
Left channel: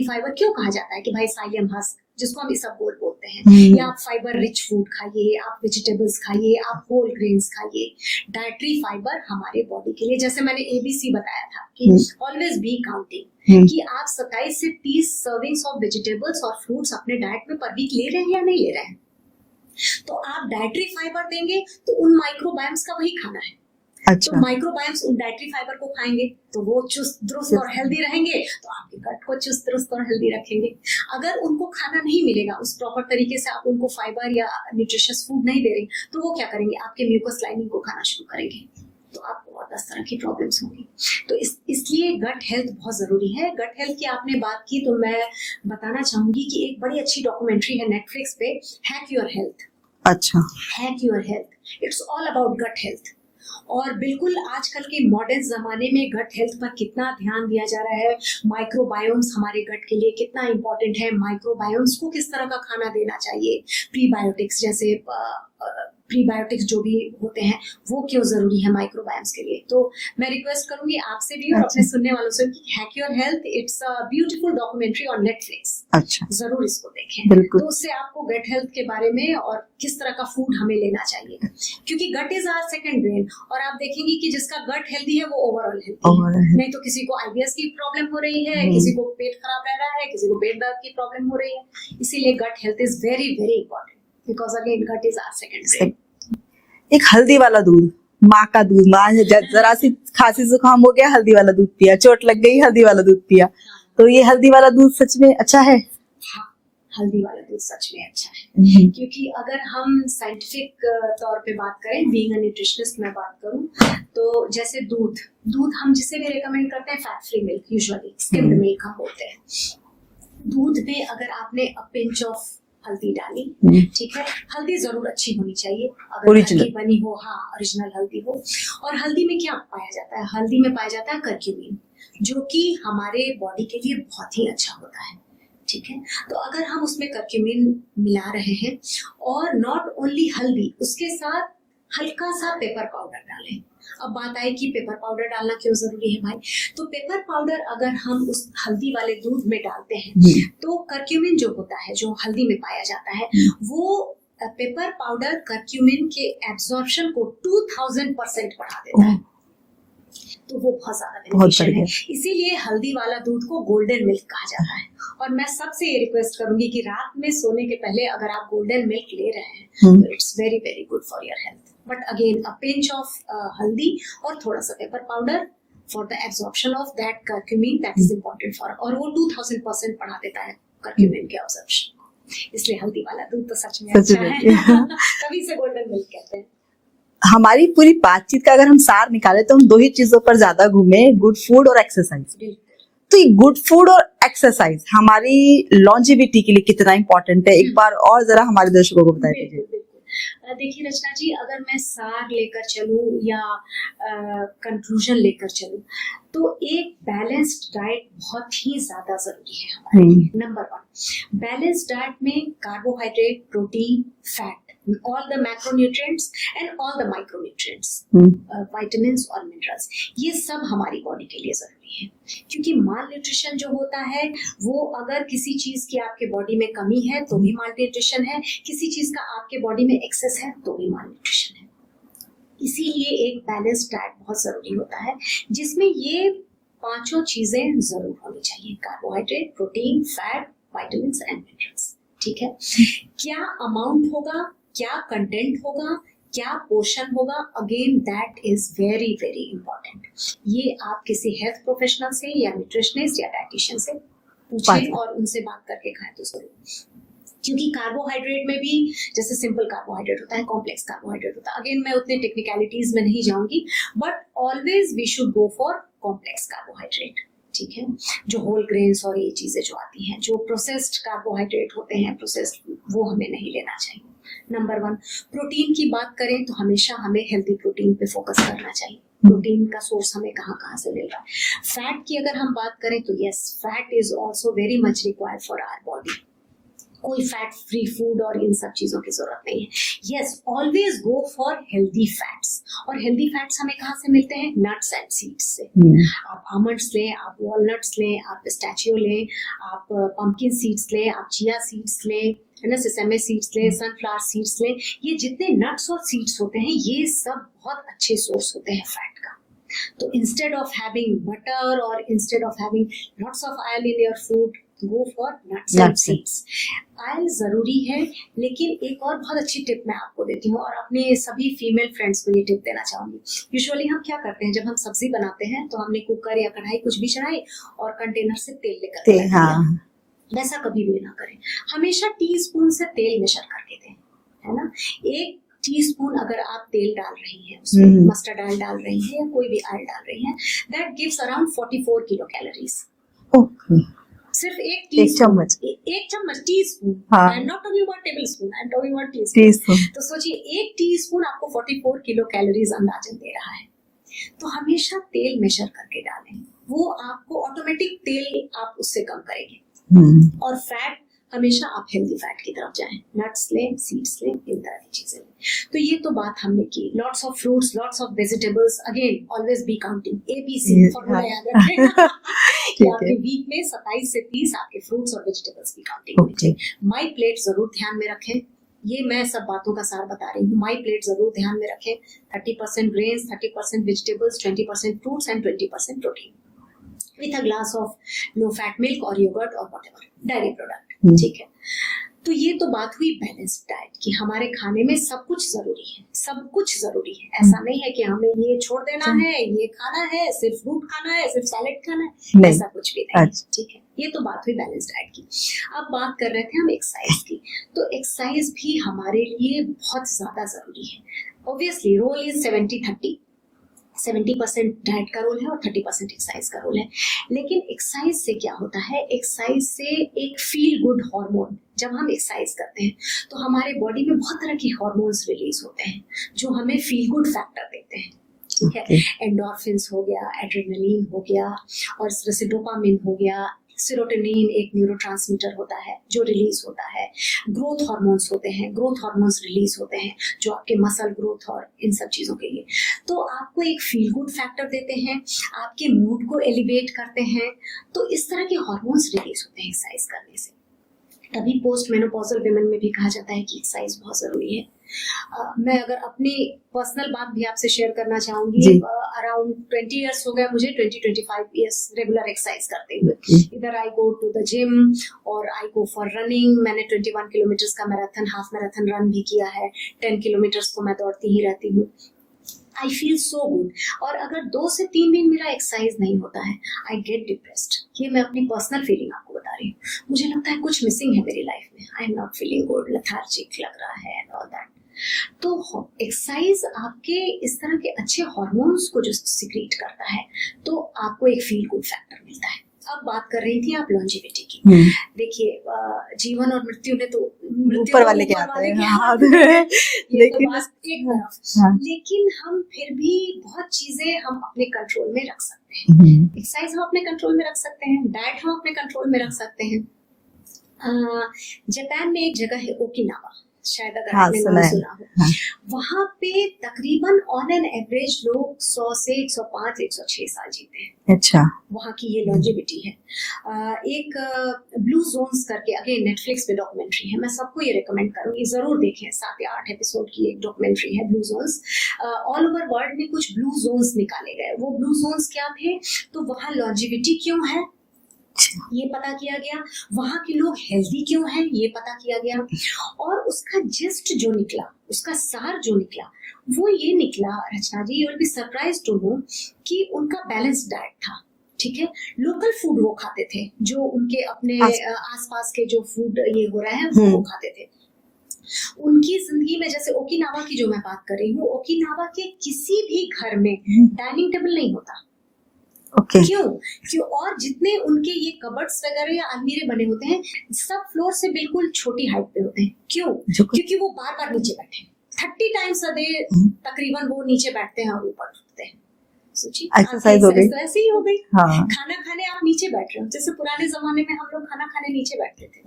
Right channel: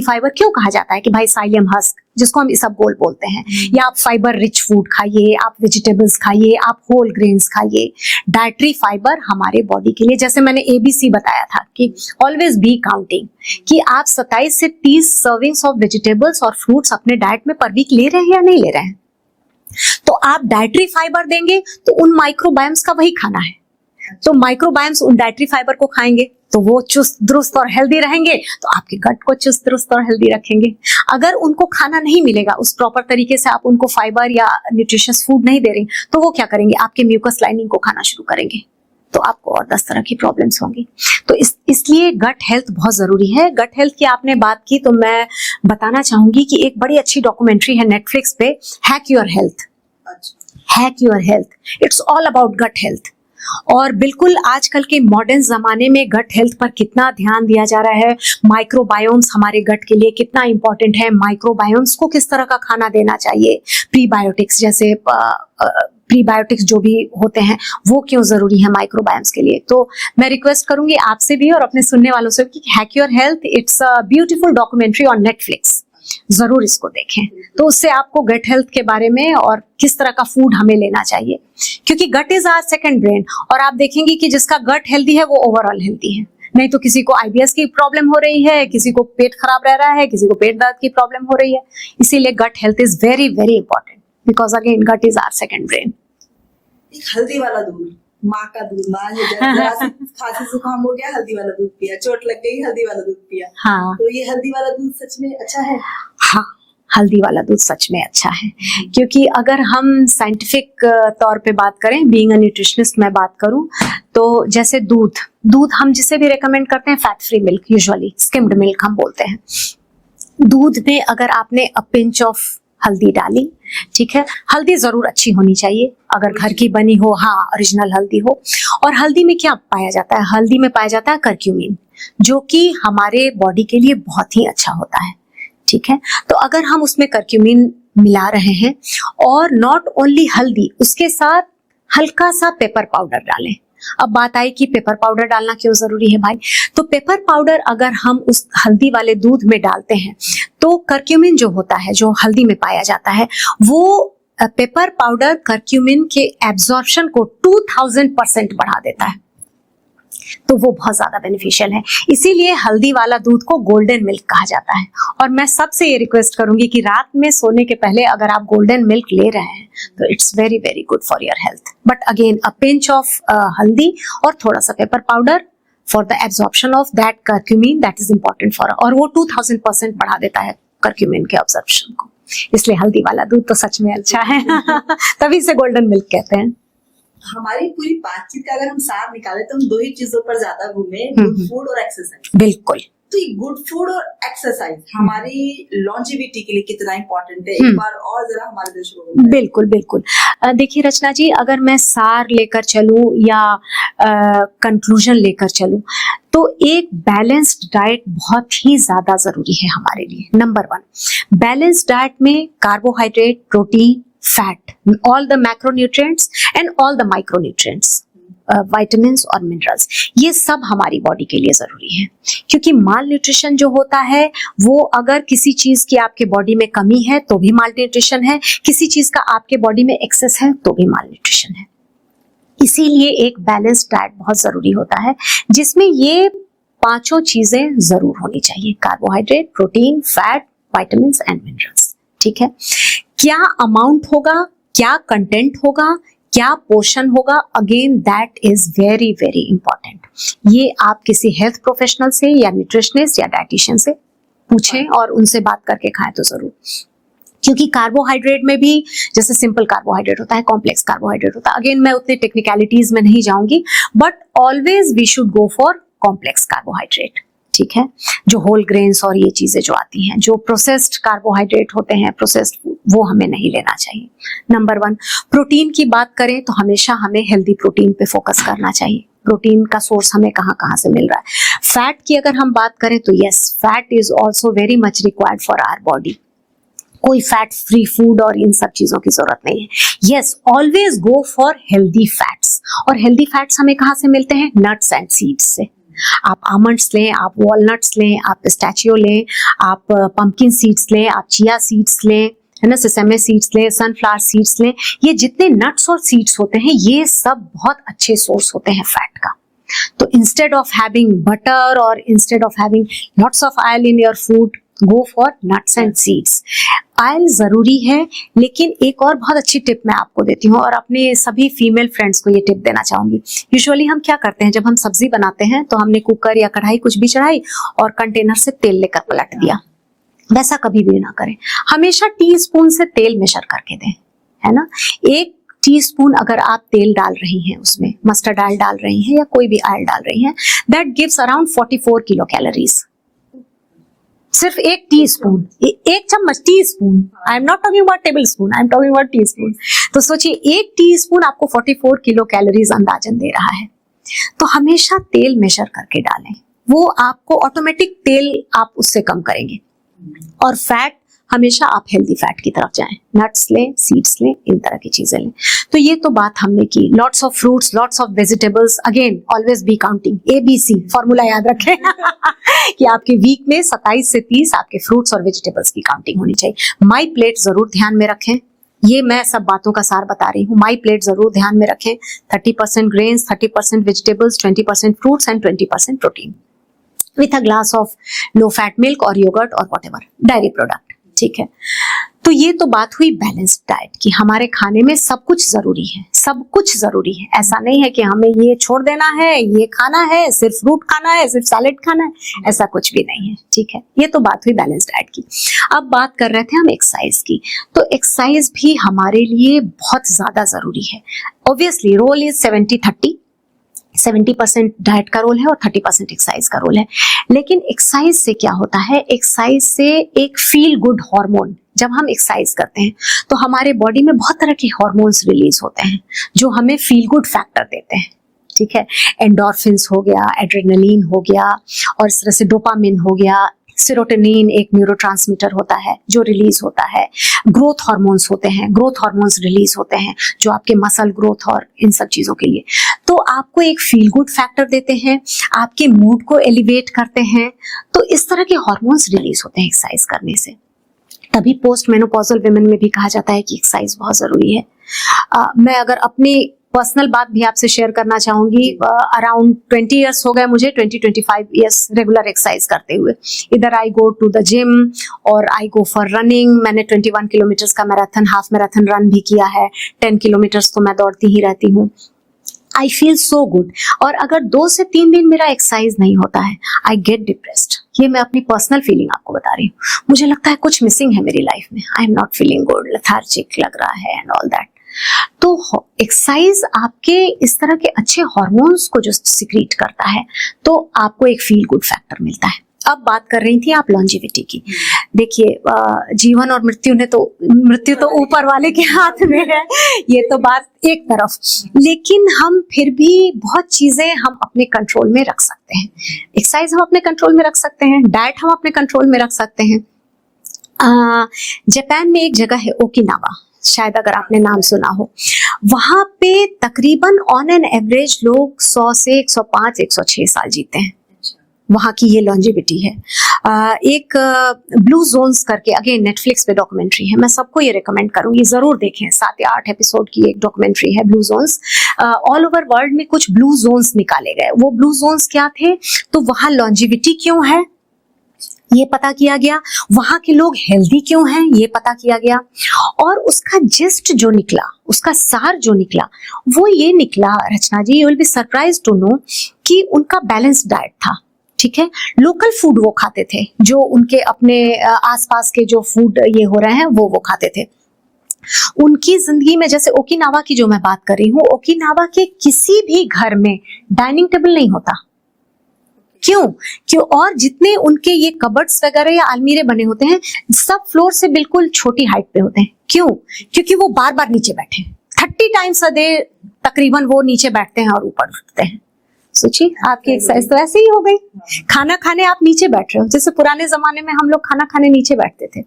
फाइबर क्यों कहा जाता है कि भाई साइलियम हस्क, जिसको हम इसबगोल बोलते हैं, या आप फाइबर रिच फूड खाइए, आप वेजिटेबल्स खाइए, आप होल ग्रेन्स खाइए। डाइटरी फाइबर हमारे बॉडी के लिए, जैसे मैंने ABC बताया था कि ऑलवेज बी काउंटिंग, कि आप 27 से 30 सर्विंग्स ऑफ वेजिटेबल्स और फ्रूट्स अपने डाइट में पर वीक ले रहे हैं या नहीं ले रहे हैं। तो आप डाइटरी फाइबर देंगे तो उन माइक्रोबायोम्स का वही खाना है। अच्छा। तो माइक्रोबायोम्स उन डाइटरी फाइबर को खाएंगे तो वो चुस्त दुरुस्त और हेल्दी रहेंगे, तो आपके गट को चुस्त दुरुस्त और हेल्दी रखेंगे। अगर उनको खाना नहीं मिलेगा उस प्रॉपर तरीके से, आप उनको फाइबर या न्यूट्रिशियस फूड नहीं दे रहे, तो वो क्या करेंगे, आपके म्यूकस लाइनिंग को खाना शुरू करेंगे, तो आपको और 10 तरह की प्रॉब्लम्स होंगी। तो इसलिए गट हेल्थ बहुत जरूरी है। गट हेल्थ की आपने बात की तो मैं बताना चाहूंगी कि एक बड़ी अच्छी डॉक्यूमेंट्री है नेटफ्लिक्स पे, हैक योर हेल्थ। अच्छा। Hack your health, it's all about gut health. और बिल्कुल आजकल के मॉडर्न जमाने में गट हेल्थ पर कितना ध्यान दिया जा रहा है, माइक्रोबायोम्स हमारे गट के लिए कितना इंपॉर्टेंट है, माइक्रोबायोम्स को किस तरह का खाना देना चाहिए, प्रीबायोटिक्स जैसे प्रीबायोटिक्स जो भी होते हैं वो क्यों जरूरी है माइक्रोबायोम्स के लिए। तो मैं रिक्वेस्ट करूंगी आपसे भी और अपने सुनने वालों से कि hack your health, it's a beautiful documentary on Netflix. अच्छा। जरूर इसको देखें, तो उससे आपको गट हेल्थ के बारे में और किस तरह का फूड हमें लेना चाहिए, क्योंकि गट इज आवर सेकंड ब्रेन। और आप देखेंगे कि जिसका गट हेल्दी है वो ओवरऑल हेल्दी है, नहीं तो किसी को IBS की प्रॉब्लम हो रही है, किसी को पेट खराब रह रहा है, किसी को पेट दर्द की प्रॉब्लम हो रही है। इसीलिए gut health is very very important, because again gut is our second brain. एक हल्दी वाला दूध, माँ का दूध, माँ जरा सी खांसी जुकाम हो गया हल्दी वाला दूध पिया, चोट लग गई हल्दी वाला दूध पिया। हाँ। तो ये हल्दी वाला दूध सच में अच्छा है? हाँ, हल्दी वाला दूध सच में अच्छा है, क्योंकि अगर हम साइंटिफिक तौर पे बात करें, बीइंग अ न्यूट्रिशनिस्ट मैं बात करूं, तो जैसे दूध हम जिसे भी रेकमेंड करते हैं fat free milk, usually skimmed milk हम बोलते हैं। दूध में अगर आपने अ पिंच ऑफ हल्दी डाली, ठीक है, हल्दी जरूर अच्छी होनी चाहिए, अगर घर की बनी हो, हाँ ओरिजिनल हल्दी हो। और हल्दी में क्या पाया जाता है, हल्दी में पाया जाता है कर्क्यूमिन, जो कि हमारे बॉडी के लिए बहुत ही अच्छा होता है, ठीक है। तो अगर हम उसमें कर्क्यूमिन मिला रहे हैं, और नॉट ओनली हल्दी, उसके साथ हल्का सा पेपर पाउडर डालें। अब बात आई कि पेपर पाउडर डालना क्यों जरूरी है भाई, तो पेपर पाउडर अगर हम उस हल्दी वाले दूध में डालते हैं तो कर्क्यूमिन जो होता है, जो हल्दी में पाया जाता है, वो पेपर पाउडर कर्क्यूमिन के एब्जॉर्प्शन को 2000% बढ़ा देता है, तो वो बहुत ज्यादा बेनिफिशियल है। इसीलिए हल्दी वाला दूध को गोल्डन मिल्क कहा जाता है। और मैं सबसे ये रिक्वेस्ट करूंगी कि रात में सोने के पहले अगर आप गोल्डन मिल्क ले रहे हैं तो it's very very good for your health. But again a pinch of हल्दी और थोड़ा सा pepper powder for the absorption of that curcumin, that is important for, और वो 2000% बढ़ा देता है कर्क्यूमिन के एब्जॉर्प्शन को। इसलिए हल्दी वाला दूध तो सच में अच्छा है तभी से गोल्डन मिल्क कहते हैं। हमारी पूरी बातचीत का अगर हम सार निकाले तो हम 2 ही चीजों पर ज्यादा घूमे, गुड फूड और एक्सरसाइज। बिल्कुल। तो ये गुड फूड और एक्सरसाइज हमारी लॉन्जेविटी के लिए कितना इंपॉर्टेंट है, एक बार और जरा हमारे दर्शकों को बताइए। बिल्कुल बिल्कुल। देखिए रचना जी, अगर मैं सार लेकर चलूं या कंक्लूजन लेकर चलूं, तो एक बैलेंस्ड डाइट बहुत ही ज्यादा जरूरी है हमारे लिए। नंबर 1, बैलेंस्ड डाइट में carbohydrate, protein, fat, all the macronutrients and all the micronutrients, vitamins और minerals, ये सब हमारी बॉडी के लिए जरूरी है। क्योंकि माल न्यूट्रिशन जो होता है वो अगर किसी चीज की आपके बॉडी में कमी है तो भी माल न्यूट्रिशन है, किसी चीज का आपके बॉडी में एक्सेस है तो भी माल न्यूट्रिशन है। इसीलिए एक बैलेंस्ड डाइट बहुत जरूरी होता है, जिसमें ये 5 चीजें जरूर होनी चाहिए, carbohydrate, protein, fat, vitamins and minerals. ठीक है, क्या अमाउंट होगा, क्या कंटेंट होगा, क्या पोर्शन होगा, again that is very very important. ये आप किसी हेल्थ प्रोफेशनल से या न्यूट्रिशनिस्ट या डाइटिशियन से पूछें और उनसे बात करके खाएं तो जरूर। क्योंकि कार्बोहाइड्रेट में भी जैसे सिंपल कार्बोहाइड्रेट होता है, कॉम्प्लेक्स कार्बोहाइड्रेट होता है, अगेन मैं उतनी टेक्निकलिटीज में नहीं जाऊंगी, but always we should go for complex carbohydrate. ठीक है, जो होल ग्रेन्स और ये चीजें जो आती हैं, जो प्रोसेस्ड कार्बोहाइड्रेट होते हैं, प्रोसेस्ड वो हमें नहीं लेना चाहिए। नंबर 1, प्रोटीन की बात करें तो हमेशा हमें हेल्दी प्रोटीन पे फोकस करना चाहिए। प्रोटीन का सोर्स हमें कहाँ कहाँ से मिल रहा है। फैट की अगर हम बात करें तो yes, fat is also very much required for our body. कोई फैट फ्री फूड और इन सब चीजों की जरूरत नहीं है। Yes, always go for healthy fats. और हेल्दी फैट्स हमें कहाँ से मिलते हैं? नट्स एंड सीड्स से। आप आमंड्स लें, आप वॉलनट्स लें, आप पिस्ताचियो लें, आप पंपकिन सीड्स लें, आप चिया सीड्स लें, है ना, सेसेमे सीड्स लें, सनफ्लावर सीड्स लें। ये जितने नट्स और सीड्स होते हैं ये सब बहुत अच्छे सोर्स होते हैं फैट का। तो इंस्टेड ऑफ हैविंग बटर और instead of having lots of oil in your food, go for nuts and seeds. Oil जरूरी है, लेकिन एक और बहुत अच्छी टिप मैं आपको देती हूँ और अपने सभी फीमेल फ्रेंड्स को ये टिप देना चाहूंगी। यूजुअली हम क्या करते हैं, जब हम सब्जी बनाते हैं तो हमने कुकर या कढ़ाई कुछ भी चढ़ाई और कंटेनर से तेल लेकर पलट दिया। वैसा कभी भी ना करें। हमेशा टीस्पून से तेल मेजर करके दें, है ना। 1 टीस्पून अगर आप तेल डाल रही हैं, उसमें मस्टर्ड ऑयल डाल रही हैं या कोई भी ऑयल डाल रही हैं, that gives around 44 kilo calories. सिर्फ 1 टीस्पून, 1 चम्मच, teaspoon. I am not talking about table spoon, I am talking about teaspoon. तो सोचिए 1 टीस्पून आपको 44 किलो कैलोरीज अंदाजन दे रहा है। तो हमेशा तेल मेजर करके डालें, वो आपको ऑटोमेटिक तेल आप उससे कम करेंगे। और फैट हमेशा आप हेल्दी फैट की तरफ जाएं, नट्स लें, सीड्स लें, इन तरह की चीजें लें। तो ये तो बात हमने की। Lots of fruits, lots of vegetables, again always be counting, ABC formula याद रखें कि आपके वीक में 27 से 30 आपके फ्रूट्स और वेजिटेबल्स की काउंटिंग होनी चाहिए। माई प्लेट जरूर ध्यान में रखें। ये मैं सब बातों का सार बता रही हूँ। माई प्लेट जरूर ध्यान में रखें। 30% grains, 30% vegetables, 20% fruits and 20% protein with a glass of low fat milk or yogurt or whatever dairy product। ठीक है, तो ये तो बात हुई बैलेंस्ड डाइट की। हमारे खाने में सब कुछ जरूरी है, सब कुछ जरूरी है। ऐसा नहीं है कि हमें ये छोड़ देना है, ये खाना है, सिर्फ फ्रूट खाना है, सिर्फ सैलेड खाना है, ऐसा कुछ भी नहीं है। ठीक है, ये तो बात हुई बैलेंस्ड डाइट की। अब बात कर रहे थे हम एक्सरसाइज की। तो एक्सरसाइज भी हमारे लिए बहुत ज्यादा जरूरी है। ऑब्वियसली रोल इज 70-30, 70% डाइट का रोल है और 30% एक्सरसाइज का रोल है। लेकिन एक्सरसाइज से क्या होता है, एक्सरसाइज से एक फील गुड हार्मोन, जब हम एक्सरसाइज करते हैं तो हमारे बॉडी में बहुत तरह के हार्मोन्स रिलीज होते हैं जो हमें फील गुड फैक्टर देते हैं। ठीक है, एंडोर्फिन्स हो गया, एड्रेनलिन हो गया, और इस तरह से डोपामिन हो गया, सेरोटोनिन एक न्यूरोट्रांसमीटर होता है जो रिलीज होता है, ग्रोथ हार्मोन्स होते हैं, ग्रोथ हार्मोन्स रिलीज होते हैं जो आपके मसल ग्रोथ और इन सब चीजों के लिए, तो आपको एक फील गुड फैक्टर देते हैं, आपके मूड को एलिवेट करते हैं। तो इस तरह के हार्मोन्स रिलीज होते हैं एक्सरसाइज करने से। तभी पोस्ट मेनोपॉजल वुमेन में भी कहा जाता है कि एक्सरसाइज बहुत जरूरी है। मैं अगर अपनी पर्सनल बात भी आपसे शेयर करना चाहूंगी, अराउंड 20 इयर्स हो गए मुझे, 20-25 इयर्स रेगुलर एक्सरसाइज करते हुए। इधर आई गो टू द जिम और आई गो फॉर रनिंग। मैंने 21 किलोमीटर का मैराथन, हाफ मैराथन रन भी किया है। 10 किलोमीटर तो मैं दौड़ती ही रहती हूँ। I feel so good. और अगर 2 से 3 दिन मेरा एक्सरसाइज नहीं होता है, आई गेट डिप्रेस्ड। ये मैं अपनी पर्सनल फीलिंग आपको बता रही हूँ। मुझे लगता है कुछ मिसिंग है मेरी लाइफ में, I am not feeling good, lethargic लग रहा है एंड ऑल दैट। तो एक्सरसाइज आपके इस तरह के अच्छे हार्मोन्स को जो सिक्रीट करता है, तो आपको एक फील गुड फैक्टर मिलता है। अब बात कर रही थी आप लॉन्जिविटी की। देखिए, जीवन और मृत्यु तो ऊपर वाले के हाथ में है, ये तो बात एक तरफ। लेकिन हम फिर भी बहुत चीजें हम अपने कंट्रोल में रख सकते हैं। एक्सरसाइज हम अपने कंट्रोल में रख सकते हैं, डाइट हम अपने कंट्रोल में रख सकते हैं। जापान में एक जगह है ओकिनावा, शायद अगर आपने नाम सुना हो। वहां पे तकरीबन ऑन एन एवरेज लोग 100 से 105, 106 साल जीते हैं। अच्छा, वहां की ये लॉन्जिविटी है। एक ब्लू जोन्स करके, अगेन नेटफ्लिक्स पे डॉक्यूमेंट्री है, मैं सबको ये रिकमेंड करूंगी, जरूर देखें। 7 या 8 एपिसोड की एक डॉक्यूमेंट्री है, blue zones. All over world में कुछ ब्लू जोन्स निकाले गए। वो ब्लू जोन्स क्या थे, तो वहां लॉन्जिविटी क्यों है ये पता किया गया, वहां के लोग हेल्दी क्यों हैं ये पता किया गया, और उसका जिस्ट जो निकला, उसका सार जो निकला, वो ये निकला Rachna ji, you will be surprised to know कि उनका बैलेंस्ड डाइट था। ठीक है, लोकल फूड वो खाते थे, जो उनके अपने आसपास के जो फूड ये हो रहे हैं वो खाते थे। उनकी जिंदगी में, जैसे ओकिनावा की जो मैं बात कर रही हूँ, ओकिनावा के किसी भी घर में डाइनिंग टेबल नहीं होता। ओके क्यों और जितने उनके ये कबर्ड्स वगैरह या अलमीरे बने होते हैं सब फ्लोर से बिल्कुल छोटी हाइट पे होते हैं। क्यों? क्योंकि वो बार बार नीचे बैठे 30 टाइम्स अ डे तकरीबन वो नीचे बैठते हैं और ऊपर उठते हैं। सोचिए आपकी एक्सरसाइज तो ऐसे ही हो गई। हाँ। खाना खाने आप नीचे बैठ रहे हो, जैसे पुराने जमाने में हम लोग खाना खाने नीचे बैठते थे।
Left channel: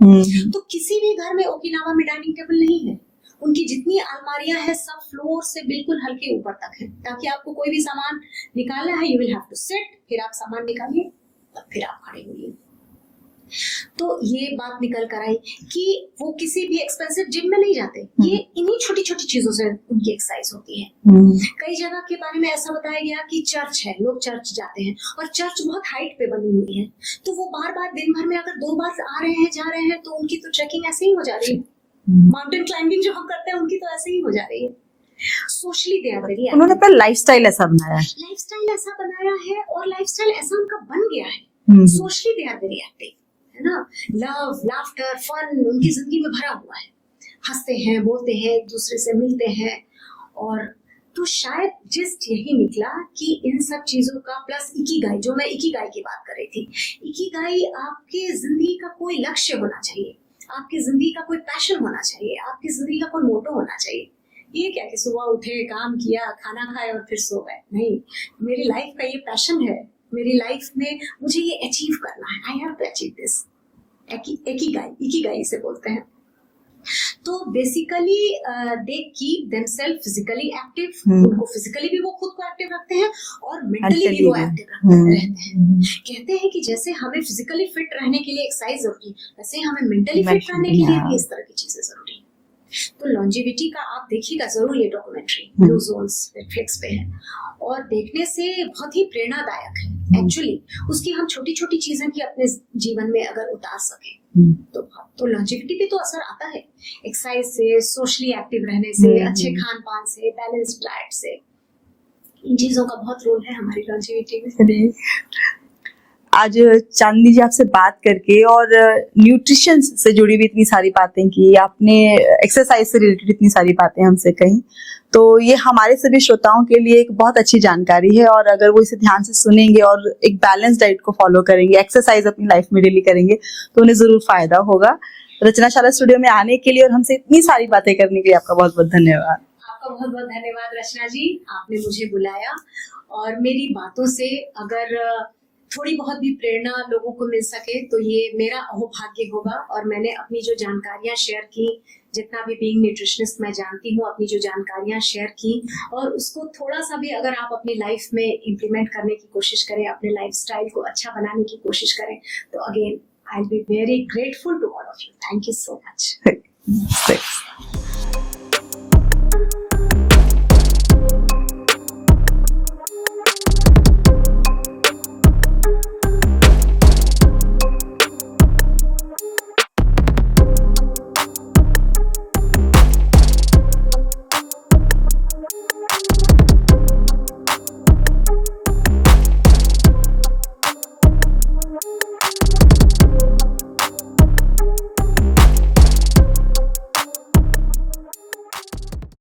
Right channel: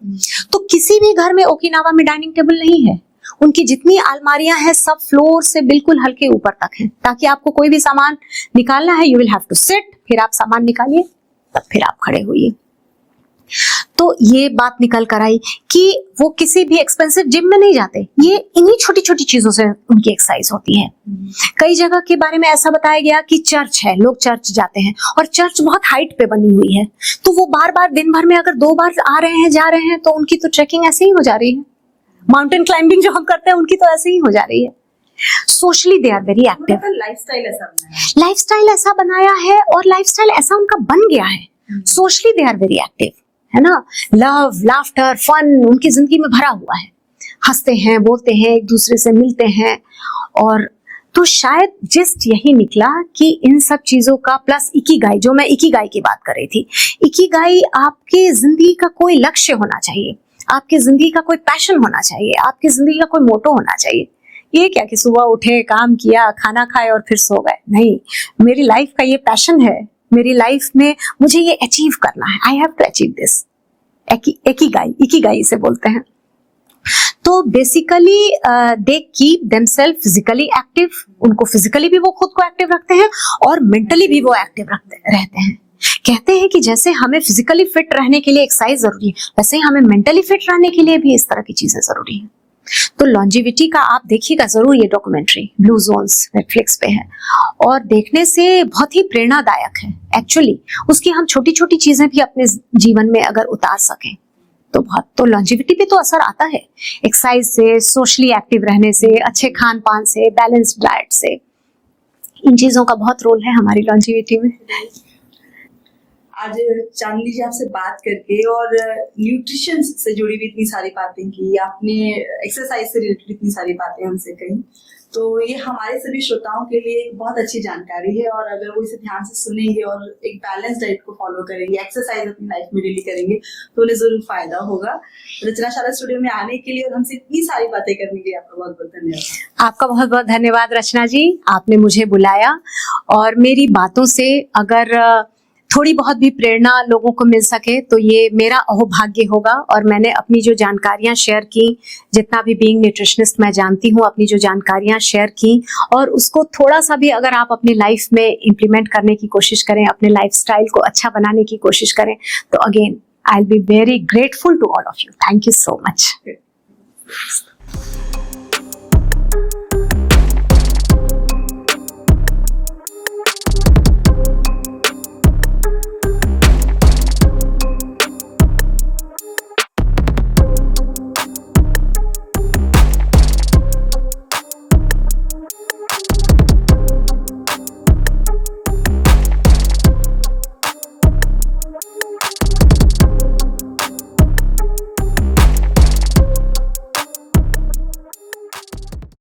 तो किसी भी घर में ओकिनावा में डाइनिंग टेबल नहीं है। उनकी जितनी अलमारियां हैं सब फ्लोर से बिल्कुल हल्के ऊपर तक हैं, ताकि आपको कोई भी सामान निकालना है you will have to sit, फिर आप सामान निकालिए तब फिर आप खड़े होइए। तो ये बात निकल कर आई कि वो किसी भी एक्सपेंसिव जिम में नहीं जाते, ये इन्हीं छोटी छोटी चीजों से उनकी एक्सरसाइज होती है। कई जगह के बारे में ऐसा बताया गया कि चर्च है, लोग चर्च जाते हैं और चर्च बहुत हाइट पे बनी हुई है, तो वो बार बार दिन भर में अगर 2 बार आ रहे हैं जा रहे हैं तो उनकी तो ट्रेकिंग ऐसे ही हो जा रही है। माउंटेन क्लाइंबिंग जो हम करते हैं उनकी तो ऐसे ही हो जा रही है। सोशली दे आर वेरी उन्होंने एक्टिव। पर लाइफस्टाइल ऐसा बनाया है। लाइफस्टाइल ऐसा बनाया है और लाइफस्टाइल ऐसा उनका बन गया है। Socially they are very active, है ना। लव, लाफ्टर, फन उनकी जिंदगी में भरा हुआ है। हंसते हैं, बोलते हैं, एक दूसरे से मिलते हैं। और तो शायद जस्ट यही निकला कि इन सब चीजों का प्लस इकिगाई, जो मैं इकिगाई की बात कर रही थी, इकिगाई आपके जिंदगी का कोई लक्ष्य होना चाहिए, आपकी जिंदगी का कोई पैशन होना चाहिए, आपकी जिंदगी का कोई मोटो होना चाहिए। ये क्या कि सुबह उठे, काम किया, खाना खाए और फिर सो गए, नहीं। मेरी लाइफ का ये पैशन है, मेरी लाइफ में मुझे ये अचीव करना है, I have to achieve this. Ikigai इसे बोलते हैं। तो basically they keep themselves physically active, उनको फिजिकली भी वो खुद को एक्टिव रखते हैं और मेंटली भी वो एक्टिव रहते हैं। कहते हैं कि जैसे हमें फिजिकली फिट रहने के लिए एक्सरसाइज जरूरी है, वैसे ही हमें मेंटली फिट रहने के लिए भी इस तरह की चीजें जरूरी है। तो लॉन्जिविटी का आप देखिएगा जरूर, ये डॉक्यूमेंट्री ब्लू जोन्स नेटफ्लिक्स पे है और देखने से बहुत ही प्रेरणादायक है। एक्चुअली उसकी हम छोटी छोटी चीजें भी अपने जीवन में अगर उतार सकें तो बहुत, तो लॉन्जिविटी पे तो असर आता है एक्सरसाइज से, सोशली एक्टिव रहने से, अच्छे खान पान से, बैलेंस्ड डाइट से। इन चीजों का बहुत रोल है हमारी लॉन्जिविटी में। आज चांदनी जी आपसे बात करके और न्यूट्रिशन से जुड़ी भी इतनी सारी बातें की आपने, एक्सरसाइज से रिलेटेड इतनी सारी बातें हमसे कही, तो ये हमारे सभी श्रोताओं के लिए एक बहुत अच्छी जानकारी है। और अगर वो इसे ध्यान से सुनेंगे और एक बैलेंस डाइट को फॉलो करेंगे, एक्सरसाइज अपनी लाइफ में डेली करेंगे, तो उन्हें जरूर फायदा होगा। रचनाशाला स्टूडियो में आने के लिए और हमसे इतनी सारी बातें करने के लिए आपका बहुत बहुत धन्यवाद। आपका बहुत बहुत धन्यवाद रचना जी, आपने मुझे बुलाया और मेरी बातों से अगर थोड़ी बहुत भी प्रेरणा लोगों को मिल सके तो ये मेरा अहोभाग्य होगा। और मैंने अपनी जो जानकारियां शेयर की, जितना भी बीइंग न्यूट्रिशनिस्ट मैं जानती हूँ, अपनी जो जानकारियां शेयर की और उसको थोड़ा सा भी अगर आप अपनी लाइफ में इम्प्लीमेंट करने की कोशिश करें, अपने लाइफस्टाइल को अच्छा बनाने की कोशिश करें, तो again I will be very grateful to all of you. Thank you so much.